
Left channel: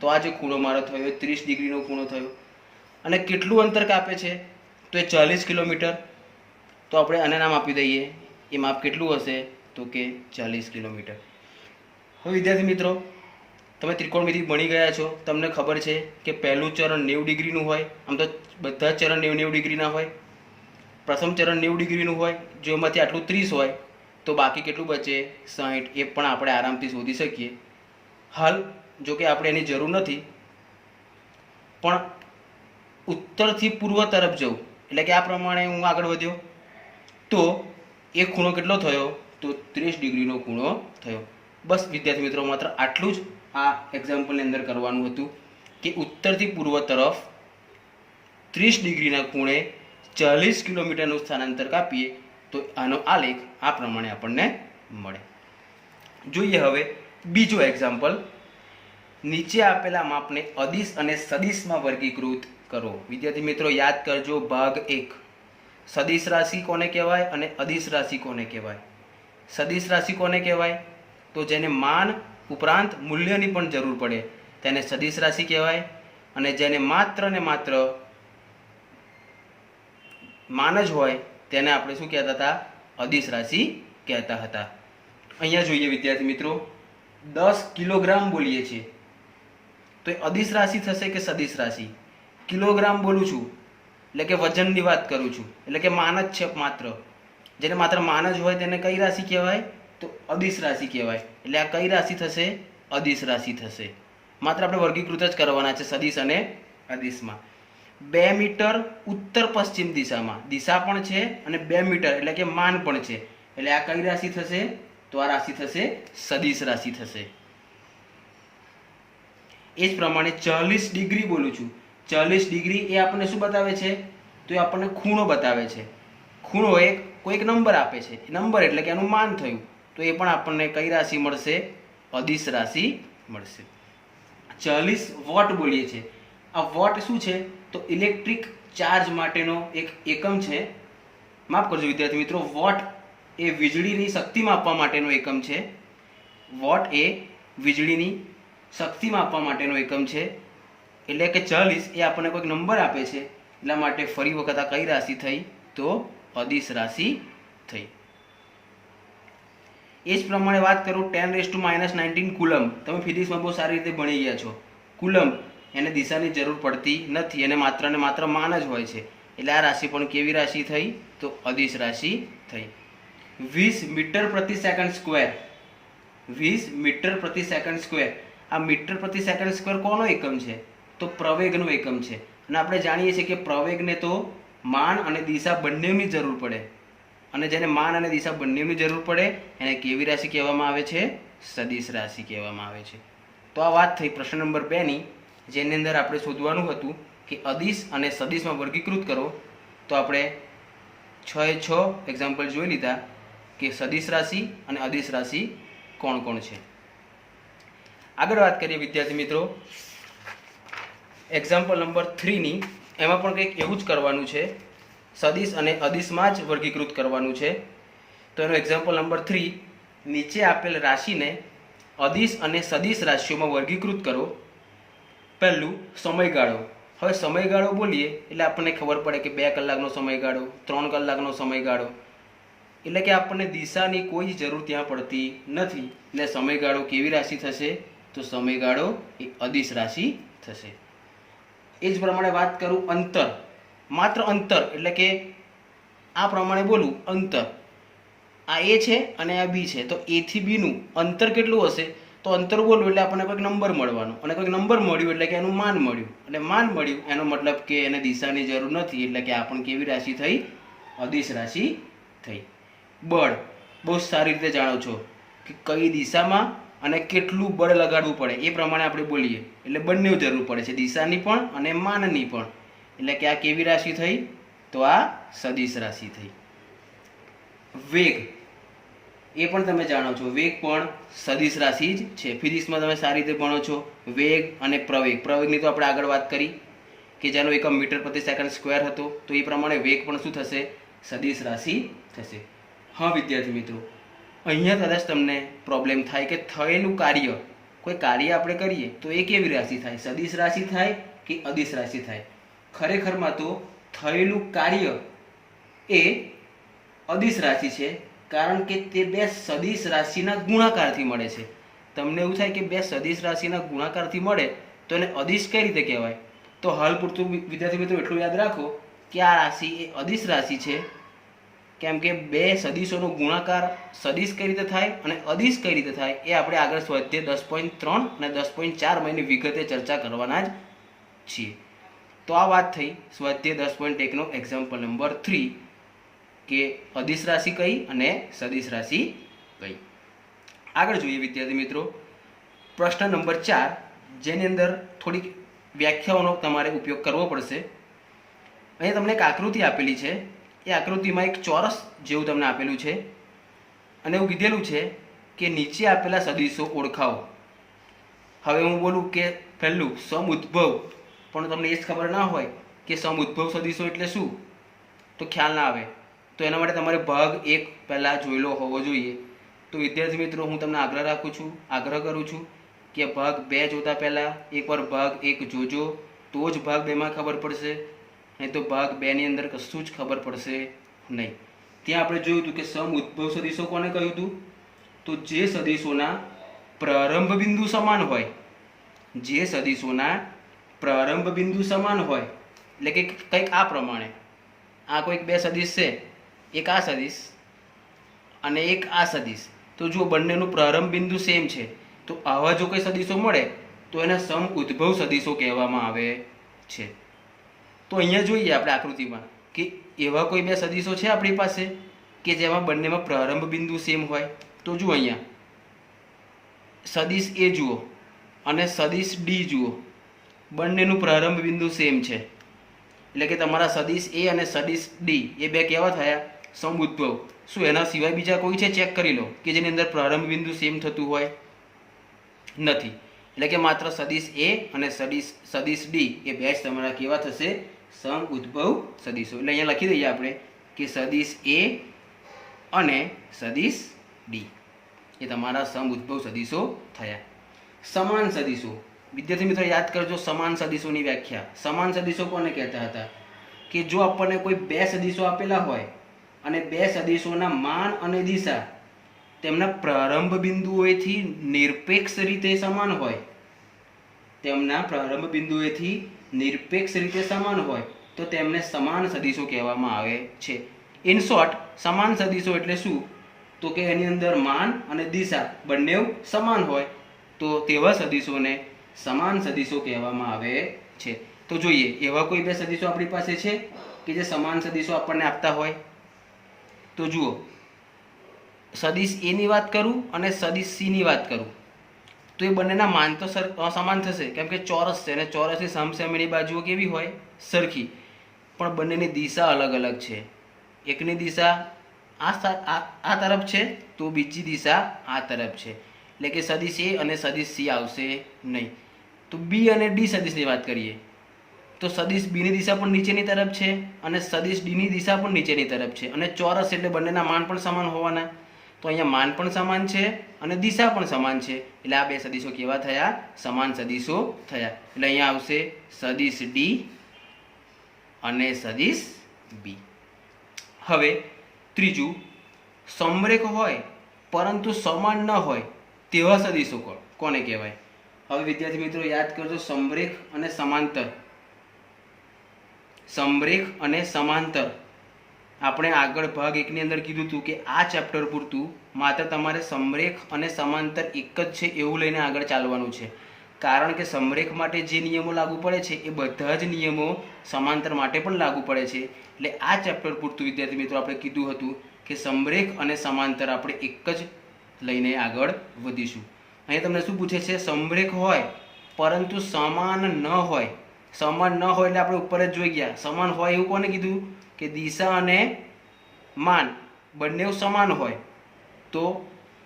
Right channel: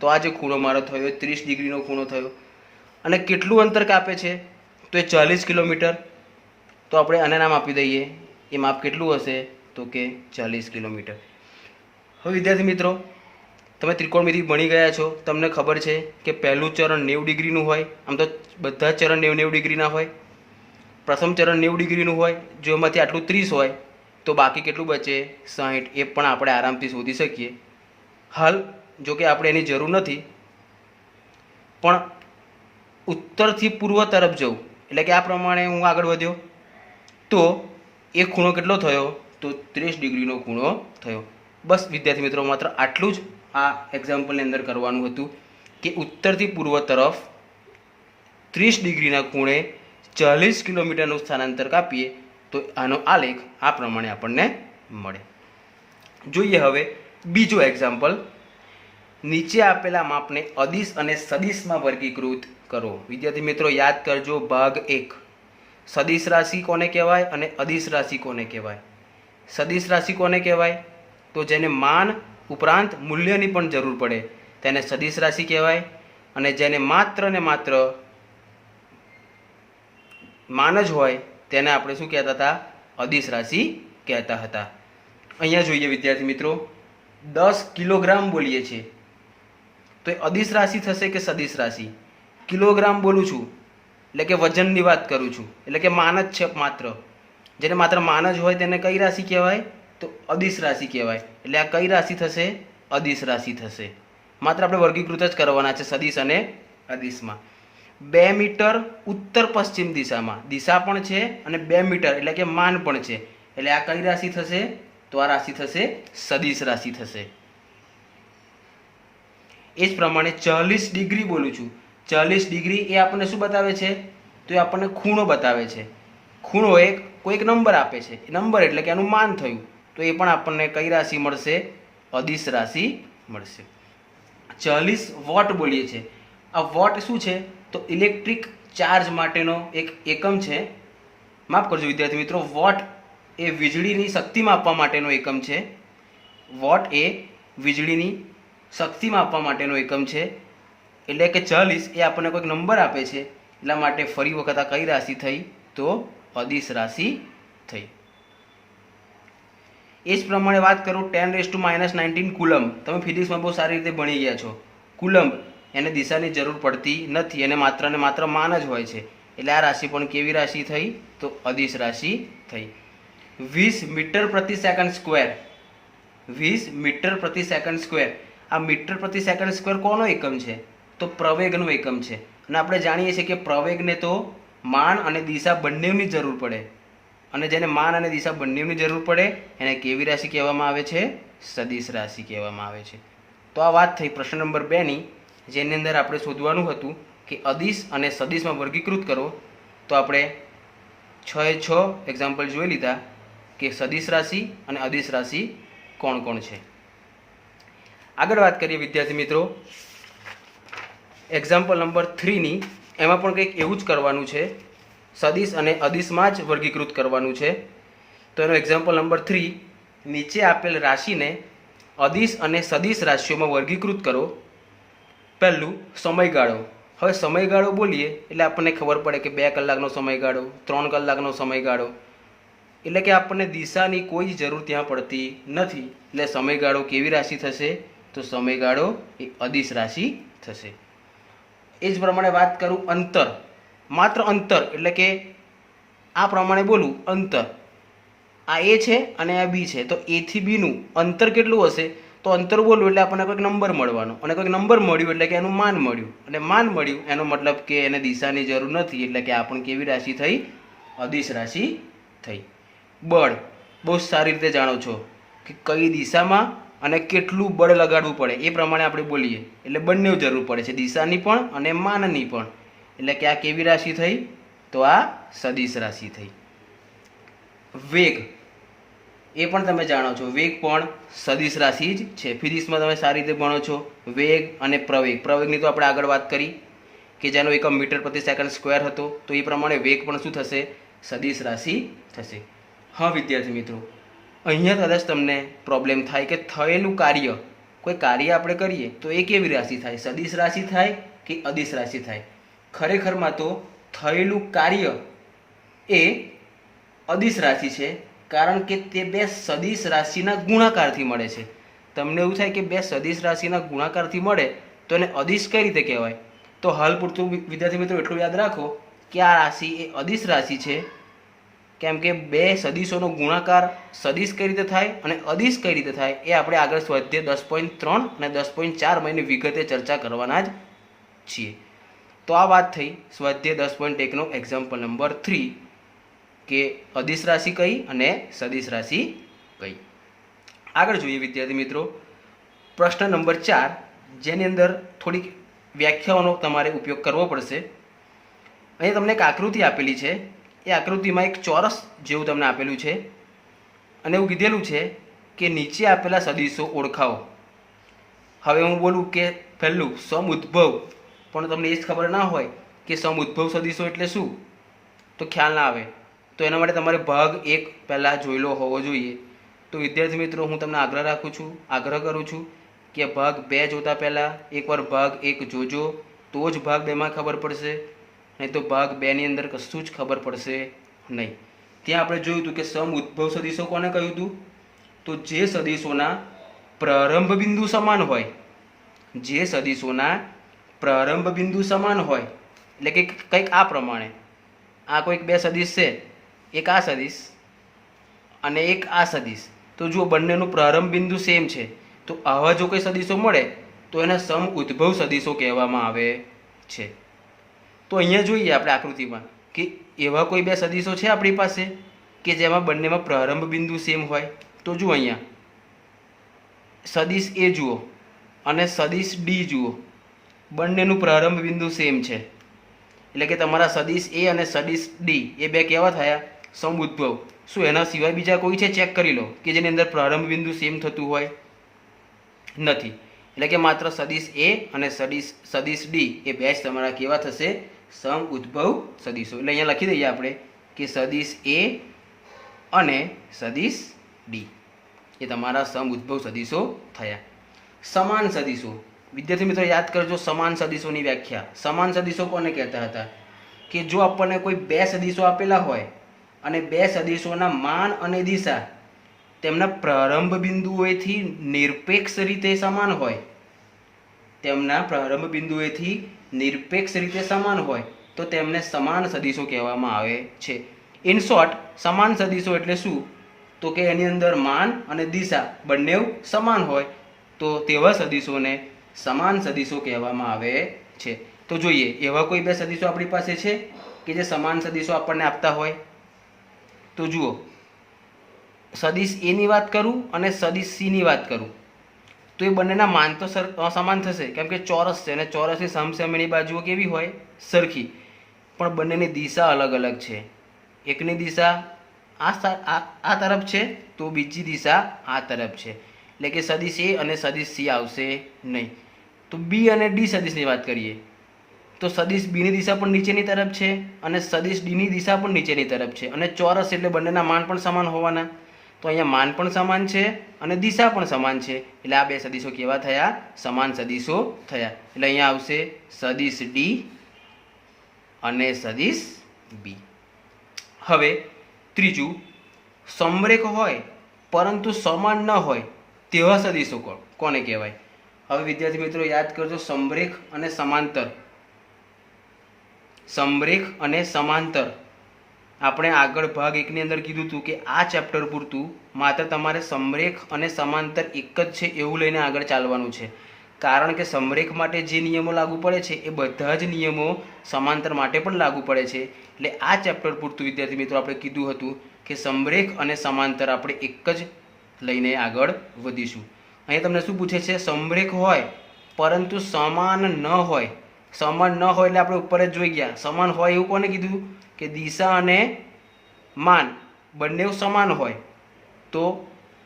તો આ જે ખૂણો મારો થયો એ 30 ડિગ્રીનો ખૂણો થયો. અને કેટલું અંતર કાપે છે? તો એ 40 કિલોમીટર. તો આપણે આને નામ આપી દઈએ. એ માપ કેટલું હશે? તો કે 40 કિલોમીટર. હવે વિદ્યાર્થી મિત્રો તમે ત્રિકોણમિતિ ભણી ગયા છો, તમને ખબર છે કે પહેલું ચરણ 90 ડિગ્રીનું હોય. આમ તો બધા જ ચરણ 90 ડિગ્રીના હોય. પ્રથમ ચરણ 90 ડિગ્રીનું હોય. જો એમાંથી આટલું 30 હોય તો બાકી કેટલું બચે? 60. એ પણ આપણે આરામથી શોધી શકીએ. હાલ જો કે આપણે એની જરૂર નથી, પણ ઉત્તરથી પૂર્વ તરફ જવું એટલે કે આ પ્રમાણે હું આગળ વધ્યો તો એ ખૂણો કેટલો થયો? તો 30 ડિગ્રીનો ખૂણો થયો. બસ વિદ્યાર્થી મિત્રો માત્ર આટલું જ આ એક્ઝામ્પલની અંદર કરવાનું હતું કે ઉત્તરથી પૂર્વ તરફ 30 ડિગ્રીના ખૂણે 40 કિલોમીટરનું સ્થાનાંતર કાપીએ તો આનો આલેખ આ પ્રમાણે આપણને મળે. જોઈએ હવે બીજો એક્ઝામ્પલ. નીચે આપેલા માપને અદિશ અને સદિશમાં વર્ગીકૃત કરો. વિદ્યાર્થી મિત્રો યાદ કરજો, ભાગ 1. સદિશ રાશિ કોને કહેવાય અને અદિશ રાશિ કોને કહેવાય? સદિશ રાશિ કોને કહેવાય? તો જેને માન ઉપરાંત મૂલ્યની પણ જરૂર પડે તેને સદિશ રાશિ કહેવાય. અને જેને માત્ર ને માત્ર માન જ હોય તેને આપણે શું કહેતા હતા? અદિશ રાશિ કહેતા હતા. અહીંયા જોઈએ વિદ્યાર્થી મિત્રો, 10 કિલોગ્રામ બોલીએ છીએ તો એ અદિશ રાશિ થશે કે સદિશ રાશિ? કિલોગ્રામ બોલું છું એટલે કે વજનની વાત કરું છું, એટલે કે માન જ છે માત્ર. જેને માત્ર માન જ હોય તેને કઈ રાશિ કહેવાય? તો અદિશ રાશિ કહેવાય. એટલે આ કઈ રાશિ થશે? અદિશ રાશિ થશે. માત્ર આપણે વર્ગીકૃત જ કરવાના છે સદિશ અને અદિશમાં. 2 મીટર ઉત્તર પશ્ચિમ દિશામાં દિશા પણ છે અને 2 મીટર એટલે કે માન પણ છે. એટલે આ કઈ રાશિ થશે? તો આ રાશિ થશે સદિશ રાશિ થશે. એ જ પ્રમાણે 40 ડિગ્રી બોલું છું. 40 ડિગ્રી એ આપણને શું બતાવે છે? તો એ આપણને ખૂણો બતાવે છે. ખૂણો કોઈક નંબર આપે છે. નંબર એટલે કે એનું માન થયું. તો એ પણ આપણને કઈ રાશિ મળશે? અદિશ રાશિ મળશે. 40 વોટ બોલીએ છીએ. આ વોટ શું છે? તો ઇલેક્ટ્રિક ચાર્જ માટેનો એક એકમ છે. માફ કરજો વિદ્યાર્થી મિત્રો, વોટ એ વીજળીની શક્તિ માપવા માટેનો એકમ છે. વોટ એ વીજળીની શક્તિ માપવા માટેનો એકમ છે. એટલે કે 40 એ આપણને કોઈક નંબર આપે છે, એટલા માટે ફરી વખત આ કઈ રાશિ થઈ? તો અદિશ રાશિ થઈ. એ જ પ્રમાણે વાત કરું 10⁻⁹ કુલમ. તમે ફિઝિક્સમાં બહુ સારી રીતે ભણી ગયા છો. કુલમ એને દિશાની જરૂર પડતી નથી, એને માત્ર ને માત્ર માન જ હોય છે. એટલે આ રાશિ પણ કેવી રાશિ થઈ? તો અદિશ રાશિ થઈ. 20 મીટર પ્રતિ સેકન્ડ સ્ક્વેર. 20 મીટર પ્રતિ સેકન્ડ સ્ક્વેર. આ મીટર પ્રતિ સેકન્ડ સ્ક્વેર કોનો એકમ છે? તો પ્રવેગનો એકમ છે. અને આપણે જાણીએ છીએ કે પ્રવેગને તો માન અને દિશા બંનેની જરૂર પડે, અને જેને માન અને દિશા બંનેની જરૂર પડે એને કેવી રાશિ કહેવામાં આવે છે? સદિશ રાશિ કહેવામાં આવે છે. તો આ વાત થઈ પ્રશ્ન નંબર 2ની, જેની અંદર આપણે શોધવાનું હતું કે અદિશ અને સદિશમાં વર્ગીકૃત કરો. તો આપણે 6 એક્ઝામ્પલ જોઈ લીધા કે સદિશ રાશિ અને અદિશ રાશિ કોણ કોણ છે. આગળ વાત કરીએ વિદ્યાર્થી મિત્રો એક્ઝામ્પલ નંબર 3ની. એમાં પણ કંઈક એવું જ કરવાનું છે. સદિશ અને અદિશમાં જ વર્ગીકૃત કરવાનું છે. તો એનો એક્ઝામ્પલ નંબર 3, નીચે આપેલ રાશિને અદિશ અને સદિશ રાશિઓમાં વર્ગીકૃત કરો. પહેલું સમયગાળો. હવે સમયગાળો બોલીએ એટલે આપણને ખબર પડે કે 2 કલાકનો સમયગાળો, 3 કલાકનો સમયગાળો. એટલે કે આપણને દિશાની કોઈ જરૂર ત્યાં પડતી નથી. એટલે સમયગાળો કેવી રાશિ થશે? તો સમયગાળો એ અદિશ રાશિ થશે. એ જ પ્રમાણે વાત કરું અંતર. માત્ર અંતર એટલે કે આ પ્રમાણે બોલું અંતર. આ એ છે અને આ બી છે, તો એ થી બીનું અંતર કેટલું હશે? તો અંતર બોલવું એટલે આપણને કોઈક નંબર મળવાનો, અને કોઈક નંબર મળ્યું એટલે કે એનું માન મળ્યું, અને માન મળ્યું એનો મતલબ કે એને દિશાની જરૂર નથી. એટલે કે આ પણ કેવી રાશિ થઈ? અદિશ રાશિ થઈ. બળ. બહુ સારી રીતે જાણો છો કે કઈ દિશામાં અને કેટલું બળ લગાડવું પડે એ પ્રમાણે આપણે બોલીએ એટલે બંને જરૂર પડે છે, દિશાની પણ અને માનની પણ. એટલે કે આ કેવી રાશિ થઈ? તો આ સદિશ રાશિ થઈ. વેગ. એ પણ તમે જાણો છો, વેગ પણ સદિશ રાશિ જ છે. ફિઝિક્સમાં તમે સારી રીતે ભણો છો. વેગ અને પ્રવેગ. પ્રવેગની તો આપણે આગળ વાત કરી કે જેનો એકમ મીટર પ્રતિ સેકન્ડ સ્ક્વેર હતો. તો એ પ્રમાણે વેગ પણ શું થશે? સદિશ રાશિ થશે. હા વિદ્યાર્થી મિત્રો, અહીંયા કદાચ તમને પ્રોબ્લેમ થાય કે થયેલું કાર્ય, કોઈ કાર્ય આપણે કરીએ તો એ કેવી રાશિ થાય? સદિશ રાશિ થાય કે અદિશ રાશિ થાય? ખરેખરમાં તો થયેલું કાર્ય એ અદિશ રાશિ છે, કારણ કે તે 2 સદિશ રાશિના ગુણાકારથી મળે છે. તમને એવું થાય કે 2 સદિશ રાશિના ગુણાકારથી મળે તો એને અદિશ કઈ રીતે કહેવાય? તો હાલ પૂરતું વિદ્યાર્થી મિત્રો એટલું યાદ રાખો કે આ રાશિ એ અદિશ રાશિ છે, કેમ કે 2 સદિશોનો ગુણાકાર સદિશ કઈ રીતે થાય અને અદિશ કઈ રીતે થાય એ આપણે આગળ સ્વાધ્યાય 10.3 અને 10.4 મહિને વિગતે ચર્ચા કરવાના જ છીએ. તો આ વાત થઈ સ્વાધ્યાય 10.1નો એક્ઝામ્પલ નંબર 3 કે અદિશ રાશિ કઈ અને સદિશ રાશિ કઈ. આગળ જોઈએ વિદ્યાર્થી મિત્રો પ્રશ્ન નંબર 4, જેની અંદર થોડીક વ્યાખ્યાઓનો તમારે ઉપયોગ કરવો પડશે. અહીંયા તમને એક આકૃતિ આપેલી છે. એ આકૃતિમાં એક ચોરસ જેવું તમને આપેલું છે, અને એવું કીધેલું છે કે નીચે આપેલા સદિશો ઓળખાવો. હવે હું બોલું કે પહેલું સમઉદ્ભવ, પણ તમને એ જ ખબર ના હોય કે સમઉદ્ભવ સદિશો એટલે શું, તો ખ્યાલ ના આવે. તો એના માટે તમારે ભાગ 1 પહેલાં જોયેલો હોવો જોઈએ. તો વિદ્યાર્થી મિત્રો હું તમને આગ્રહ કરું છું કે ભાગ 2 જોતા પહેલાં એકવાર ભાગ 1 જોજો, તો જ ભાગ 2માં ખબર પડશે. નહીં તો ભાગ 2ની અંદર કશું જ ખબર પડશે નહીં. ત્યાં આપણે જોયું હતું કે સમઉદ્ભવ સદિશો કોને કહ્યું હતું? તો જે સદિશોના પ્રારંભ બિંદુ સમાન હોય. જે સદિશોના પ્રારંભ બિંદુ સમાન હોય એટલે કે કંઈક આ પ્રમાણે, આ કોઈક 2 સદિશ છે, એક આ સદિશ અને એક આ સદિશ. તો જો બંનેનું પ્રારંભ બિંદુ સેમ છે તો આવા જો કોઈ સદિશો મળે તો એને સમઉદ્ભવ સદિશો કહેવામાં આવે છે. તો અહીંયા જોઈએ આપણે આકૃતિમાં કે એવા કોઈ 2 સદિશો છે આપણી પાસે કે જેમાં બંનેમાં પ્રારંભ બિંદુ સેમ હોય. તો જુઓ અહીંયા સદિશ એ જુઓ અને સદિશ ડી જુઓ, બંનેનું પ્રારંભ બિંદુ સેમ છે. એટલે કે તમારા સદિશ એ અને સદિશ ડી એ 2 કેવા થયા? સમઉદ્ભવ. શું એના સિવાય બીજા કોઈ છે? ચેક કરી લો કે જેની અંદર પ્રારંભ બિંદુ સેમ થતું હોય. નથી. એટલે કે માત્ર સદિશ એ અને સદિશ ડી એ બે જ તમારા કેવા થશે? સમ ઉદ્ભવ સદિશો. એટલે અહીંયા લખી દઈએ આપણે કે સદિશ એ અને સદિશ ડી એ તમારા સમ ઉદ્ભવ સદિશો થયા. સમાન સદિશો, વિદ્યાર્થી મિત્રો યાદ કરજો સમાન સદિશોની વ્યાખ્યા. સમાન સદિશો કોને કહેતા હતા? કે જો આપણને કોઈ બે સદિશો આપેલા હોય અને બે સદિશોના માન અને દિશા તેમના પ્રારંભ બિંદુઓથી નિરપેક્ષ રીતે સમાન હોય, તેમના પ્રારંભ બિંદુએથી નિરપેક્ષ રીતે સમાન હોય તો તેમને સમાન સદિશો કહેવામાં આવે છે. ઇન શોર્ટ, સમાન સદિશો એટલે શું? તો કે એની અંદર માન અને દિશા બંને સમાન હોય તો તેવા સદિશોને સમાન સદિશો કહેવામાં આવે છે. તો જોઈએ એવા કોઈ બે સદિશો આપણી પાસે છે કે જે સમાન સદિશો આપણને આપતા હોય. તો જુઓ, સદિશ એ ની વાત કરું અને સદિશ સી ની વાત કરું તો એ બંનેના માન તો સમાન થશે, કેમ કે ચોરસ છે અને ચોરસની સમસામેની બાજુઓ કેવી હોય? સરખી. પણ બંનેની દિશા અલગ અલગ છે. એકની દિશા આ તરફ છે તો બીજી દિશા આ તરફ છે. એટલે કે સદિશ એ અને સદિશ સી આવશે નહીં. તો બી અને ડી સદિશની વાત કરીએ તો સદિશ બીની દિશા પણ નીચેની તરફ છે અને સદિશ ડીની દિશા પણ નીચેની તરફ છે અને ચોરસ એટલે બંનેના માન પણ સમાન હોવાના. તો અહીંયા માન પણ સમાન છે અને દિશા પણ સમાન છે. એટલે આ બે સદિશો કેવા થયા? સમાન સદિશો થયા. એટલે અહીંયા આવશે સદિશ ડી અને સદિશ બી. હવે ત્રીજું, સમરેખ હોય પરંતુ સમાન ન હોય તેવા સદિશો કોને કહેવાય? હવે વિદ્યાર્થી મિત્રો યાદ કરજો, સમરેખ અને સમાંતર. સમરેખ અને સમાંતર આપણે આગળ ભાગ 1 ની અંદર કીધું હતું કે આ ચેપ્ટર પૂરતું માત્ર તમારે સમરેખ અને સમાંતર એક જ છે એવું લઈને આગળ ચાલવાનું છે. કારણ કે સમરેખ માટે જે નિયમો લાગુ પડે છે એ બધા જ નિયમો સમાંતર માટે પણ લાગુ પડે છે. એટલે આ ચેપ્ટર પૂરતું વિદ્યાર્થી મિત્રો આપણે કીધું હતું કે સમરેખ અને સમાંતર આપણે એક જ લઈને આગળ વધીશું. અહીંયા તમને શું પૂછે છે? સમરેખ હોય પરંતુ સમાન ન હોય. સમાન ન હોય એટલે આપણે ઉપર જ જોઈ ગયા. સમાન હોય એવું કોને કીધું? કે દિશા અને માન બંને સમાન હોય તો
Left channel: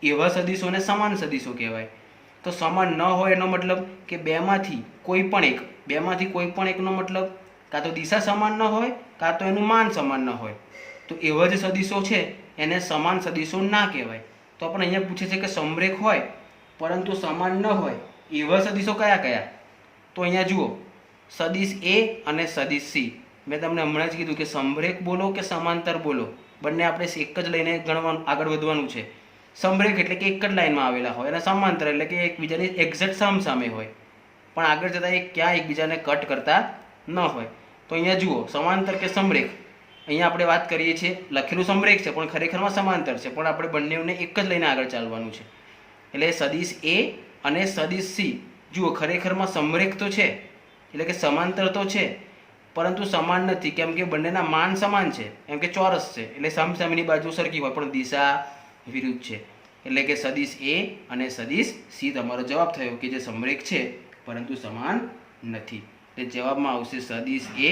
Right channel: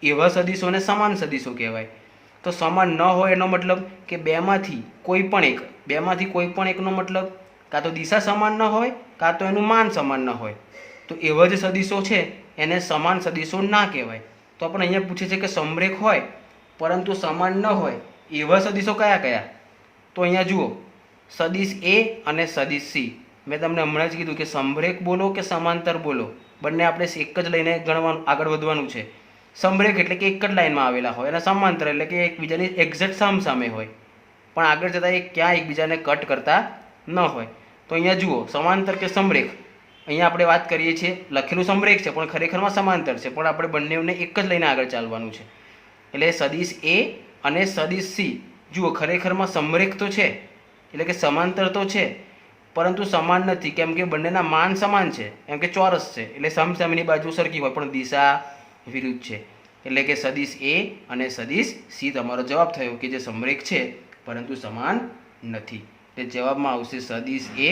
એવા સદિશોને સમાન સદિશો કહેવાય. તો સમાન ન હોય એનો મતલબ કે બેમાંથી કોઈ પણ એકનો મતલબ કાં તો દિશા સમાન ન હોય કાં તો એનું માન સમાન ન હોય. તો એવા જ સદિશો છે એને સમાન સદિશો ના કહેવાય. તો આપણે અહીંયા પૂછે છે કે સમરેખ હોય પરંતુ સમાન ન હોય એવા સદિશો કયા કયા? તો અહીંયા જુઓ, સદિશ એ અને સદિશ સી. મેં તમને હમણાં જ કીધું કે સમરેખ બોલો કે સમાંતર બોલો બંને આપણે એક જ લઈને ગણવાનું આગળ વધવાનું છે. સમરેખ એટલે કે એક જ લાઈનમાં આવેલા હોય અને સમાંતર એટલે કે એકબીજાની એક્ઝેક્ટ સામસામે હોય પણ આગળ જતાં એ ક્યાં એકબીજાને કટ કરતા ન હોય. તો અહીંયા જુઓ, સમાંતર કે સમરેખ, અહીંયા આપણે વાત કરીએ છીએ લખેલું સમરેખ છે પણ ખરેખરમાં સમાંતર છે, પણ આપણે બંનેને એક જ લઈને આગળ ચાલવાનું છે. એટલે સદિશ એ અને સદિશ સી જુઓ ખરેખરમાં સમરેખ તો છે એટલે કે સમાંતર તો છે પરંતુ સમાન નથી, કેમ કે બંનેના માન સમાન છે, કેમ કે ચોરસ છે એટલે સામસામેની બાજુ સરખી હોય પણ દિશા વિરુદ્ધ છે. એટલે કે સદિશ એ અને સદિશ સી તમારો જવાબ થયો કે જે સમરેખ છે પરંતુ સમાન નથી. એટલે જવાબમાં આવશે સદિશ એ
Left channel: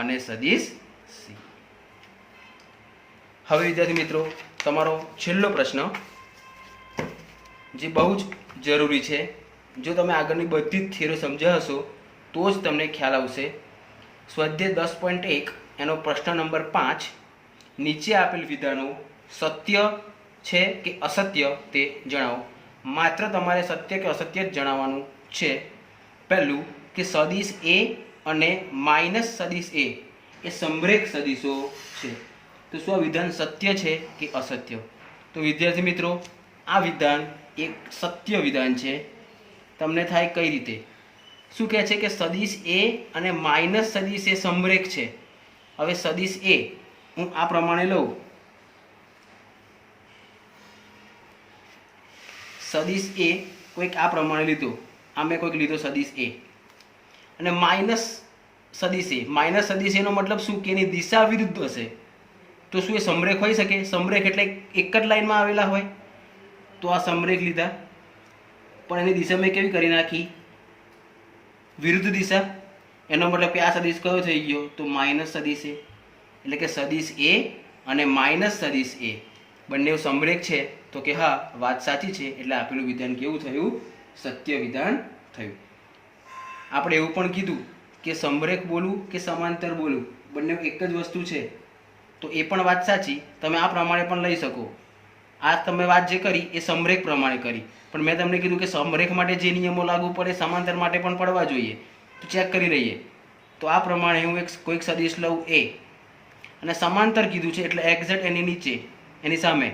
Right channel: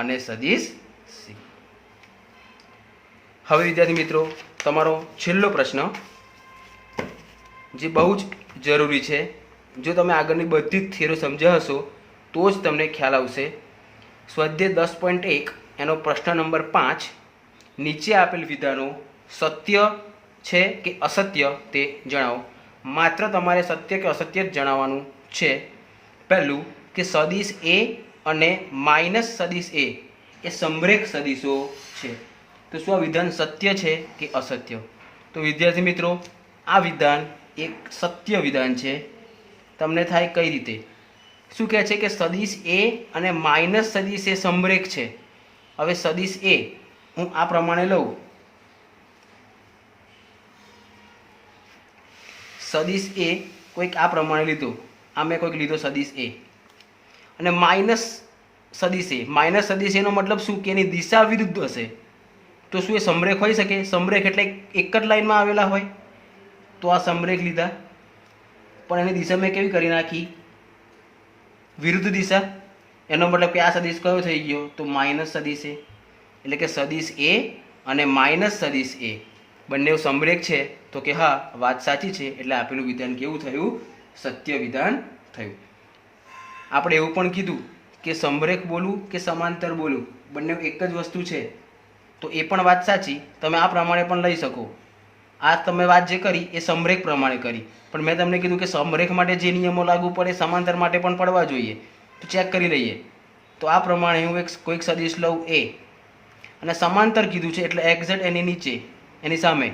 અને સદિશ સી. હવે વિદ્યાર્થી મિત્રો તમારો છેલ્લો પ્રશ્ન જે બહુ જ જરૂરી છે. જો તમે આગળની બધી જ થિયરી સમજ્યા હશો તો જ તમને ખ્યાલ આવશે. સ્વાધ્યાય 10.1 એનો પ્રશ્ન નંબર 5, નીચે આપેલ વિધાનો સત્ય છે કે અસત્ય તે જણાવો. માત્ર તમારે સત્ય કે અસત્ય જ જણાવવાનું છે. પહેલું કે સદિશ એ અને માઇનસ સદિશ એ સમરેખ સદિશો છે. તો શું આ વિધાન સત્ય છે કે અસત્ય? તો વિદ્યાર્થી મિત્રો આ વિધાન એક સત્ય વિધાન છે. તમને થાય કઈ રીતે? શું કહે છે કે સદિશ એ અને માઇનસ સદિશ એ સમરેખ છે. હવે સદિશ એ હું આ પ્રમાણે લઉં, સદિશ એ કોઈક આ પ્રમાણે લીધો, આ મેં કોઈક લીધો સદિશ એ અને માઇનસ સદિશ એનો મતલબ શું કે એની દિશા વિરુદ્ધ હશે. તો શું એ સમરેખ હોઈ શકે? સમરેખ એટલે એક જ લાઈનમાં આવેલા હોય. તો આ સમરેખ લીધા પણ એની દિશા મેં કેવી કરી નાખી? વિરુદ્ધ દિશા. એનો મતલબ કે આ સદિશ કયો થઈ ગયો? તો માઇનસ સદિશ એ. એટલે કે સદિશ એ અને માઇનસ સદિશ એ બંને સમરેખ છે તો કે હા, વાત સાચી છે, એટલે આપેલું વિધાન કેવું થયું? સત્ય વિધાન થયું. આપણે એવું પણ કીધું કે સમરેખ બોલવું કે સમાંતર બોલવું બંને એક જ વસ્તુ છે, તો એ પણ વાત સાચી. તમે આ પ્રમાણે પણ લઈ શકો. આ તમે વાત જે કરી એ સમરેખ પ્રમાણે કરી, પણ મેં તમને કીધું કે સમરેખ માટે જે નિયમો લાગુ પડે સમાંતર માટે પણ પડવા જોઈએ. તો ચેક કરી લઈએ. તો આ પ્રમાણે હું કોઈક સદિશ લઉં એ, અને સમાંતર કીધું છે એટલે એક્ઝેક્ટ એની નીચે, એની સામે,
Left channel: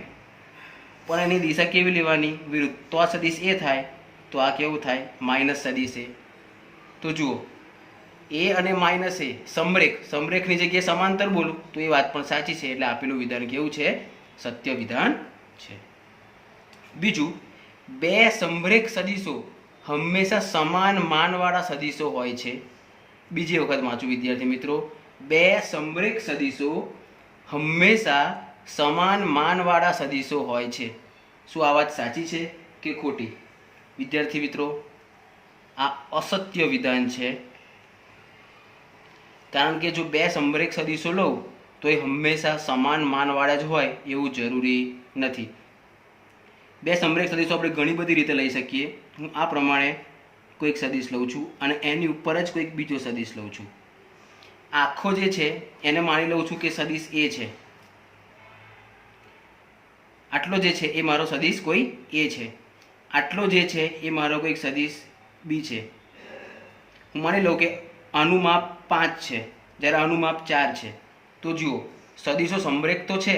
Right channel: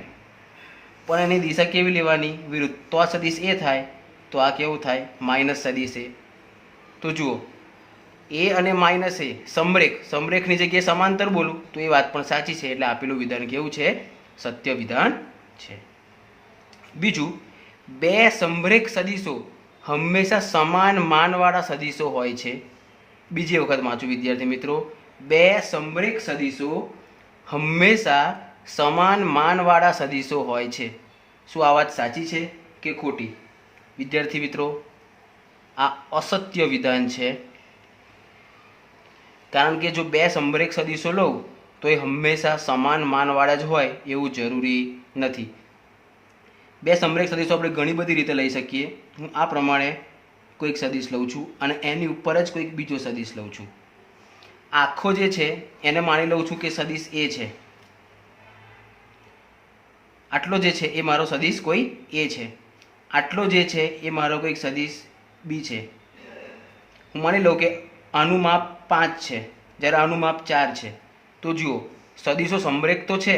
પણ એની દિશા કેવી લેવાની? વિરુદ્ધ. તો આ સદિશ એ થાય, તો આ કેવું થાય? માઇનસ સદિશ એ. તો જુઓ, એ અને માઇનસ એ સમરેખની જગ્યાએ સમાંતર બોલું તો એ વાત પણ સાચી છે, એટલે આપેલું વિધાન કેવું છે? સત્ય વિધાન છે. બીજું, બે સમરેખ સદિશો હંમેશા સમાન માનવાળા સદિશો હોય છે. બીજી વખત વાંચું વિદ્યાર્થી મિત્રો, બે સમરેખ સદિશો હંમેશા સમાન માનવાળા સદિશો હોય છે. શું આ વાત સાચી છે કે ખોટી? વિદ્યાર્થી મિત્રો, આ અસત્ય વિધાન છે. કારણ કે જો બે સમરેખ સદિશો લઉં તો એ હંમેશા સમાન માનવાળા જ હોય એવું જરૂરી નથી. બે સમરેખ સદિશો આપણે ઘણી બધી રીતે લઈ શકીએ. હું આ પ્રમાણે કોઈક સદિશ લઉં છું અને એની ઉપર જ કોઈક બીજો સદિશ લઉં છું. આખો જે છે એને માની લઉં છું કે સદિશ એ છે. આટલો જે છે એ મારો સદિશ કોઈ એ છે. આટલો જે છે એ મારો કોઈક સદિશ બી છે. હું માની લઉં કે આનું માપ 5 છે જ્યારે આનું માપ 4 છે. તો જુઓ, સદિશો સમરેખ તો છે,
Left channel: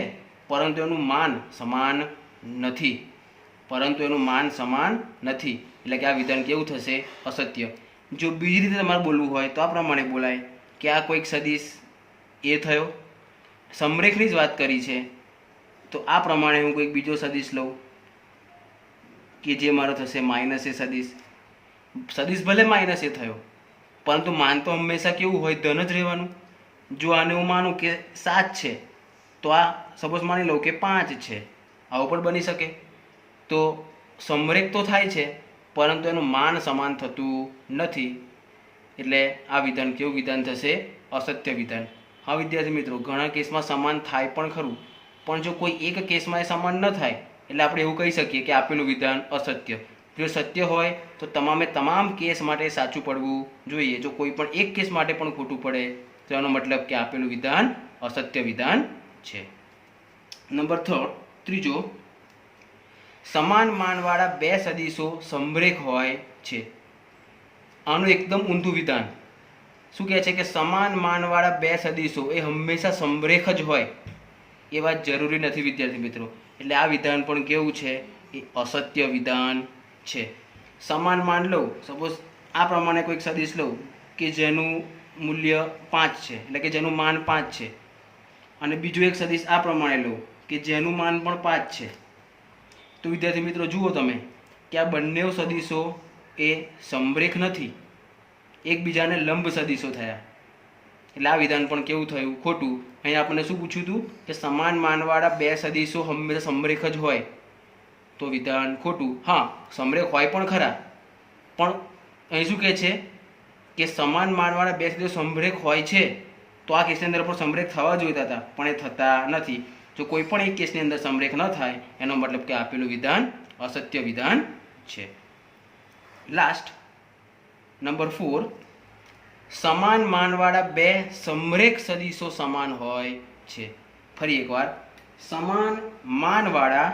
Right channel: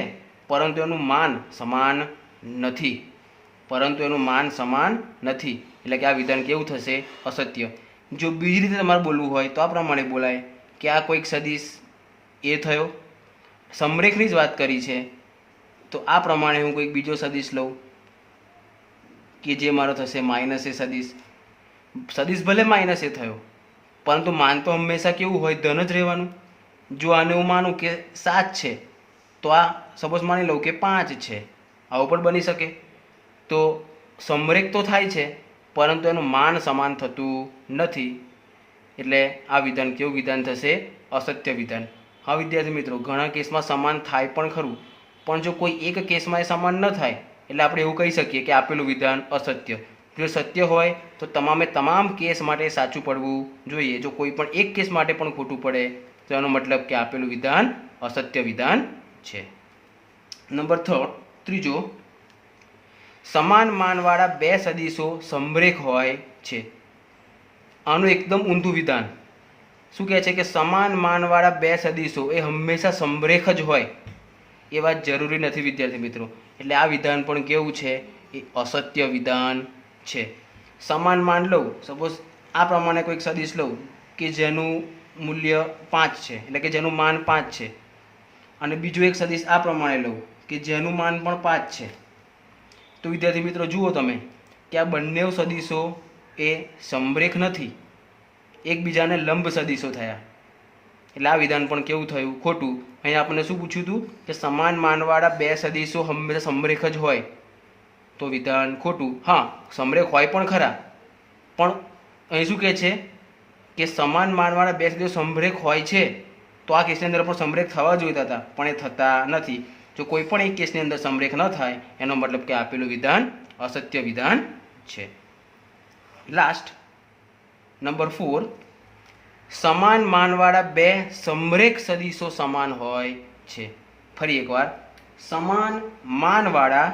પરંતુ એનું માન સમાન નથી. એટલે કે આ વિધાન કેવું થશે? અસત્ય. જો બીજી રીતે તમારે બોલવું હોય તો આ પ્રમાણે બોલાય કે આ કોઈક સદિશ એ થયો, સમરેખની જ વાત કરી છે, તો આ પ્રમાણે હું કોઈક બીજો સદિશ લઉં કે જે મારો થશે માઇનસ એ સદિશ. સદિશ ભલે માઇનસ એ થયો, પરંતુ માન તો હંમેશા કેવું હોય? ધન જ રહેવાનું. જો આને હું માનું કે 7 છે, તો આ સપોઝ માની લઉં કે 5 છે. આવું પણ બની શકે. તો સમરેખ તો થાય છે, પરંતુ એનું માન સમાન થતું નથી. એટલે આ વિધાન કેવું વિધાન થશે? અસત્ય વિધાન. હા વિદ્યાર્થી મિત્રો, ઘણા કેસમાં સમાન થાય પણ ખરું, પણ જો કોઈ એક કેસમાં એ સમાન ન થાય એટલે આપણે એવું કહી શકીએ કે આપેલું વિધાન અસત્ય. જો સત્ય હોય તો તમામ કેસ માટે સાચું પડવું જોઈએ. જો કોઈ પણ એક કેસ માટે પણ ખોટું પડે તો એનો મતલબ કે આપેલું વિધાન અસત્ય વિધાન છે. નંબર 3, સમાન માનવાળા બે સદિશો સમરેખ હોય છે. આનું એકદમ ઊંધું વિધાન. શું કહે છે કે સમાન માનવાળા બે સદિશો એ હંમેશા સમરેખ જ હોય એ વાત જરૂરી નથી વિદ્યાર્થી મિત્રો. એટલે આ વિધાન પણ કેવું છે? એ અસત્ય વિધાન છે. સમાન માન લઉં, સપોઝ આ પ્રમાણે કોઈક સદિશ લઉં કે જેનું મૂલ્ય 5 છે, એટલે કે જેનું માન 5 છે, અને બીજું એક સદિશ આ પ્રમાણે લઉં કે જેનું માન પણ 5 છે. તો વિદ્યાર્થી મિત્રો જુઓ તમે કે આ બંને સદિશો એ સમરેખ નથી, એકબીજાને લંબ સદિશો થયા. એટલે આ વિધાન પણ કેવું થયું? ખોટું. અહીંયા આપણને શું પૂછ્યું હતું કે સમાન માનવાળા બે સદિશો હંમેશા સમરેખ જ હોય, તો વિધાન ખોટું. હા, સમરેખ હોય પણ ખરા, પણ અહીં શું કહે છે કે સમાન માનવાળા બે સદિશો સમરેખ હોય છે, તો આ કેસની અંદર પણ સમરેખ થવા જોઈતા હતા, પણ એ થતા નથી. જો કોઈ પણ એક કેસની અંદર સમરેખ ન થાય એનો મતલબ કે આપેલું વિધાન અસત્ય વિધાન છે. લાસ્ટ, નંબર 4, સમાન માનવાળા બે સમરેખ સદિશો સમાન હોય છે. ફરી એકવાર, સમાન માનવાળા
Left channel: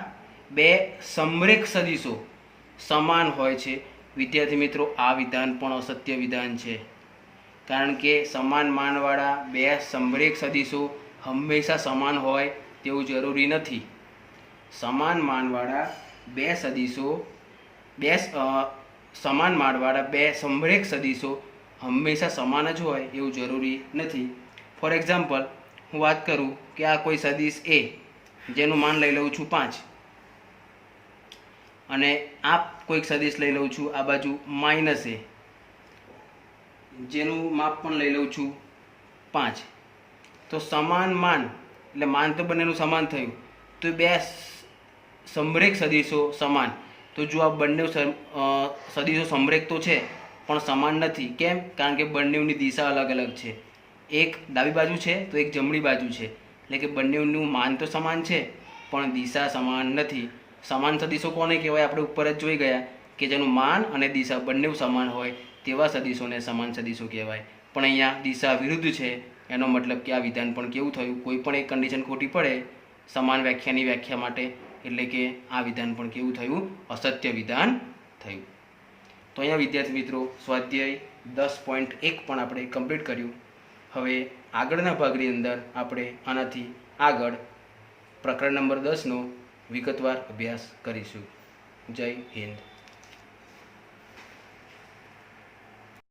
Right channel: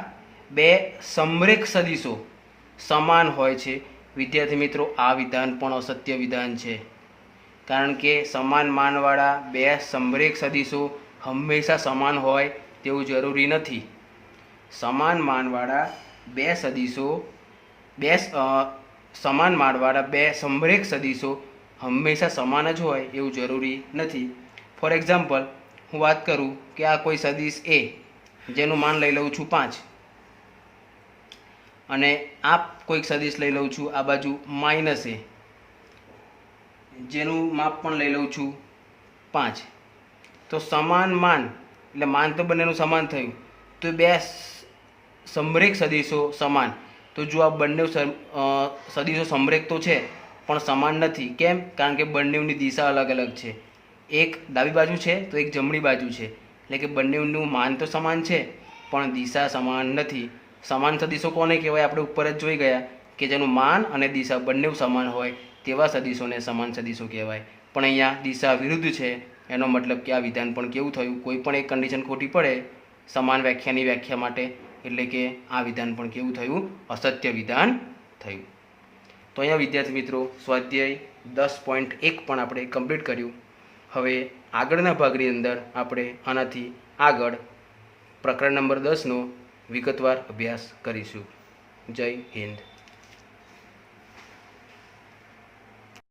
બે સમરેખ સદિશો સમાન હોય છે. વિદ્યાર્થી મિત્રો, આ વિધાન પણ અસત્ય વિધાન છે. કારણ કે સમાન માનવાળા બે સમરેખ સદિશો હંમેશા સમાન હોય તેવું જરૂરી નથી. સમાન માનવાળા બે સદિશો સમાન માનવાળા બે સમરેખ સદિશો હંમેશા સમાન જ હોય એવું જરૂરી નથી. ફોર એક્ઝામ્પલ, હું વાત કરું કે આ કોઈ સદિશ એ જેનું માન લઈ લઉં છું 5, અને આ કોઈક સદિશ લઈ લઉં છું આ બાજુ માઇનસ એ જેનું માપ પણ લઈ લઉં છું 5. તો સમાન માન એટલે માન તો બંનેનું સમાન થયું, તો બે સમરેખ સદિશો સમાન. તો જો આ બંને સદિશો સમરેખ તો છે પણ સમાન નથી. કેમ? કારણ કે બંનેની દિશા અલગ અલગ છે. એક ડાબી બાજુ છે તો એક જમણી બાજુ છે. એટલે કે બંનેનું માન તો સમાન છે પણ દિશા સમાન નથી. સમાન સદીશો કોને કહેવાય? આપણે ઉપર જ જોઈ ગયા કે જેનું માન અને દિશા બંને સમાન હોય તેવા સદીશોને સમાન સદીશો કહેવાય. પણ અહીંયા દિશા વિરુદ્ધ છે, એનો મતલબ કે આ વિધાન પણ કેવું થયું? કોઈ પણ એક કન્ડિશન ખોટી પડે સમાન વ્યાખ્યાની વ્યાખ્યા માટે, એટલે કે આ વિધાન પણ કેવું થયું? અસત્ય વિધાન થયું. તો અહીંયા વિદ્યાર્થી મિત્રો સ્વાધ્યાય 10.1 પણ આપણે કમ્પ્લીટ કર્યું. હવે આગળના ભાગની અંદર આપણે આનાથી આગળ પ્રકરણ નંબર 10નો વિગતવાર અભ્યાસ કરીશું. જય હિન્દ.